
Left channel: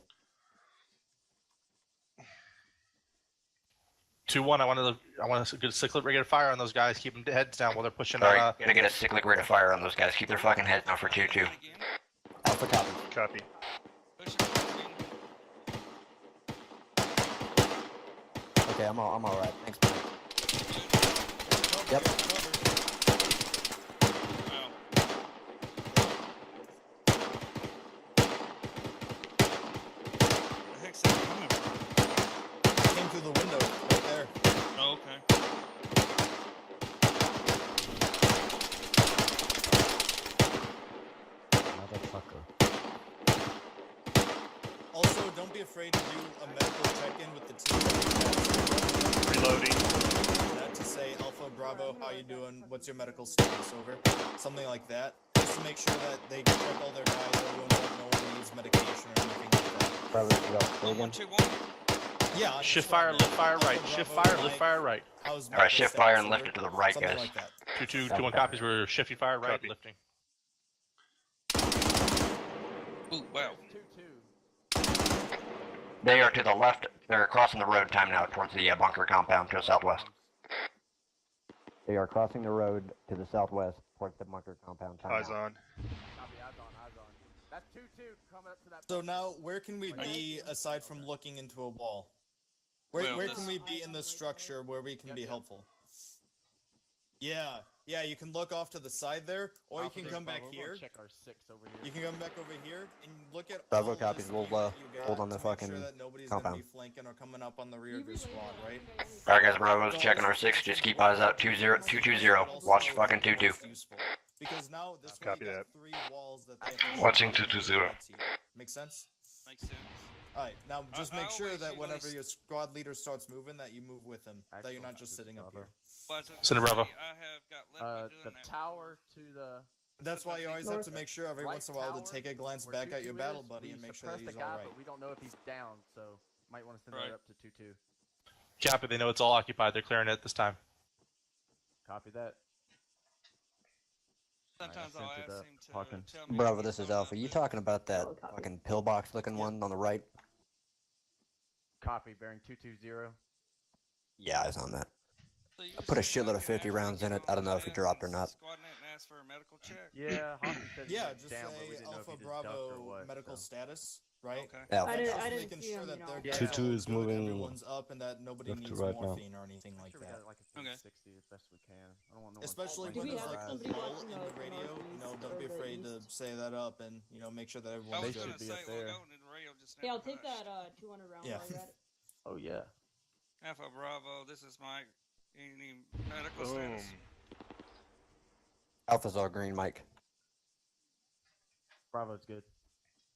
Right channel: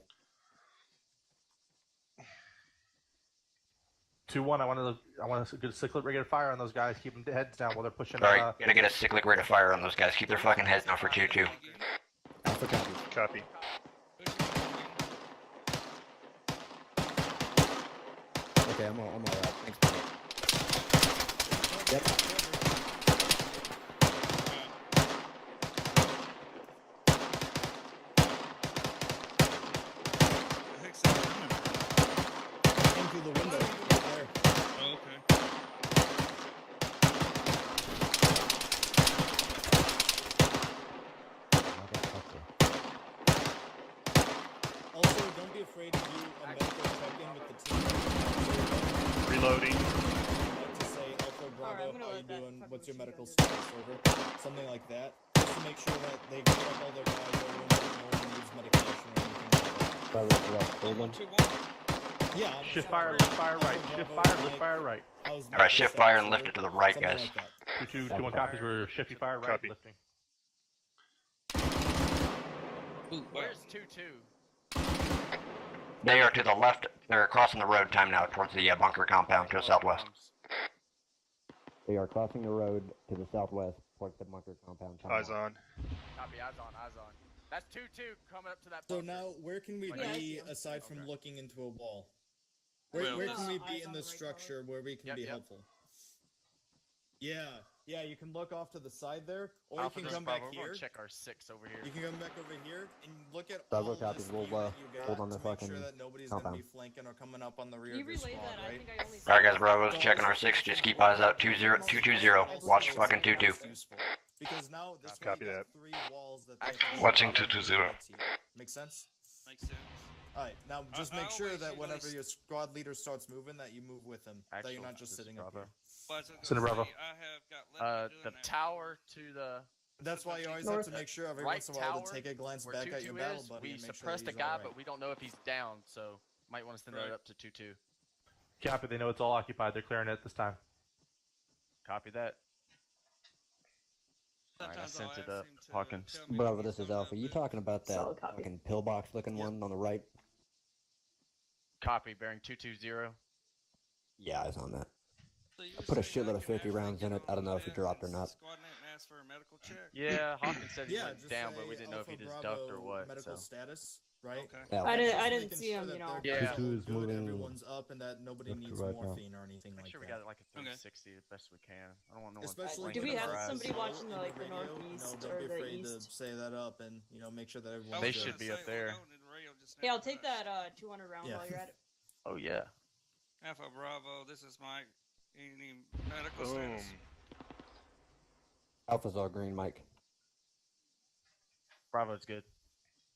2-1. I want to get a cyclic rate of fire on those guys. Keep them heads down while they're pushing. Alright, gonna get a cyclic rate of fire on those guys. Keep their fucking heads down for 2-2. Alpha copy. Copy. Okay, I'm alright. Thanks, buddy. Yep. Came through the window right there. Oh, okay. Also, don't be afraid to do a medical check-in with the team. Reloading. To say, Alpha, Bravo, how you doing? What's your medical status? Over. Something like that. Just to make sure that they get all their guys, everyone needs medication or anything like that. Bravo, again. Yeah. Shift fire, lift fire right. Shift fire, lift fire right. Alright, shift fire and lift it to the right, guys. 2-2, 2-1 copies. We're shifting fire right, Copy. lifting. Ooh, wow. 2-2. They are to the left. They're crossing the road time now towards the bunker compound to the southwest. They are crossing the road to the southwest towards the bunker compound. Eyes on. Copy, eyes on, eyes on. That's 2-2 coming up to that. So now, where can we be aside from looking into a wall? Where can we be in the structure where we can be helpful? Yeah, you can look off to the side there, or you can come back here. Check our 6 over here. You can come back over here and look at Bravo all copies. this We'll, gear that you got hold on the to make fucking sure that nobody's compound. gonna be flanking or coming up on the rear of your squad, right? Alright, guys, Bravo's checking our 6. Just keep eyes out. 220. Watch fucking 2-2. Because now this way Copy you that. got 3 walls that they have to Watching 220. Make sense? Makes sense. Alright, now just I make sure always that usually whenever your squad leader starts moving, that you move with him. That you're not just sitting up here. Well, I was gonna Send a say, Bravo. I have got left The doing that. tower to the. That's why you always have to make sure every right once in a while to tower, take a glance where back at your 2-2 battle is, buddy we and make sure that suppressed he's a guy, alright. but we don't know if he's down, so might want to send that up to 2-2. Copy. They know it's all occupied. They're clearing it this time. Copy that. Sometimes I I'll sent ask it him up. to Hawkins. tell me Bravo, what's this is going on Alpha. You talking about that Solid copy. fucking pillbox looking one on the right? Copy, bearing 220. Yeah, I was on that. So you Put a said shitload I of could 50 rounds in it. I don't know if it ask dropped or not. Squad name and ask for a medical check. Yeah, Hawkins said he Yeah, was just down, but we say didn't know if Alpha he just ducked or Bravo what. medical so. status, right? Okay. Alpha. I didn't Making see sure him, that you know. they're Yeah. 2-2 is good, moving everyone's up, and that nobody left to needs right now. morphine or anything Make like sure we that. got like a 360 as best we can. I don't want no one Especially Do when we there's have like somebody slow watching in the, like, the radio, northeast don't or be the afraid to east? say that up and make sure that I everyone's was They good. should be gonna up say, there. Well, going to the radio just Hey, I'll now, take but- that 200 round Yeah. while you're at it. Oh yeah. Alpha Bravo, this is Mike. Any medical Boom. status? Alpha's all green, Mike. Bravo's good.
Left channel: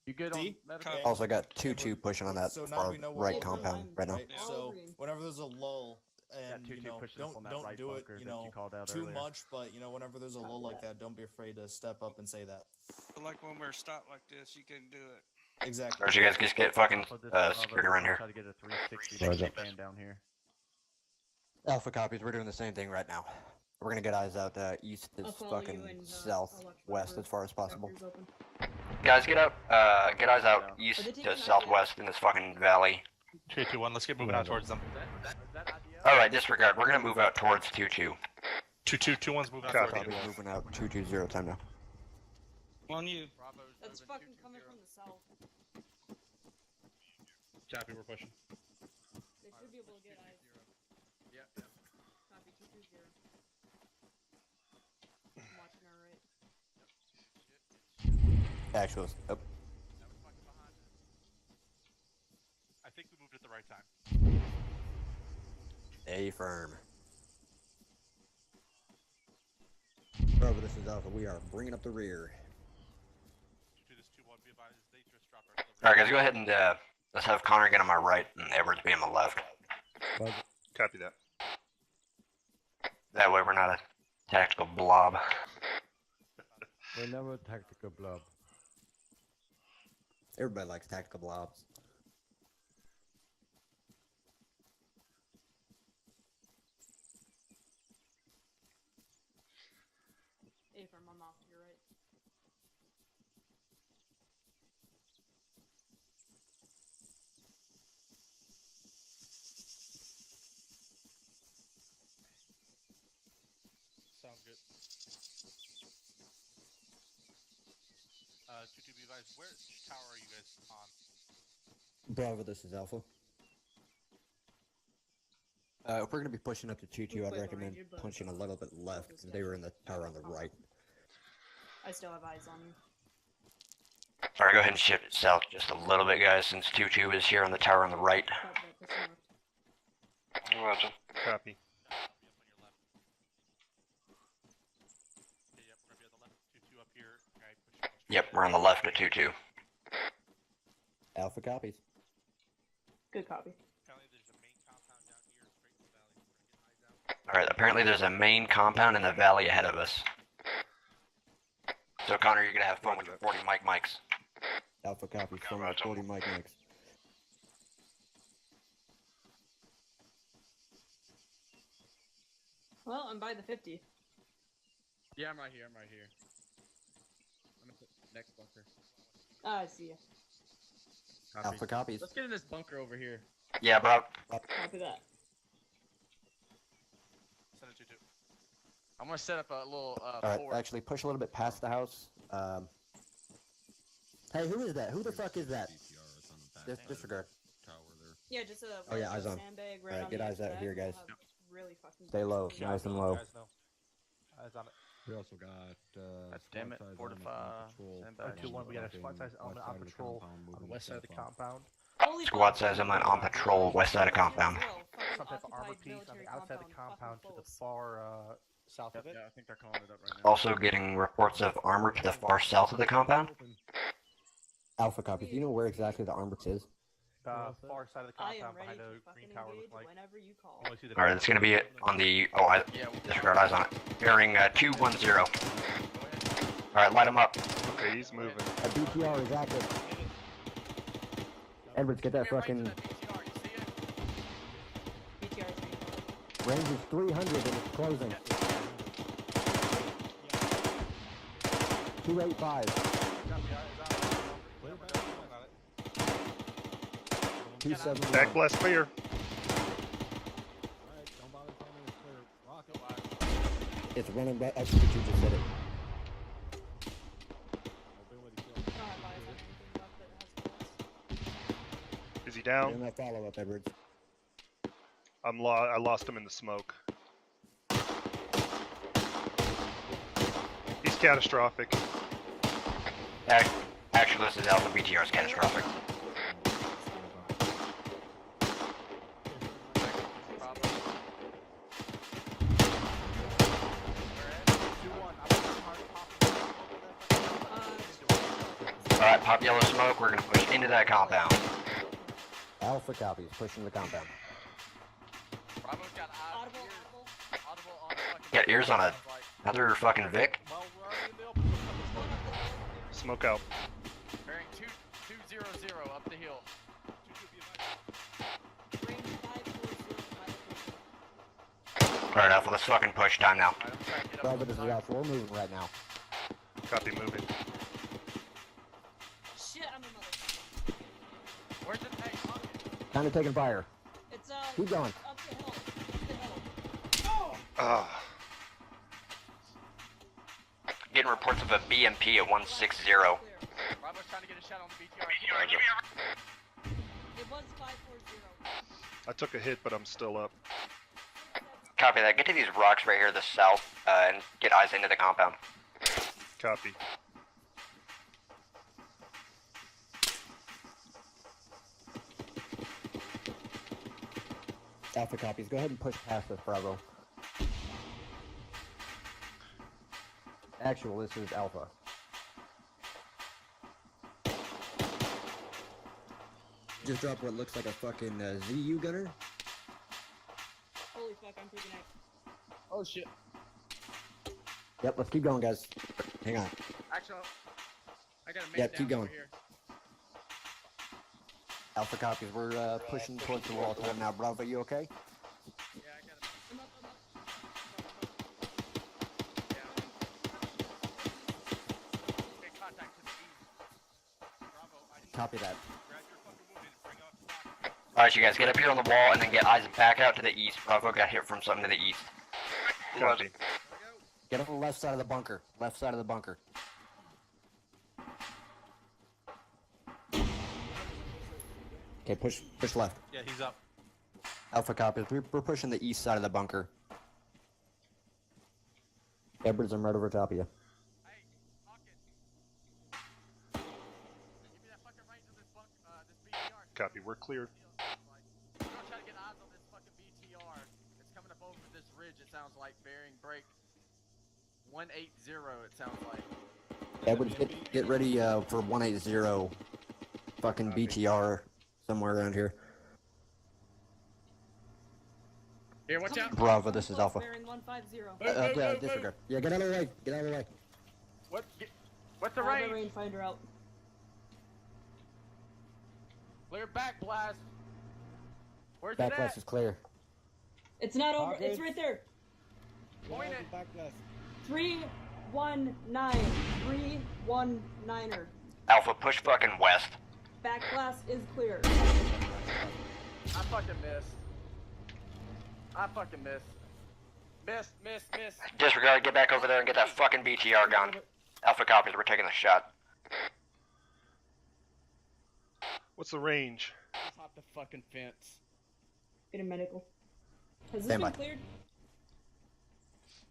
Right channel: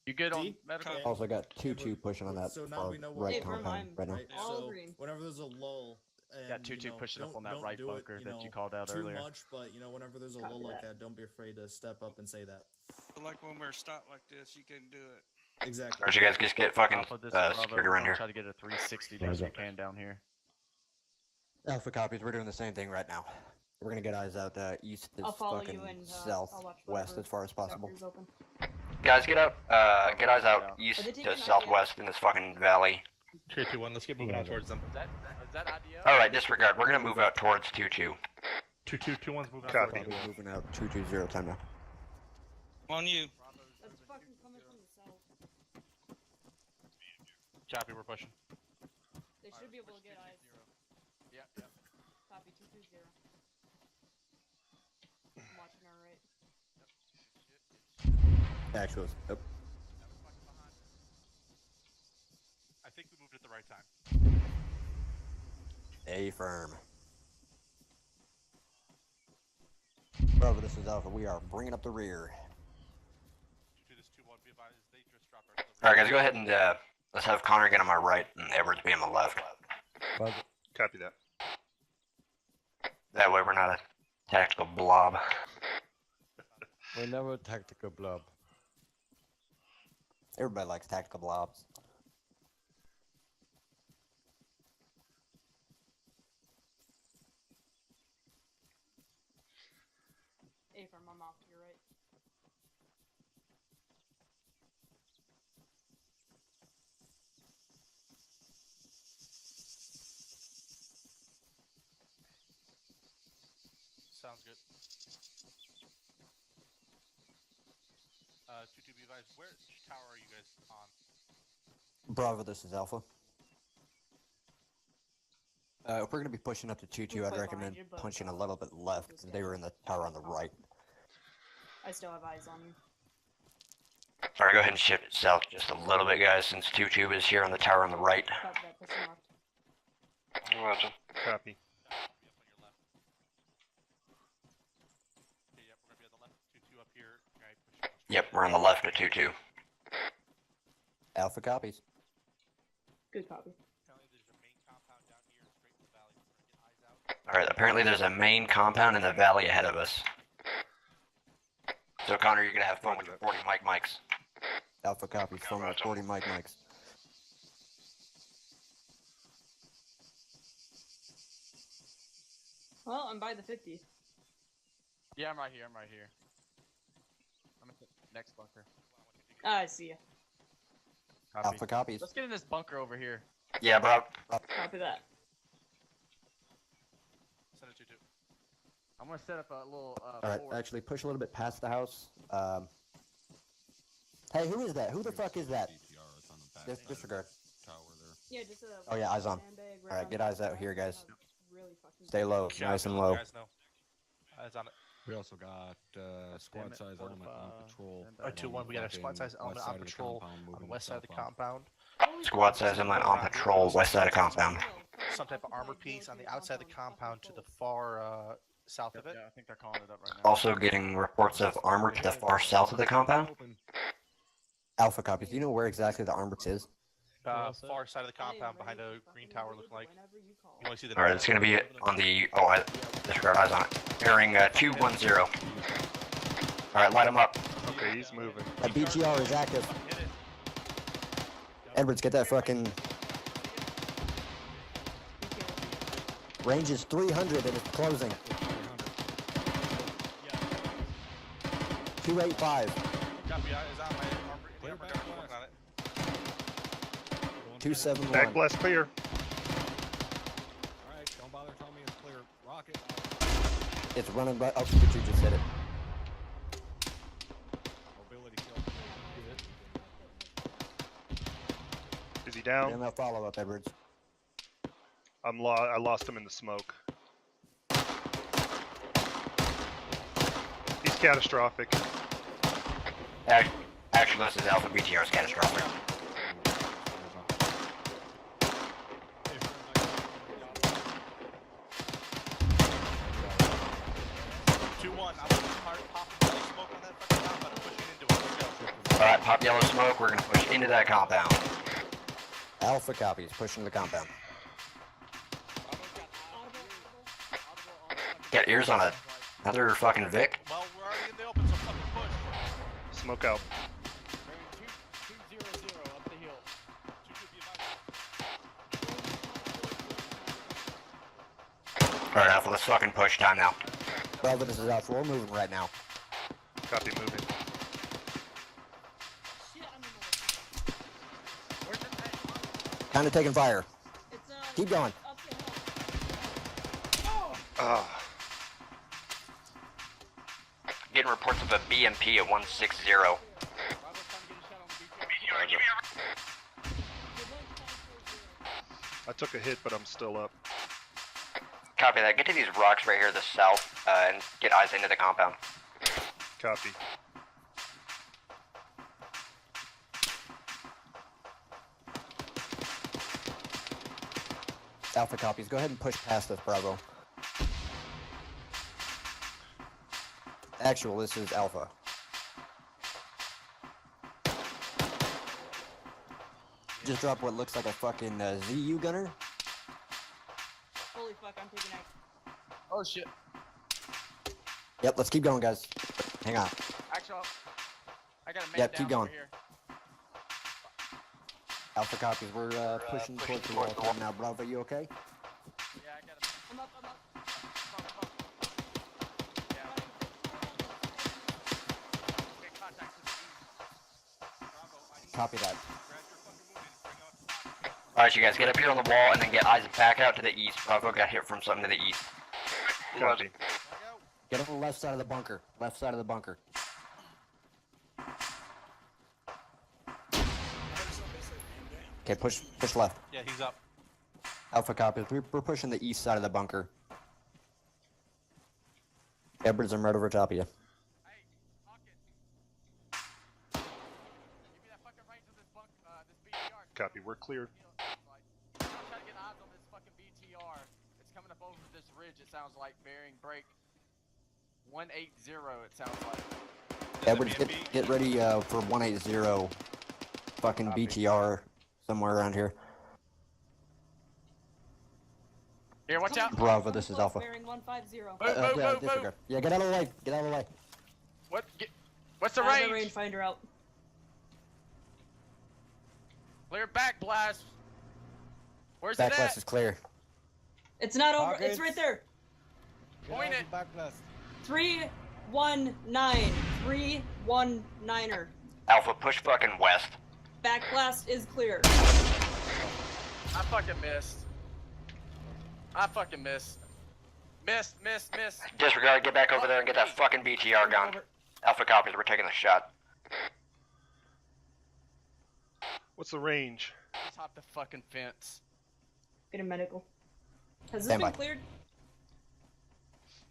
You good on D? medical? Okay. Also got 2-2 pushing on that So now far we know what right we're doing, compound right now. right? Yeah. So Green. whenever there's a lull, and Got 2-2 pushing up on that don't right do it, bunker that you called out too earlier. much, but whenever there's a lull like that, don't be afraid to step up and say that. So like when we're stopped like this, you can do it. Exactly. Or you guys just get fucking Alpha, this Bravo, security around here. Try to get a 360 best we can down here. Alpha copies. We're doing the same thing right now. We're gonna get eyes out east as I'll follow fucking you and I'll watch southwest for as far as possible. doctors open. Guys, get up. Get eyes out east to southwest in this fucking valley. 3-2-1. Let's get moving out towards them. Alright, disregard. We're gonna move out towards 2-2. 2-2. 2-1's moving out. Copy. towards them. Moving out 220 time now. On you. That's fucking coming from the south. Copy. We're pushing. They should be able to get eyes. Yeah. Copy 220. I'm watching our right. Actually, yep. I think we moved at the right time. A firm. Bravo, this is Alpha. We are bringing up the rear. 2-2, this 2-1. Be advised, they just dropped our artillery. Alright, guys, go ahead and let's have Connor get on my right and Edwards be on my left. Copy that. That way we're not a tactical blob. We're never a tactical blob. Everybody likes tactical blobs. A firm, I'm off to your right. sounds good. 2-2, be advised. Which tower are you guys on? Bravo, this is Alpha. If we're going to be pushing up to 2-2, I'd recommend punching a little bit left. They were in the tower on the right. I still have eyes on you. Alright, go ahead and shift it south just a little bit, guys, since 2-2 is here on the tower on the right. Roger. Copy. Yep, we're on the left at 2-2. Alpha copies. Good copy. Alright, apparently there's a main compound in the valley ahead of us. So Connor, you're gonna have fun with your 40 mics. Alpha copies, phone with 40 mics. Well, I'm by the 50. Yeah, I'm right here. I'm at the next bunker. Ah, I see you. Copy. Alpha copies. Let's get in this bunker over here. Yeah, bro. Copy that. Send it 2-2. I'm gonna set up a little. Alright, actually push a little bit past the house. Hey, who is that? Who the fuck is that? Disregard. Yeah, just Oh yeah, eyes on. sandbag right Alright, get the eyes out outside. here, guys. Really fucking Stay low, Yeah, nice and low. guys know. Eyes on it. We also got squad size element on patrol. Or 2-1, we got a squad size element on patrol on the west side of the compound. Squad says I'm on patrol west side of compound. Some type of armor piece on the outside of the compound to the far south of it. Yeah, I think they're calling it up right now. Also getting reports of armor to the far south of the compound. Alpha copies. Do you know where exactly the armor is? Far side of the compound behind a green tower looking like. Alright, it's gonna be on the. Oh, I disregard eyes on it. Bearing 210. Alright, light him up. Okay, he's moving. A BTR is active. Edwards, get that fucking. Range is 300 and it's closing. 285. 271. Back blast clear. It's running right up to what you just said it. Is he down? Yeah, follow up, Edwards. I lost him in the smoke. He's catastrophic. Actually, this is Alpha BTR is catastrophic. Alright, pop yellow smoke, we're gonna push into that compound. Alpha copies, pushing the compound. Got ears on another fucking Vic. Smoke out. Alright, Alpha, let's fucking push. Time now. Bravo, this is Alpha. We're moving right now. Copy, moving. Kind of taking fire. Keep going. Ah. Getting reports of a BMP at 160. I took a hit, but I'm still up. Copy that. Get to these rocks right here to the south and get eyes into the compound. Copy. Alpha copies. Go ahead and push past us, Bravo. Actual, this is Alpha. Just drop what looks like a fucking ZU gunner. Holy fuck, I'm taking it. Oh shit. Yep, let's keep going, guys. Hang on. Actually, I got a man Yep, keep down going. over here. Alpha copies. We're pushing towards the wall time now. Bravo, you okay? I'm up. Copy that. Alright, you guys get up here on the wall and then get eyes back out to the east. Bravo got hit from something to the east. Copy. Get on the left side of the bunker. Left side of the bunker. Okay, push left. Yeah, he's up. Alpha copies. We're pushing the east side of the bunker. Edwards, I'm right over top of you. Copy, we're clear. Try to get eyes on this fucking BTR. It's coming up over this ridge, it sounds like, bearing break 180, it sounds like. Edwards, get ready for 180. Fucking BTR somewhere around here. Here, watch out. Bravo, this is Alpha. Bearing 150. Disregard. Yeah, get out of the way. Get out of the way. What's the I have range? the rangefinder out. Clear back blast. Where's it Backlash at? is clear. It's not over. Targets. It's right there. Point it. Back left. 319. 319er. Alpha, push fucking west. Back blast is clear. I fucking missed. Missed. Disregard, get back over there and get that fucking BTR gun. Alpha copies, we're taking the shot. What's the range? Top the fucking fence. Get a medical. Has this Stand been by. cleared?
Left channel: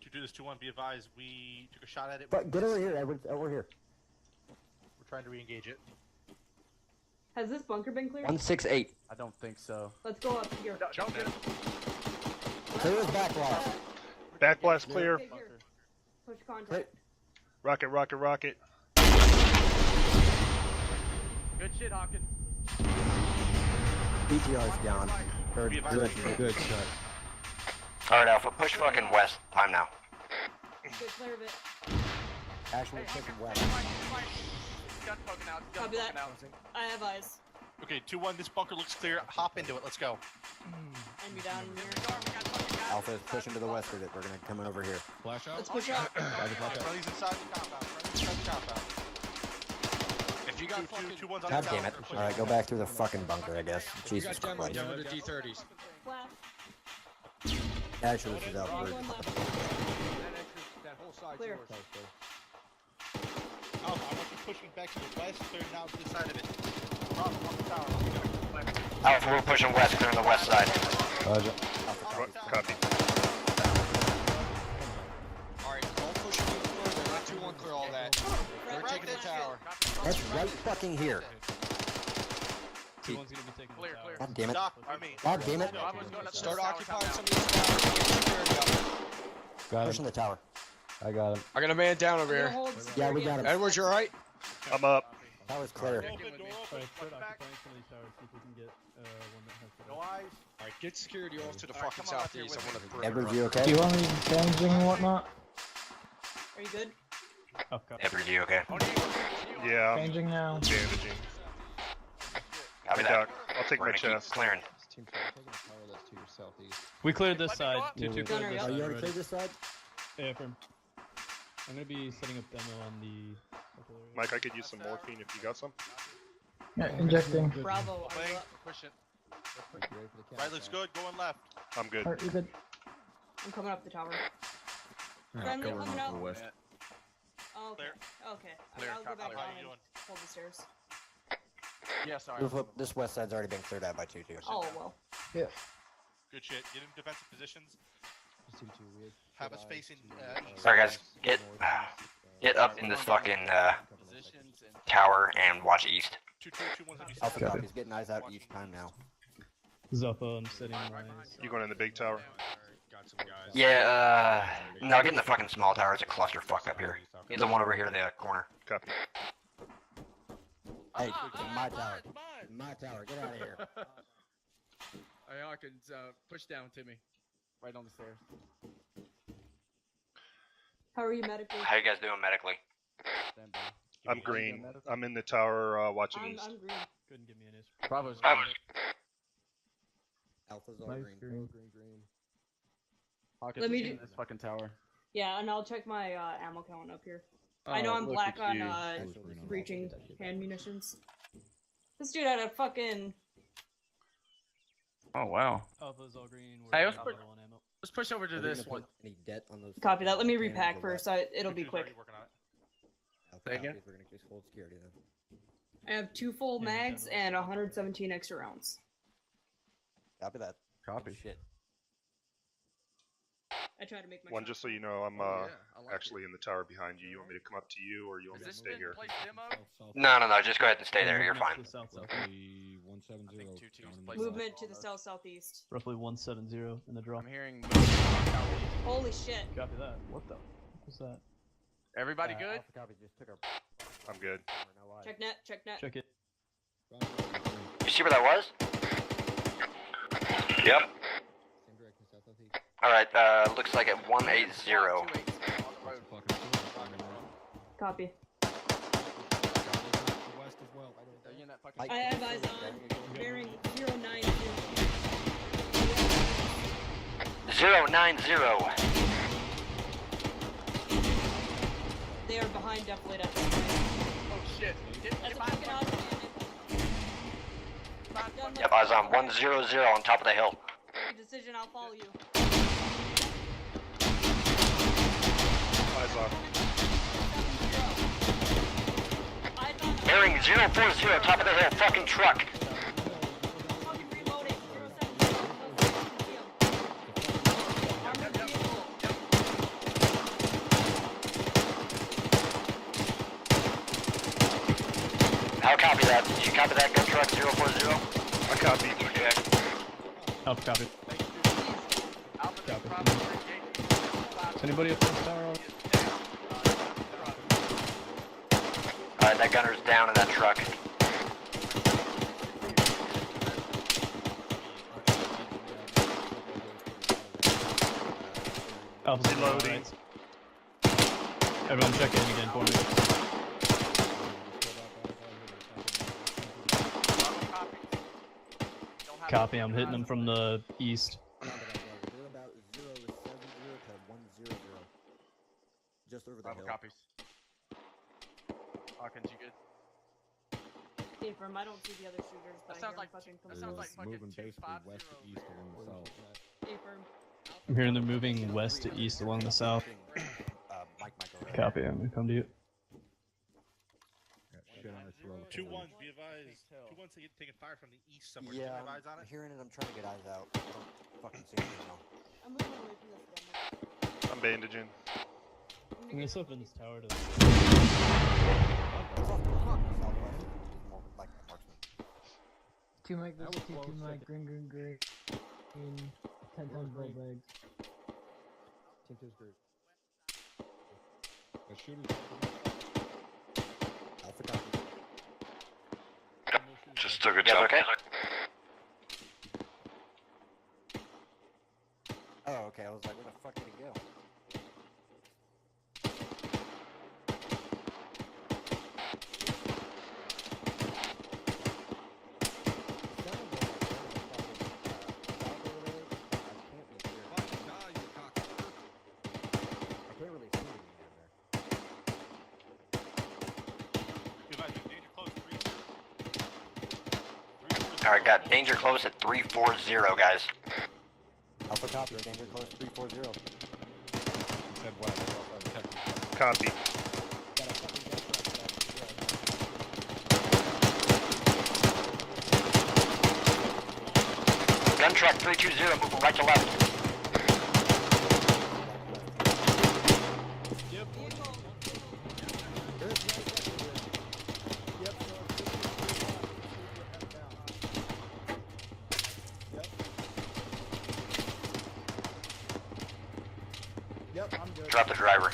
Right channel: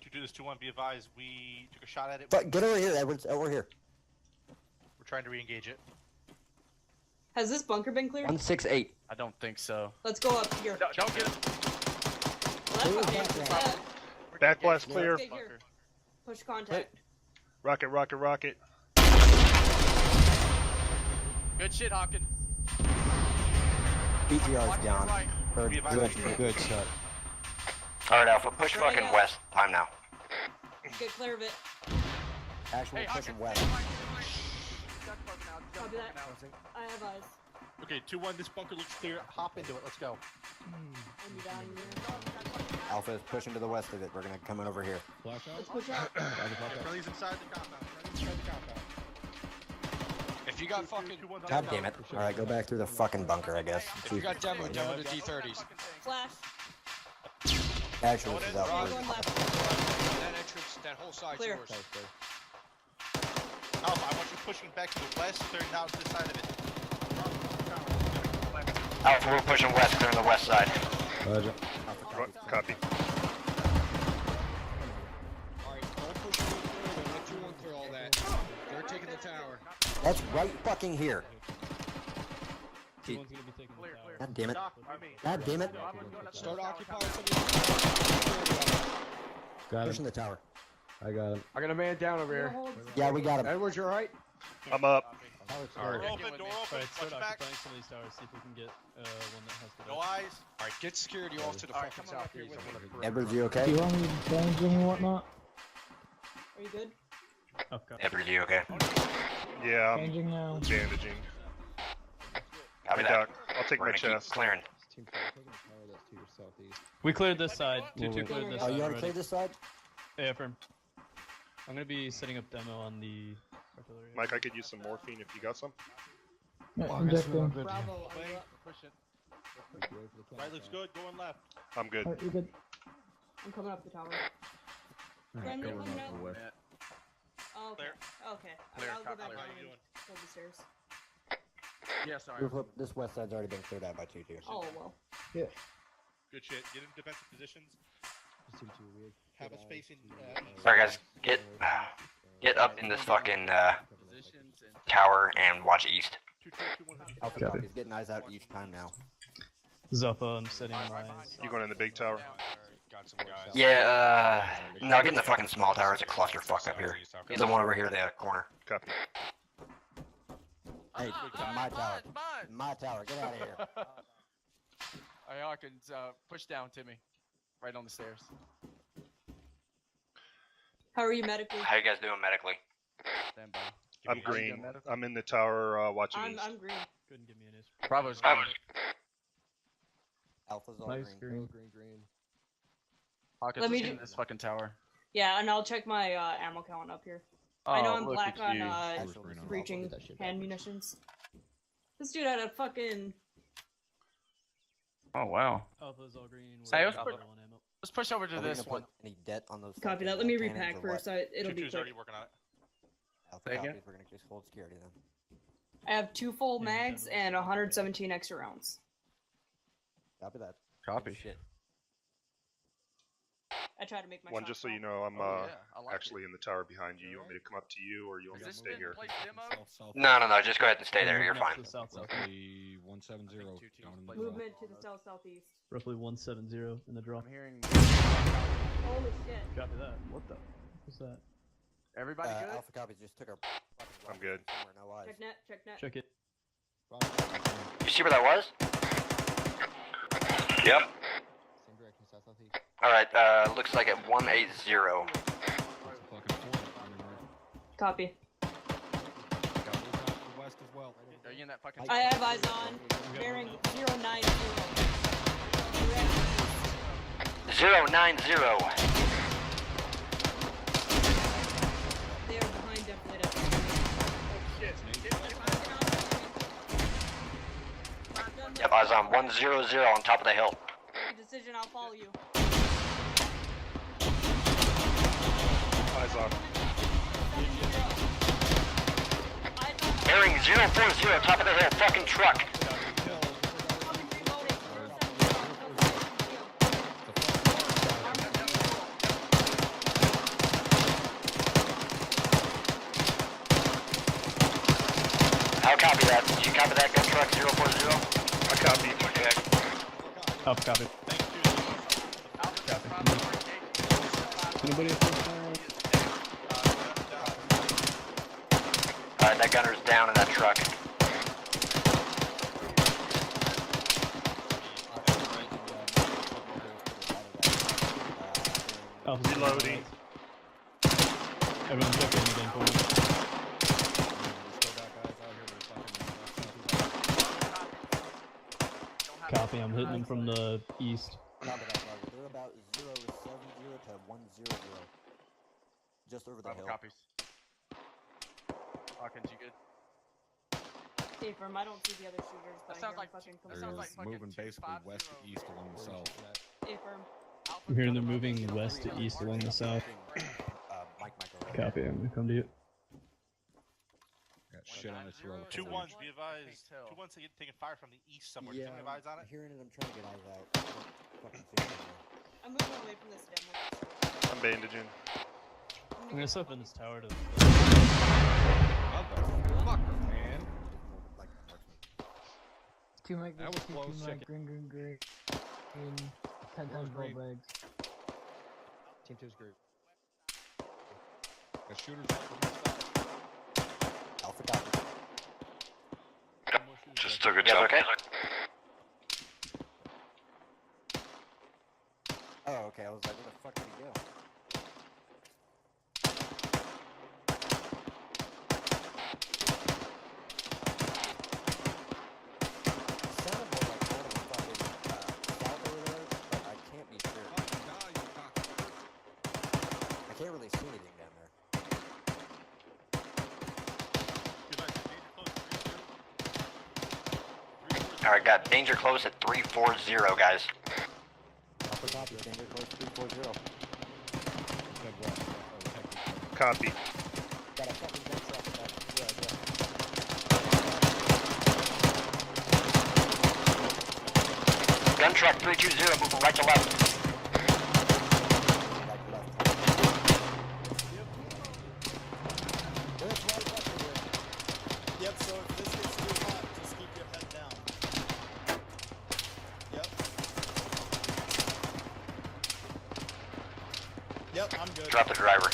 To do this 2-1, be advised, we took a shot at it. Get over here, Edwards. Over here. We're trying to re-engage it. Has this bunker been cleared? 168. I don't think so. Let's go up here. Jump in. Clear backblast. Backblast clear. Okay, here. Push contact. Rocket. Good shit, Hawkins. BTR's down. Good shot. Alright, Alpha, push fucking west. Time now. Get clear of it. Actually pushing west. Copy that. I have eyes. Okay, 2-1, this bunker looks clear. Hop into it, let's go. And be down here. Alpha is pushing to the west of it. We're gonna come in over here. Let's push out. Everybody's inside the compound. If you got fucking 2-1s on God the damn it. tower, Alright, go back through the fucking bunker, I guess. You Jesus got jamming Christ. down with the D30s. Flash. Actually, this is out One for left. That entrance, that whole side's Clear. yours. No, I want you pushing back to the west, clearing out this side of it. Alpha, we're pushing west, clearing the west side. Alpha Copy. Alright, we're pushing forward, not 2-1 clear all that. They're taking the tower. That's right fucking here. Someone's gonna be taking the tower. God damn it. Doc, I mean, God damn it. Start occupying some of the Pushing the tower. I got him. I got a man down over here. Yeah, we got him. Edwards, you alright? I'm up. Tower's clear. door open, Right, start push back. occupying some of these towers, see if we can get one that has the No eyes. Alright, get security off to the fucking southeast. I want to Edwards, you okay? Do you want me bandaging and whatnot? Are you good? Edward, you okay? Yeah, I'm Changing now. bandaging. Copy Hey, that. Doc, I'll take We're my gonna keep chest. clearing. We cleared this side. 2-2 cleared this Oh, side. you want to clear this side? Yeah, firm. I'm gonna be setting up demo on the artillery. Mike, I could use some morphine if you got some. Yeah, injecting. Bravo. Playing, push it. Right looks good, going left. I'm good. Alright, you're good. I'm coming up the tower. Yeah, Friendly cover coming north out. or west. Oh, okay. Okay. Clear. I'll go back Clear. down How you and doing? hold the stairs. Yeah, sorry. This west side's already been cleared out by 2-2. Oh, well. Yeah. Good shit. Get in defensive positions. Have us facing east. Alright, guys, get up in this fucking tower and watch east. 2-2-1's on east. Alpha Got it. copies, getting eyes out each time now. Zuffa, I'm setting my You going in the big tower? Got some guys. Yeah, no, get in the fucking small tower. It's a clusterfuck up here. Get the one over here in the corner. Copy. Hey, my tower. My tower, get out of here. Hey, Hawkins, push down to me. Right on the stairs. How are you medically? How you guys doing medically? Stand by. I'm green. I'm in the tower watching east. I'm green. Couldn't give me an issue. Bravo's Um, Alpha's all Nice green. green. Hawkins, Let me let's get do- in this fucking tower. Yeah, and I'll check my ammo count up here. I know I'm look black at on you. breaching hand munitions. This dude had a fucking. Oh wow. Alpha's all green. Hey, We're let's at put- level 1 ammo. Let's push over to Are we this gonna one. put any debt on those? Copy that. Let fucking me cannons repack or first. what? It'll be quick. working on it. Okay, Say copy. again? We're gonna just hold security then. I have 2 full mags and 117 extra rounds. Copy that. Copy. Shit. I try to make my One, just so you know, I'm actually in the tower behind you. You want me to come up to you, or you want me to stay here? No, just go ahead and stay there. You're fine. Roughly 170 down in the draw. Movement to the south-southeast. Roughly 170 in the draw. I'm hearing. Holy shit. Copy that. What the? What was that? Everybody good? Alpha copy just took our. I'm good. Check net, check net. Check it. You see where that was? Yep. Alright, looks like at 180. Copy. Are you in that fucking? I have eyes on. Bearing 090. 090. They are behind Deflated. Yep, I was on 100 on top of the hill. Decision, I'll follow you. Eyes on. Bearing 040, top of the hill, fucking truck. I'll copy that. Did you copy that, gun truck 040? I copy. Up, copy. Anybody else? Alright, that gunner's down in that truck. Oh, reloading. Everyone check in again for me. Copy, I'm hitting them from the east. Copy that, Roger. They're about 070 to 100. Just over the hill. Copies. Hawkins, you good? Stay firm. I don't see the other shooters. But That sounds I hear like fucking that sounds like fucking Moving basically 250. west to east along the south. Stay firm. I'm hearing they're moving west to east along the south. Mike over there. Copy, I'm gonna come to you. Got shit on his throat. 2-1, be advised. 2-1's taking fire from the east somewhere. Yeah, Can you advise on I'm it? hearing it. I'm trying to get eyes out. Fucking see it now. I'm moving away from this demo. I'm bandaging. I'm gonna step in this tower to. Two mic, two mic, green, 10 times gold bags. Team 2's group. Got shooters. Alpha copy. Just took a jump. Okay. Oh, okay. I was like, where the fuck did he go? Alright, got danger close at 340, guys. Alpha copy. Danger close 340. Copy. Gun truck 320, moving right to left. Drop the driver.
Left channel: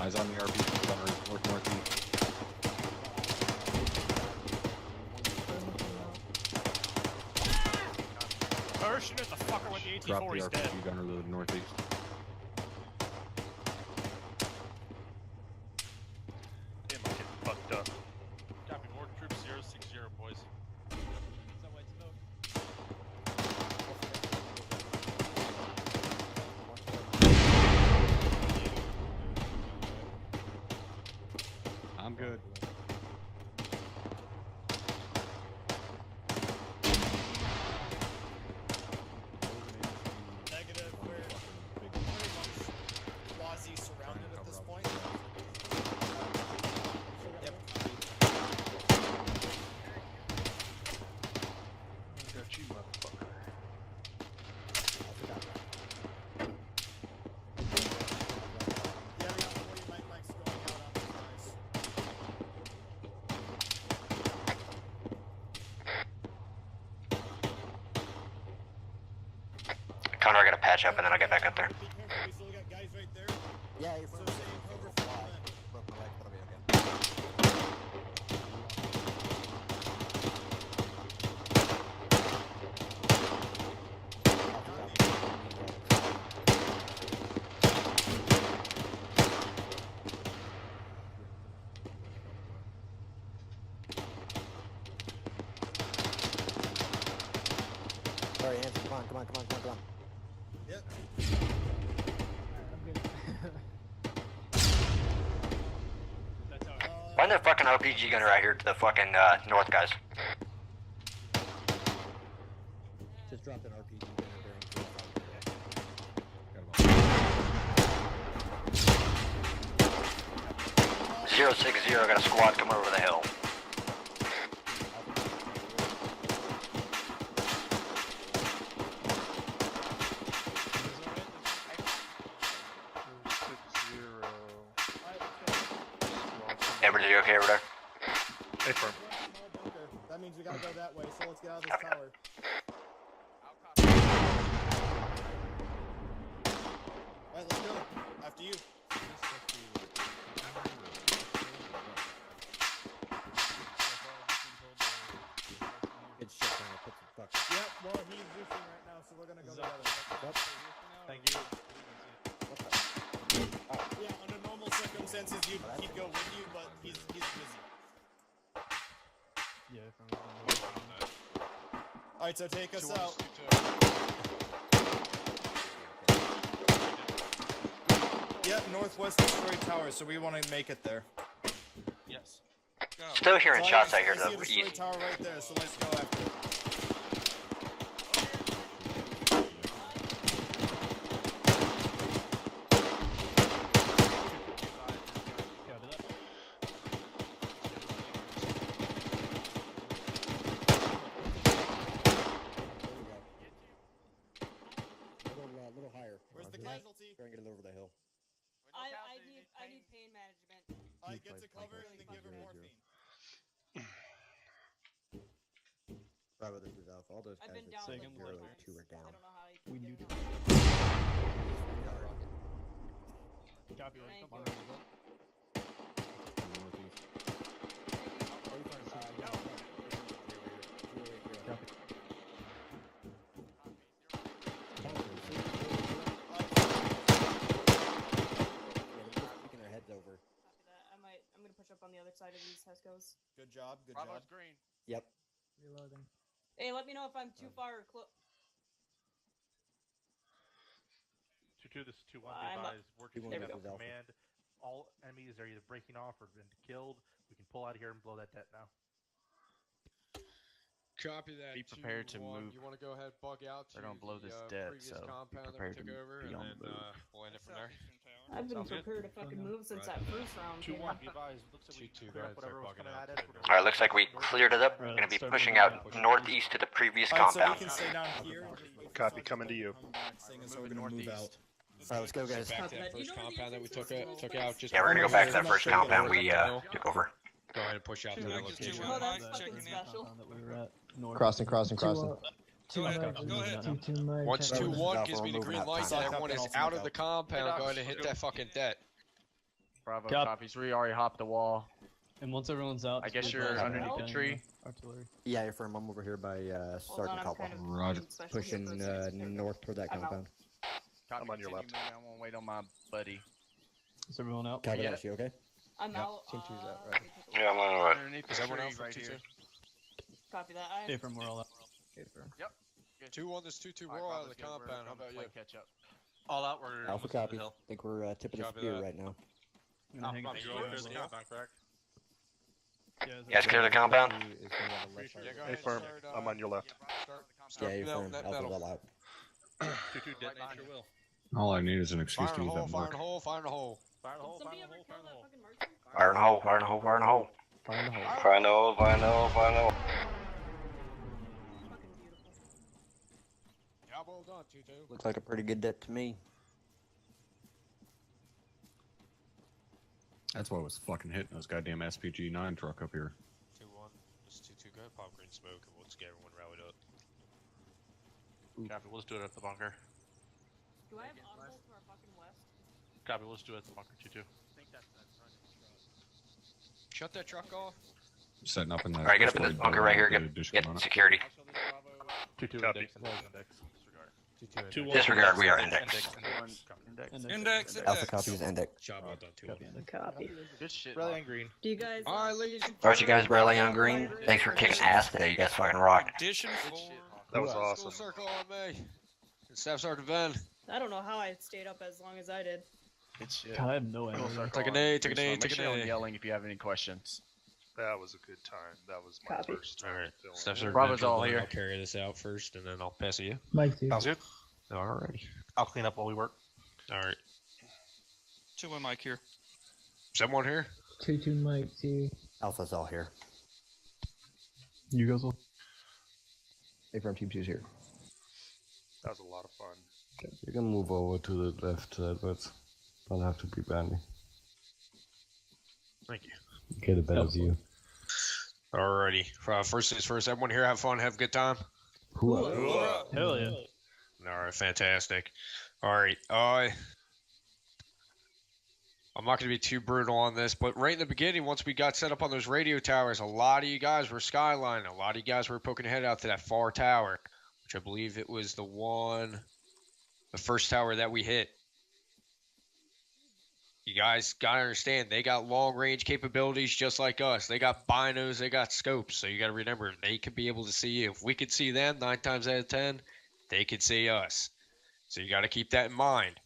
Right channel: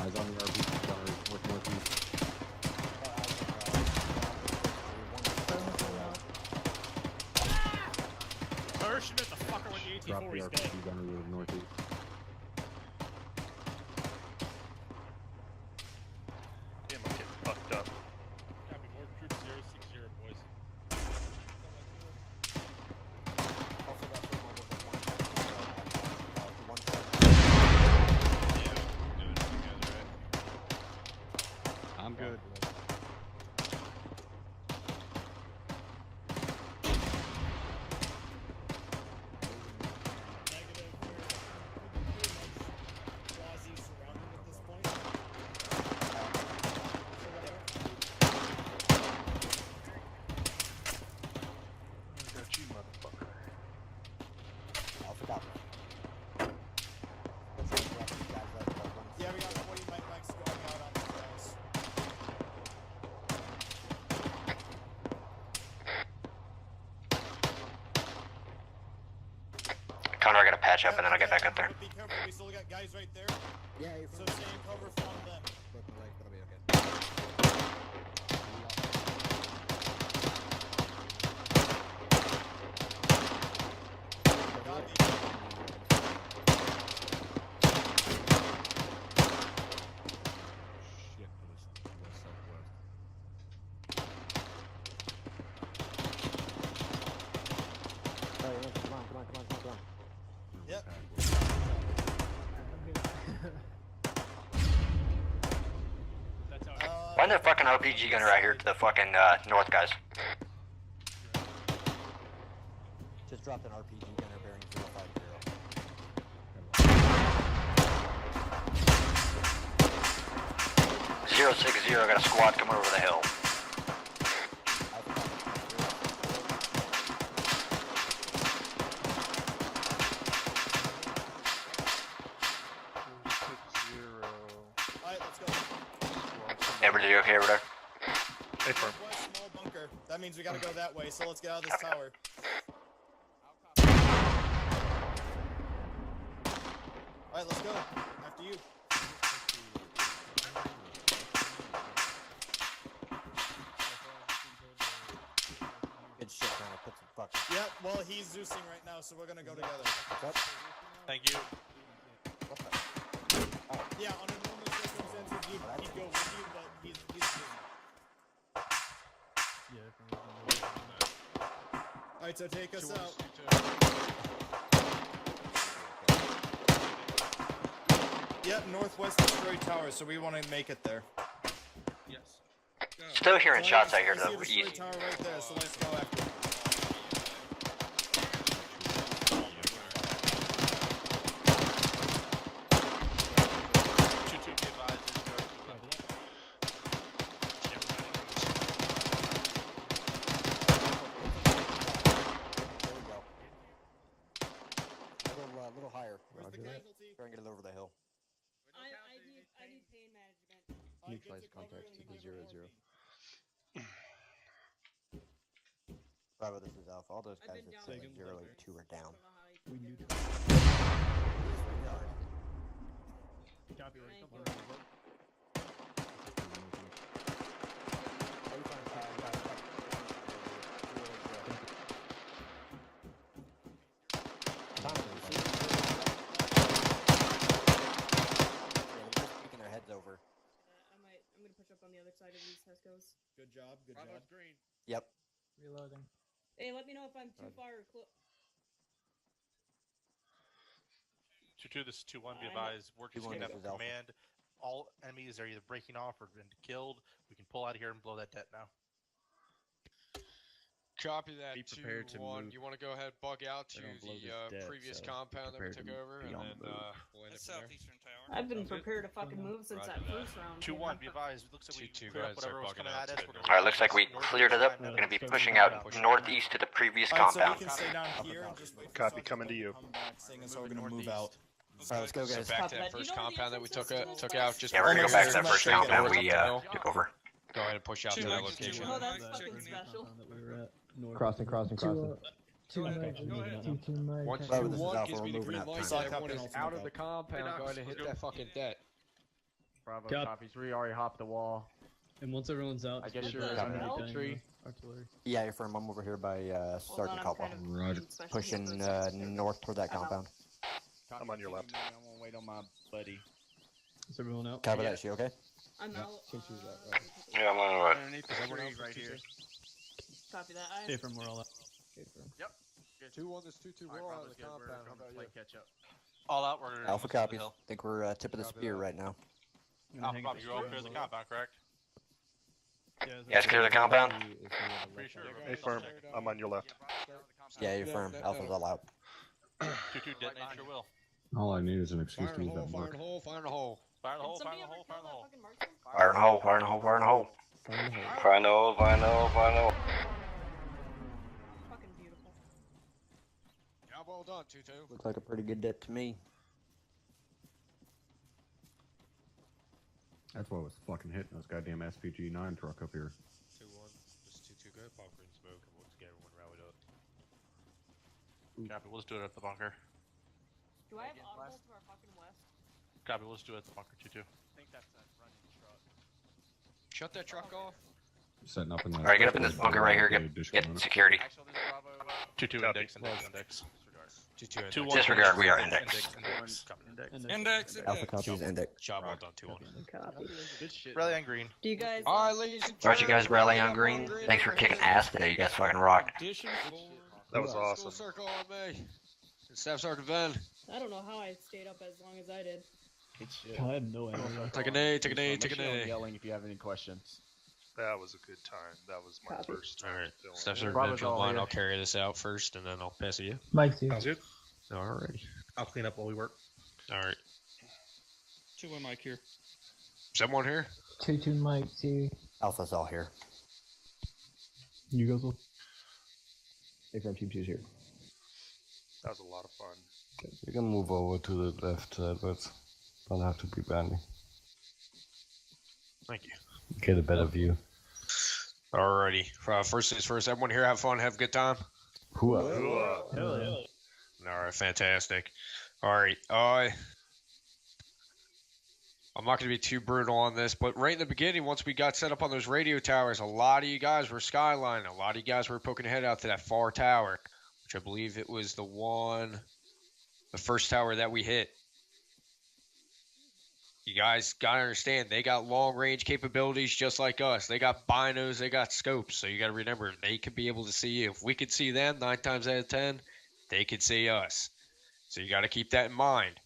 Eyes on the RP tower, northeast. Or shoot at the fucker with the Drop the AT-4, he's RPG dead. gunner to the northeast. Damn, I'm getting fucked up. Copy, more troops 060, boys. Got you, motherfucker. Alpha Copy. Yeah, we got 40 mics going out on these guys. Connor, I gotta patch up and then I'll get back up there. Be careful, we still got guys right there. Yeah, So stay in cover from them. Broke my leg, that'll be okay. Alright, Andrew, come on. Yep. Find that fucking RPG gunner right here to the fucking north, guys. Just dropped an RPG gunner during 060, got a squad coming over the hill. Everybody okay over there? Hey, firm. Bunker. That means we gotta go that way, so let's get out of this tower. Alright, let's go. After you. Good shit, Connor. Put some fucking. Yeah, well, he's Zeusing right now, so we're gonna go together. Thank you. Yeah, under normal circumstances, he'd go with you, but he's busy. Alright, so take us out. Yep, northwest destroyed tower, so we want to make it there. Yes. Still hearing So shots I out here see to the the destroyed east. tower right there, so let's go after it. A little higher. Where's the casualty? Try and get it over the hill. I need pain management. Alright, get to cover and then give her morphine. Bravo, this is Alpha. All those I've guys been at down like 082 are down. We knew Copy, let's come on. Keeping their heads over. I'm gonna push up on the other side of these Hescos. Good job, good Bravo's job. green. Yep. Reloading. Hey, let me know if I'm too far or close. 2-2, this is 2-1, be I'm advised. We're just 2-1, gonna this is Alpha. command. All enemies are either breaking off or been killed. We can pull out of here and blow that det now. Copy that. Be prepared to 2-1. move. You want to go ahead, bug out to I don't blow the this dead, previous so compound that we prepare took to over, be and on then the move. we'll end up from there. I've been Sounds good. prepared to fucking move since that first round. 2-1, be advised. Looks like we 2-2, cleared up guys, whatever are was bugging coming out at to us. the- Alright, looks like we cleared it up. We're gonna be pushing out northeast to the previous Alright, so we compound. can stay down here and just wait for Copy, Sergeant coming to to you. come back, saying so we're gonna move out. Alright, let's go, guys. Back to Copy that that. first You know the compound that we took entrances out. Just Yeah, we're gonna go back to that before first we finish compound we the took over. Go ahead and push out to that location. Oh, that's That fucking first special. compound that we were at, north. Crossing. Once Bravo, 2-1 this is gives me the Alpha, we're green moving light, out. Sock that up one and is Alpha out move of the out. compound, Hey, Doc, going to hit let's that fucking det. Bravo Cop. copies. We already hopped the wall. And once everyone's out, I just guess move you're back underneath to the tree. Artillery. Yeah, you're firm. I'm over here by Hold Sergeant on, I'm Caldwell. kind of Roger. being special here Pushing for a second. There we go. north toward that I'm out. compound. I'm on your left. I'm gonna wait on my buddy. Is everyone out? Copy Yeah. that, she okay? I'm Yeah, out. Team two's out, right. Yeah, I'm on the right. Underneath the trees right here. Copy that. Hey, from we're all out. Okay, firm. Yep. 2-1, this 2-2, we're all out of the compound. How about you? Catch up. All out, we're Alpha almost to the copies. hill. Think we're tip of the Copy spear that. right now. I'm gonna hang Alpha it copies, go over to the compound, correct? Yeah, You guys clear the compound? Pretty sure. Hey, firm. I'm on your left. Yeah, you're That- firm. that- Alpha's that'll- all out. 2-2, dead behind your will. All I need is an excuse Fire to in use the hole, that fire in mark. the hole, fire in the hole. Fire in the Did hole, fire somebody in the ever hole, fire kill in the that hole. fucking marksman? Fire in the hole, fire in the hole, fire in the hole. Find the hole. Fire in the hole, fire in the hole, fire in the hole. Fucking beautiful. well done, 2-2. Looks like a pretty good hit to me. That's what was fucking hitting this goddamn SPG-9 truck up here. 2-1. Just 2-2 go. Pop green smoke, and we'll just get everyone rallied up. Copy, let's do it at the bunker. Do I have audible for our fucking west? Copy, let's do it at the bunker, 2-2. I think that's that running truck. Shut that truck off. Setting up in the. Alright, get up in this bunker right here. Get security. 2-2 Copy. index. Disregard. 2-1. Disregard, we are index. Index. Alpha copies index. Job well done, 2-1. Copy. Good shit. Rally on green. Do you guys? Alright, ladies and Alright, you guys rally on green. Thanks for kicking ass today. You guys fucking rocked. That was awesome. Circle on me. Staff Sergeant Van. I don't know how I stayed up as long as I did. Good shit. I have no idea. Take an A, take an A, Make take an sure you're A. yelling if you have any questions. That was a good time. That was my Copy. first time Alright. filming. Staff Sergeant Bravo's Van, all here. I'll carry this out first, and then I'll pass it to you. Mike 2. Sounds good. Alrighty. I'll clean up while we work. Alright. 2-1 Mike here. Someone here? 2-2 Mike 2. Alpha's all here. You guys will. Affirm Team 2's here. That was a lot of fun. You can move over to the left side, but don't have to be bandy. Thank you. Get a better view. Alrighty. First things first, everyone here have fun, have a good time? Hooah. Hell yeah. Alright, fantastic. Alright, I'm not going to be too brutal on this, but right in the beginning, once we got set up on those radio towers, a lot of you guys were skylining. A lot of you guys were poking ahead out to that far tower, which I believe it was the first tower that we hit. You guys got to understand, they got long-range capabilities just like us. They got binos, they got scopes, so you got to remember, they could be able to see you. If we could see them 9 times out of 10, they could see us. So you got to keep that in mind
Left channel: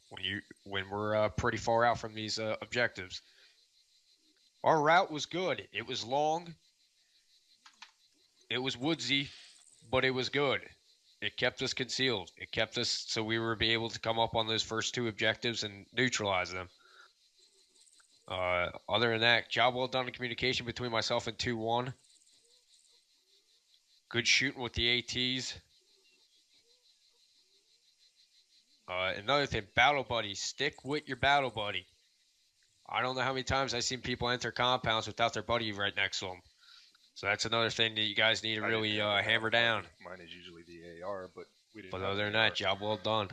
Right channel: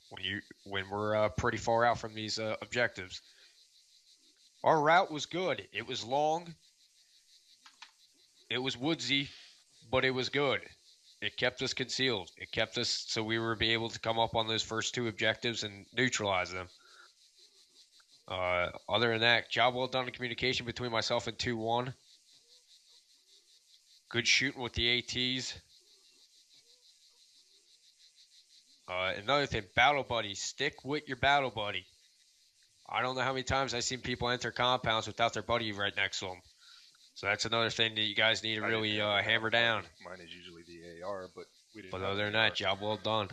when we're pretty far out from these objectives. Our route was good. It was long. It was woodsy, but it was good. It kept us concealed. It kept us so we were be able to come up on those first 2 objectives and neutralize them. Other than that, job well done in communication between myself and 2-1. Good shooting with the ATs. Another thing, battle buddies. Stick with your battle buddy. I don't know how many times I've seen people enter compounds without their buddy right next to them. So that's another thing that you guys need to really hammer down. Mine is usually the AR, but we didn't. But other than that, job well done.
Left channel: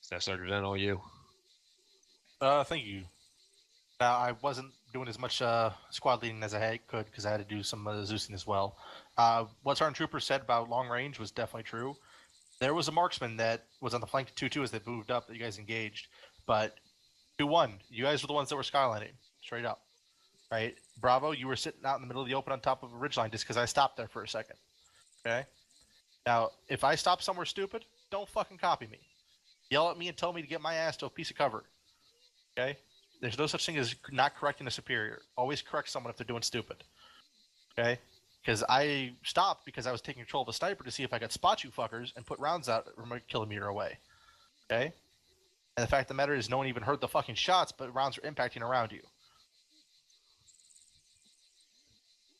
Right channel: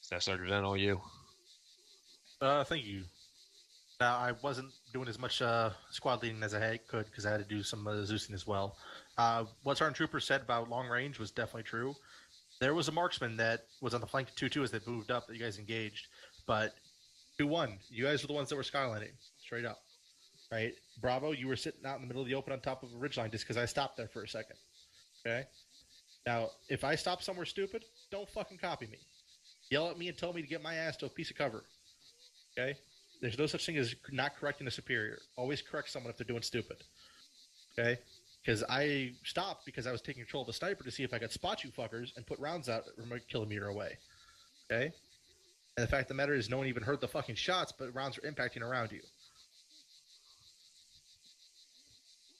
Staff Sergeant Van, all you. Thank you. I wasn't doing as much squad leading as I could because I had to do some Zeusing as well. What Sergeant Trooper said about long range was definitely true. There was a marksman that was on the flank 2-2 as they moved up that you guys engaged. But 2-1, you guys were the ones that were skylining, straight up. Right? Bravo, you were sitting out in the middle of the open on top of a ridgeline just because I stopped there for a second. Okay? Now, if I stop somewhere stupid, don't fucking copy me. Yell at me and tell me to get my ass to a piece of cover. Okay? There's no such thing as not correcting a superior. Always correct someone if they're doing stupid. Okay? Because I stopped because I was taking control of the sniper to see if I could spot you fuckers and put rounds out from a kilometer away. Okay? And the fact of the matter is no one even heard the fucking shots, but rounds are impacting around you.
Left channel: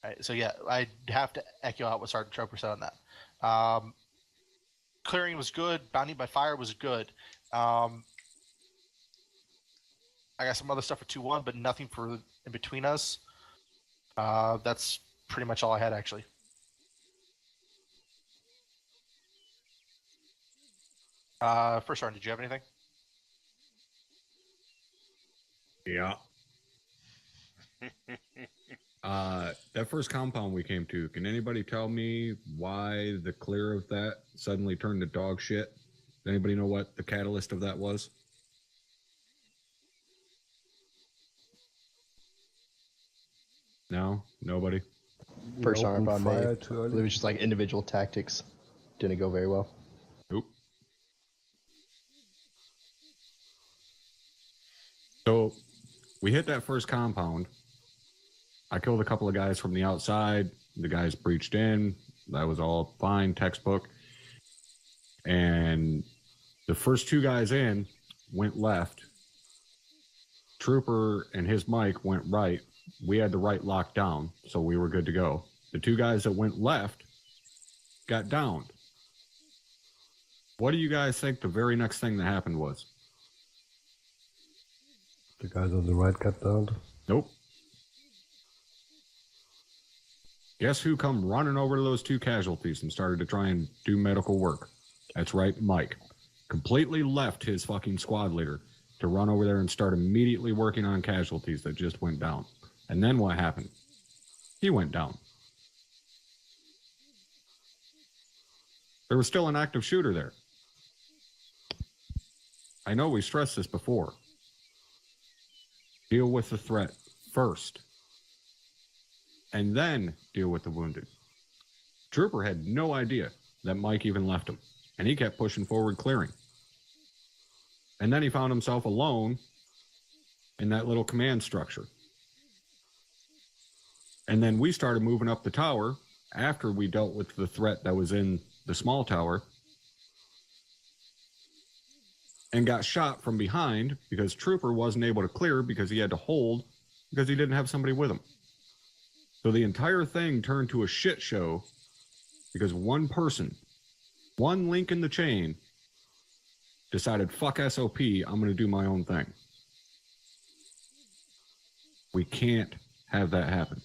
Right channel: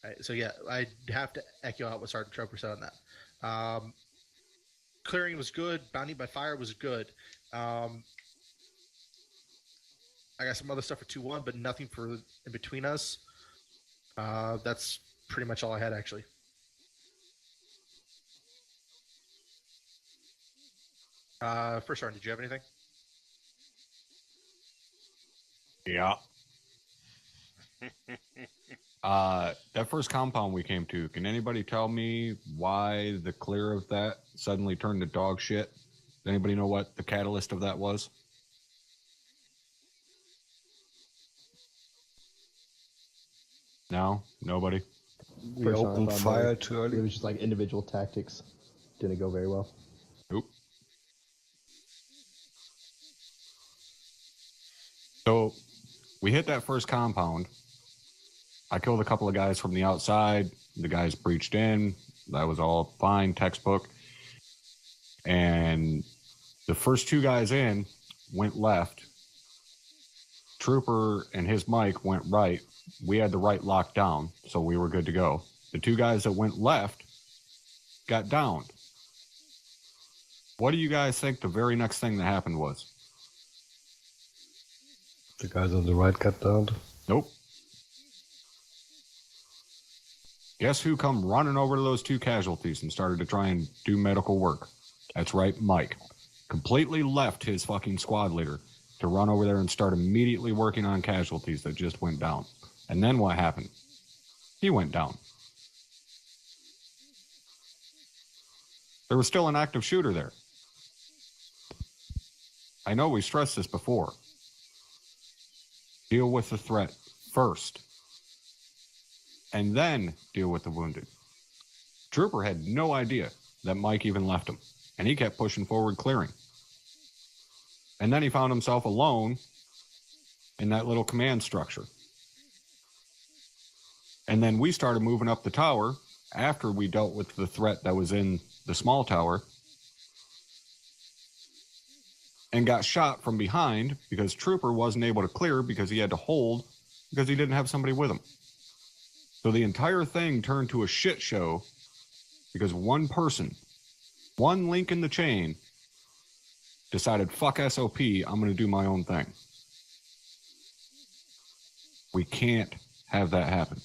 Right, so yeah, I have to echo out what Sergeant Trooper said on that. Clearing was good. Bounty by fire was good. I got some other stuff for 2-1, but nothing for in between us. That's pretty much all I had, actually. First Sergeant, did you have anything? Yeah. That first compound we came to, can anybody tell me why the clear of that suddenly turned to dog shit? Does anybody know what the catalyst of that was? No? Nobody? First opened arm fire too early. It was just like individual tactics. Didn't go very well. Nope. So, we hit that first compound. I killed a couple of guys from the outside. The guys breached in. That was all fine, textbook. And the first 2 guys in went left. Trooper and his mic went right. We had the right locked down, so we were good to go. The 2 guys that went left got downed. What do you guys think the very next thing that happened was? The guys on the right got downed. Nope. Guess who come running over to those two casualties and started to try and do medical work? That's right, Mike. Completely left his fucking squad leader to run over there and start immediately working on casualties that just went down. And then what happened? He went down. There was still an active shooter there. I know we stressed this before. Deal with the threat first. And then deal with the wounded. Trooper had no idea that Mike even left him. And he kept pushing forward, clearing. And then he found himself alone in that little command structure. And then we started moving up the tower after we dealt with the threat that was in the small tower and got shot from behind because Trooper wasn't able to clear because he had to hold because he didn't have somebody with him. So the entire thing turned to a shit show because one person, one link in the chain, decided, fuck SOP, I'm going to do my own thing. We can't have that happen.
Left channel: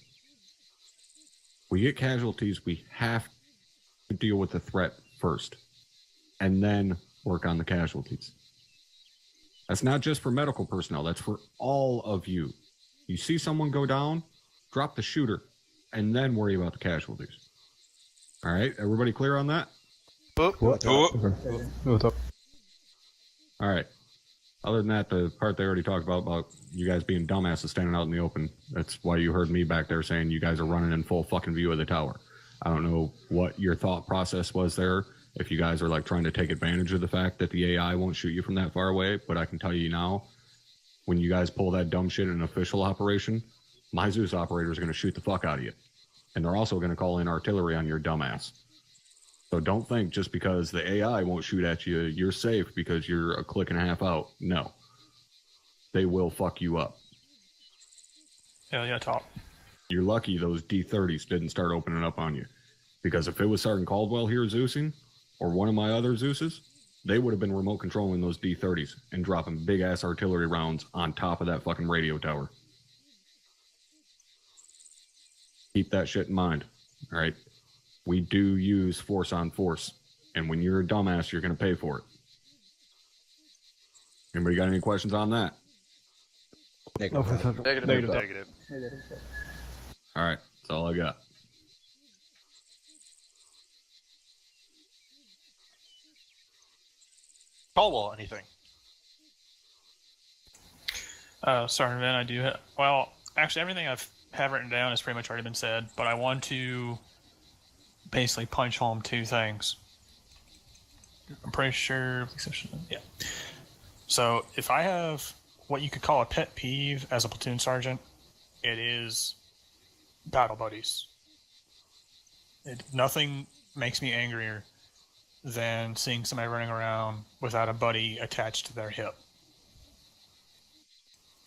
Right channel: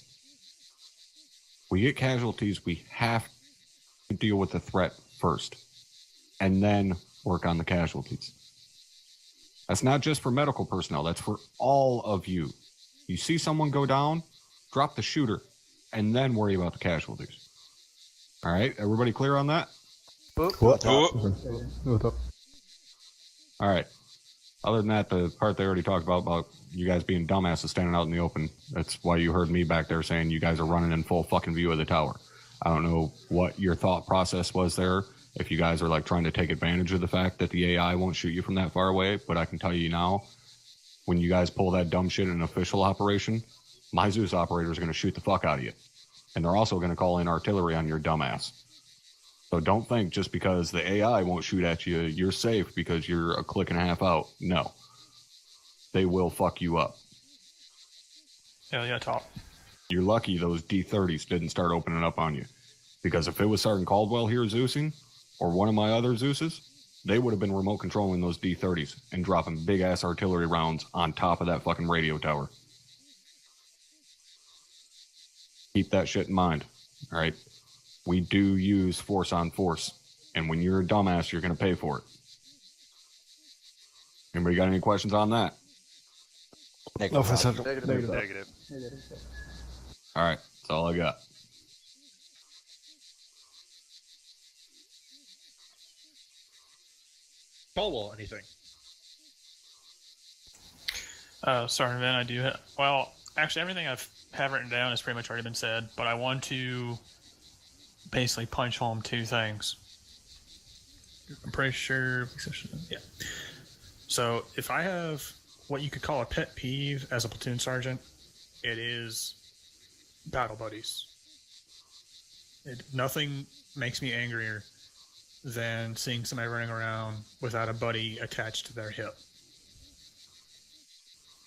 We get casualties, we have to deal with the threat first, and then work on the casualties. That's not just for medical personnel, that's for all of you. You see someone go down, drop the shooter, and then worry about the casualties. All right, everybody clear on that? All right. Other than that, the part they already talked about you guys being dumbasses standing out in the open, that's why you heard me back there saying you guys are running in full fucking view of the tower. I don't know what your thought process was there, if you guys are like trying to take advantage of the fact that the AI won't shoot you from that far away, but I can tell you now, when you guys pull that dumb shit in an official operation, my Zeus operators are going to shoot the fuck out of you. And they're also going to call in artillery on your dumbass. So don't think just because the AI won't shoot at you, you're safe because you're a click and a half out. No. They will fuck you up. Hell yeah, top. You're lucky those D-30s didn't start opening up on you. Because if it was Sergeant Caldwell here Zeusing, or one of my other Zeuses, they would have been remote controlling those D-30s and dropping big-ass artillery rounds on top of that fucking radio tower. Keep that shit in mind, all right? We do use force on force, and when you're a dumbass, you're going to pay for it. Anybody got any questions on that? Negative. All right, that's all I got. Caldwell, anything? Sergeant Van, I do have... Well, actually, everything I've written down has pretty much already been said, but I want to basically punch home two things. I'm pretty sure... Yeah. So, if I have what you could call a pet peeve as a platoon sergeant, it is battle buddies. Nothing makes me angrier than seeing somebody running around without a buddy attached to their hip.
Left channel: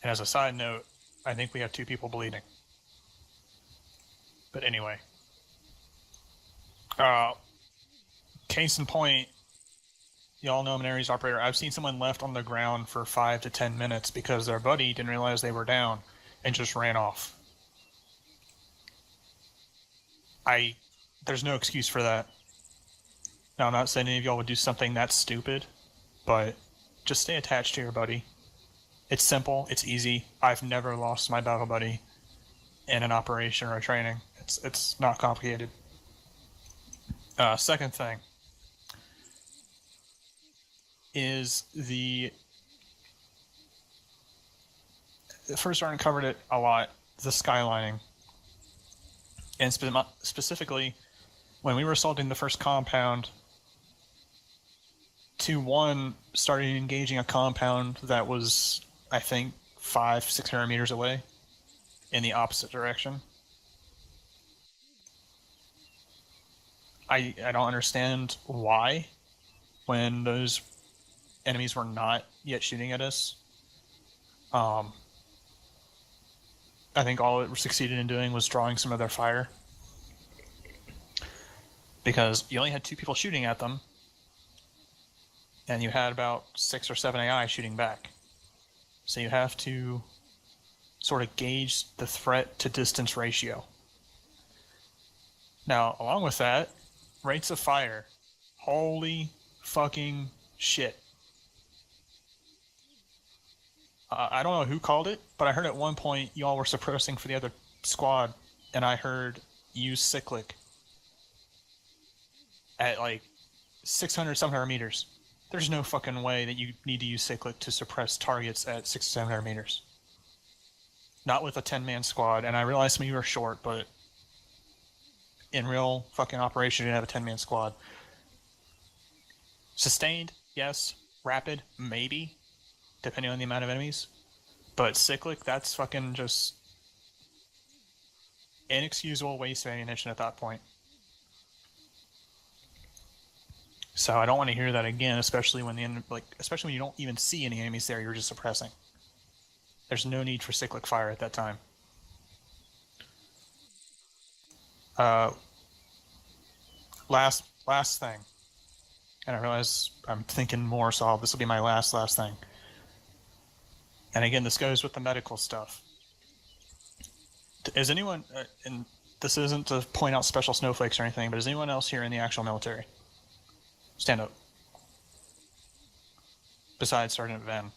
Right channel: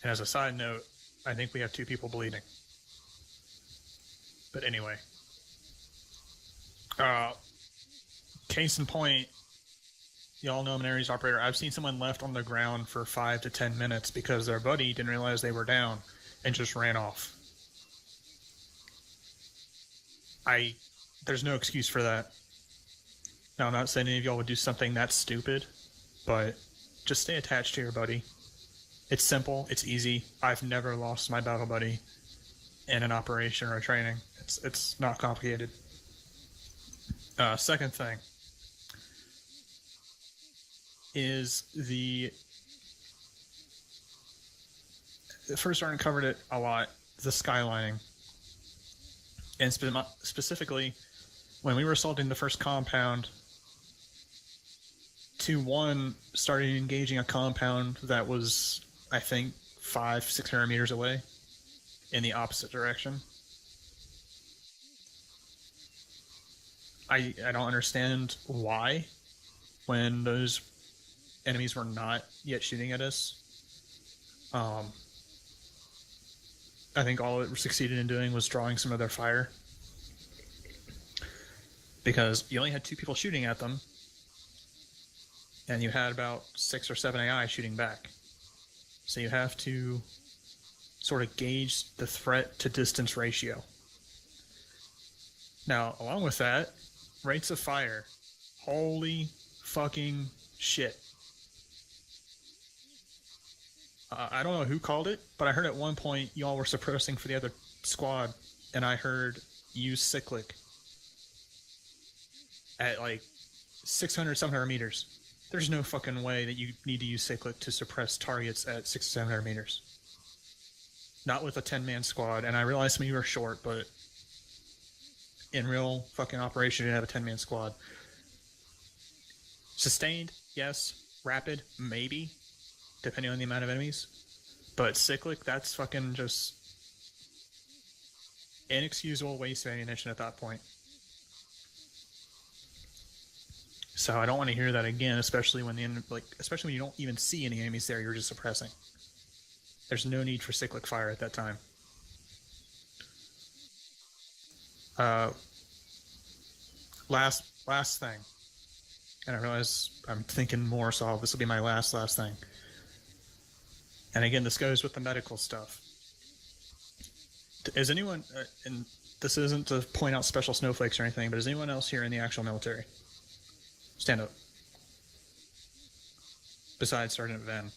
And as a side note, I think we have 2 people bleeding. But anyway. Case in point, y'all know I'm an Ares operator. I've seen someone left on the ground for 5 to 10 minutes because their buddy didn't realize they were down and just ran off. There's no excuse for that. Now, I'm not saying any of y'all would do something that stupid, but just stay attached to your buddy. It's simple, it's easy. I've never lost my battle buddy in an operation or a training. It's not complicated. Second thing is the first sergeant covered it a lot, the skylining. And specifically, when we were assaulting the first compound, 2-1 started engaging a compound that was, I think, 500-600 meters away in the opposite direction. I don't understand why, when those enemies were not yet shooting at us. I think all it succeeded in doing was drawing some of their fire. Because you only had 2 people shooting at them. and you had about 6 or 7 AI shooting back. So you have to sort of gauge the threat to distance ratio. Now, along with that, rates of fire. Holy fucking shit. I don't know who called it, but I heard at one point y'all were suppressing for the other squad, and I heard use cyclic at like 600, 700 meters. There's no fucking way that you need to use cyclic to suppress targets at 600, 700 meters. Not with a 10-man squad, and I realize some of you are short, but in real fucking operation, you have a 10-man squad. Sustained, yes. Rapid, maybe, depending on the amount of enemies. But cyclic, that's fucking just inexcusable waste of ammunition at that point. So I don't want to hear that again, especially when especially when you don't even see any enemies there, you're just suppressing. There's no need for cyclic fire at that time. Last thing. And I realize I'm thinking more, so this will be my last thing. And again, this goes with the medical stuff. Is anyone, and this isn't to point out special snowflakes or anything, but is anyone else here in the actual military? Stand up. Besides Sergeant Van.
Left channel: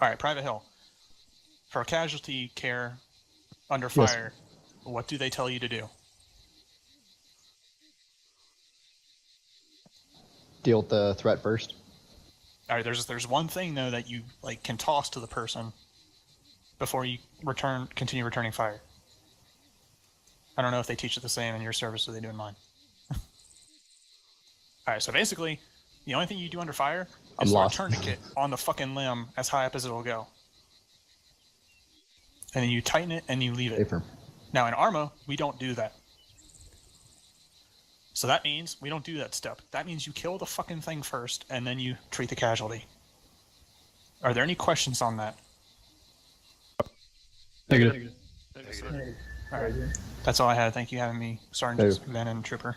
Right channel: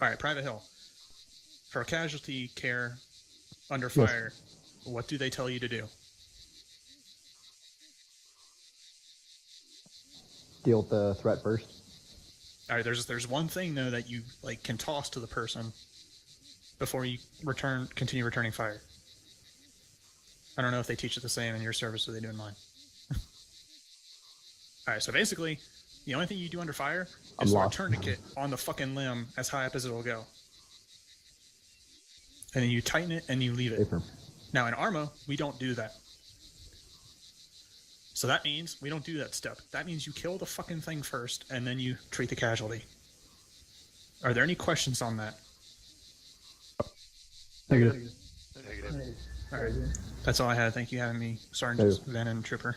Alright, Private Hill. For casualty care under fire, what do they tell you to do? Deal with the threat first. Alright, there's one thing though that you can toss to the person before you continue returning fire. I don't know if they teach it the same in your service or they do in mine. Alright, so basically, the only thing you do under fire is throw a tourniquet on the fucking limb as high up as it'll go. And then you tighten it and you leave it. Now in ArmA, we don't do that. So that means we don't do that step. That means you kill the fucking thing first, and then you treat the casualty. Are there any questions on that? Negative. Alright. That's all I had. Thank you for having me, Sergeant Van and Trooper.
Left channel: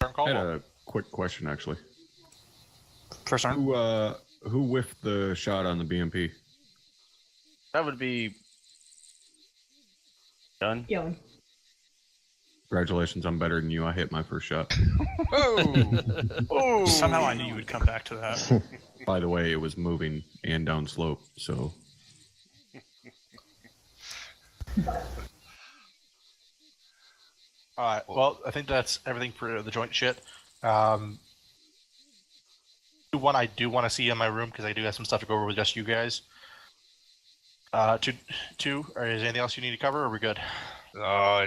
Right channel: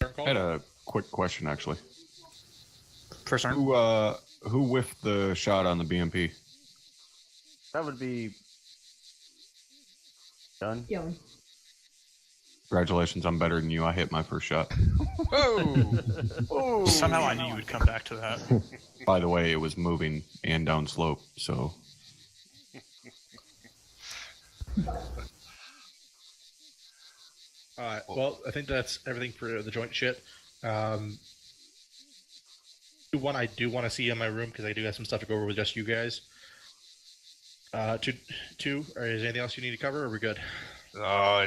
I had a quick question, actually. First arm. Who whiffed the shot on the BMP? That would be done. Young. Congratulations, I'm better than you. I hit my first shot. Oh! Somehow I knew you would come back to that. By the way, it was moving and down slope, so... Alright, well, I think that's everything for the joint shit. One I do want to see in my room, because I do have some stuff to go over with just you guys. Two, or is there anything else you need to cover, or are we good?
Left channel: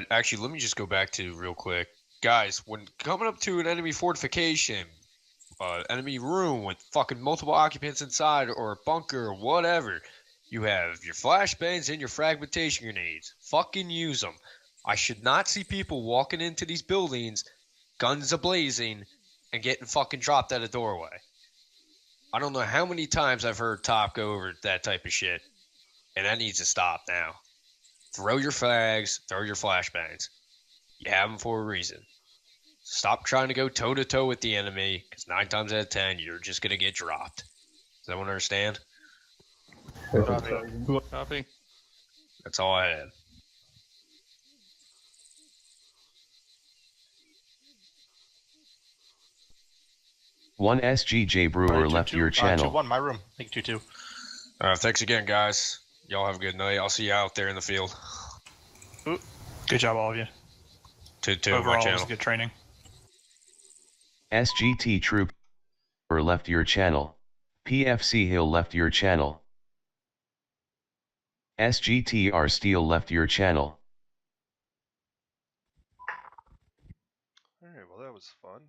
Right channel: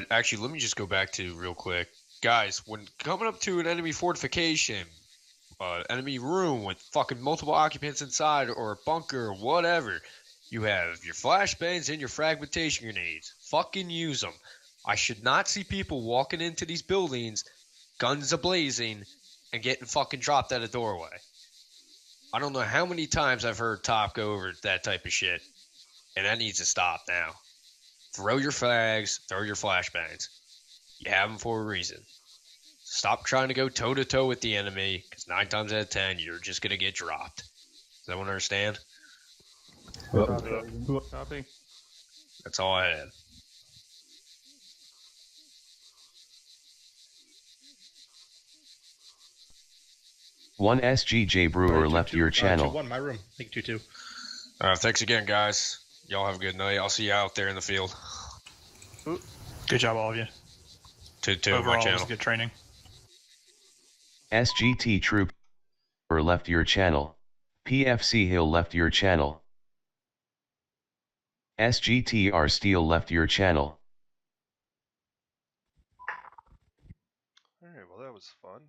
Actually, let me just go back to real quick. Guys, when coming up to an enemy fortification, enemy room with fucking multiple occupants inside, or a bunker, or whatever, you have your flashbangs and your fragmentation grenades. Fucking use them. I should not see people walking into these buildings, guns a-blazing, and getting fucking dropped at a doorway. I don't know how many times I've heard Top go over that type of shit, and that needs to stop now. Throw your flags, throw your flashbangs. You have them for a reason. Stop trying to go toe-to-toe with the enemy, because 9 times out of 10, you're just going to get dropped. Does everyone understand? Copy. That's all I had. One SGJ Brewer left your channel. One, my room. Thank you, 2. Thanks again, guys. Y'all have a good night. I'll see you out there in the field. Good job, all of you. To Overall, my it was channel. good training. SGT Trooper left your channel. PFC Hill left your channel. SGTR Steel left your channel. Alright, well that was fun.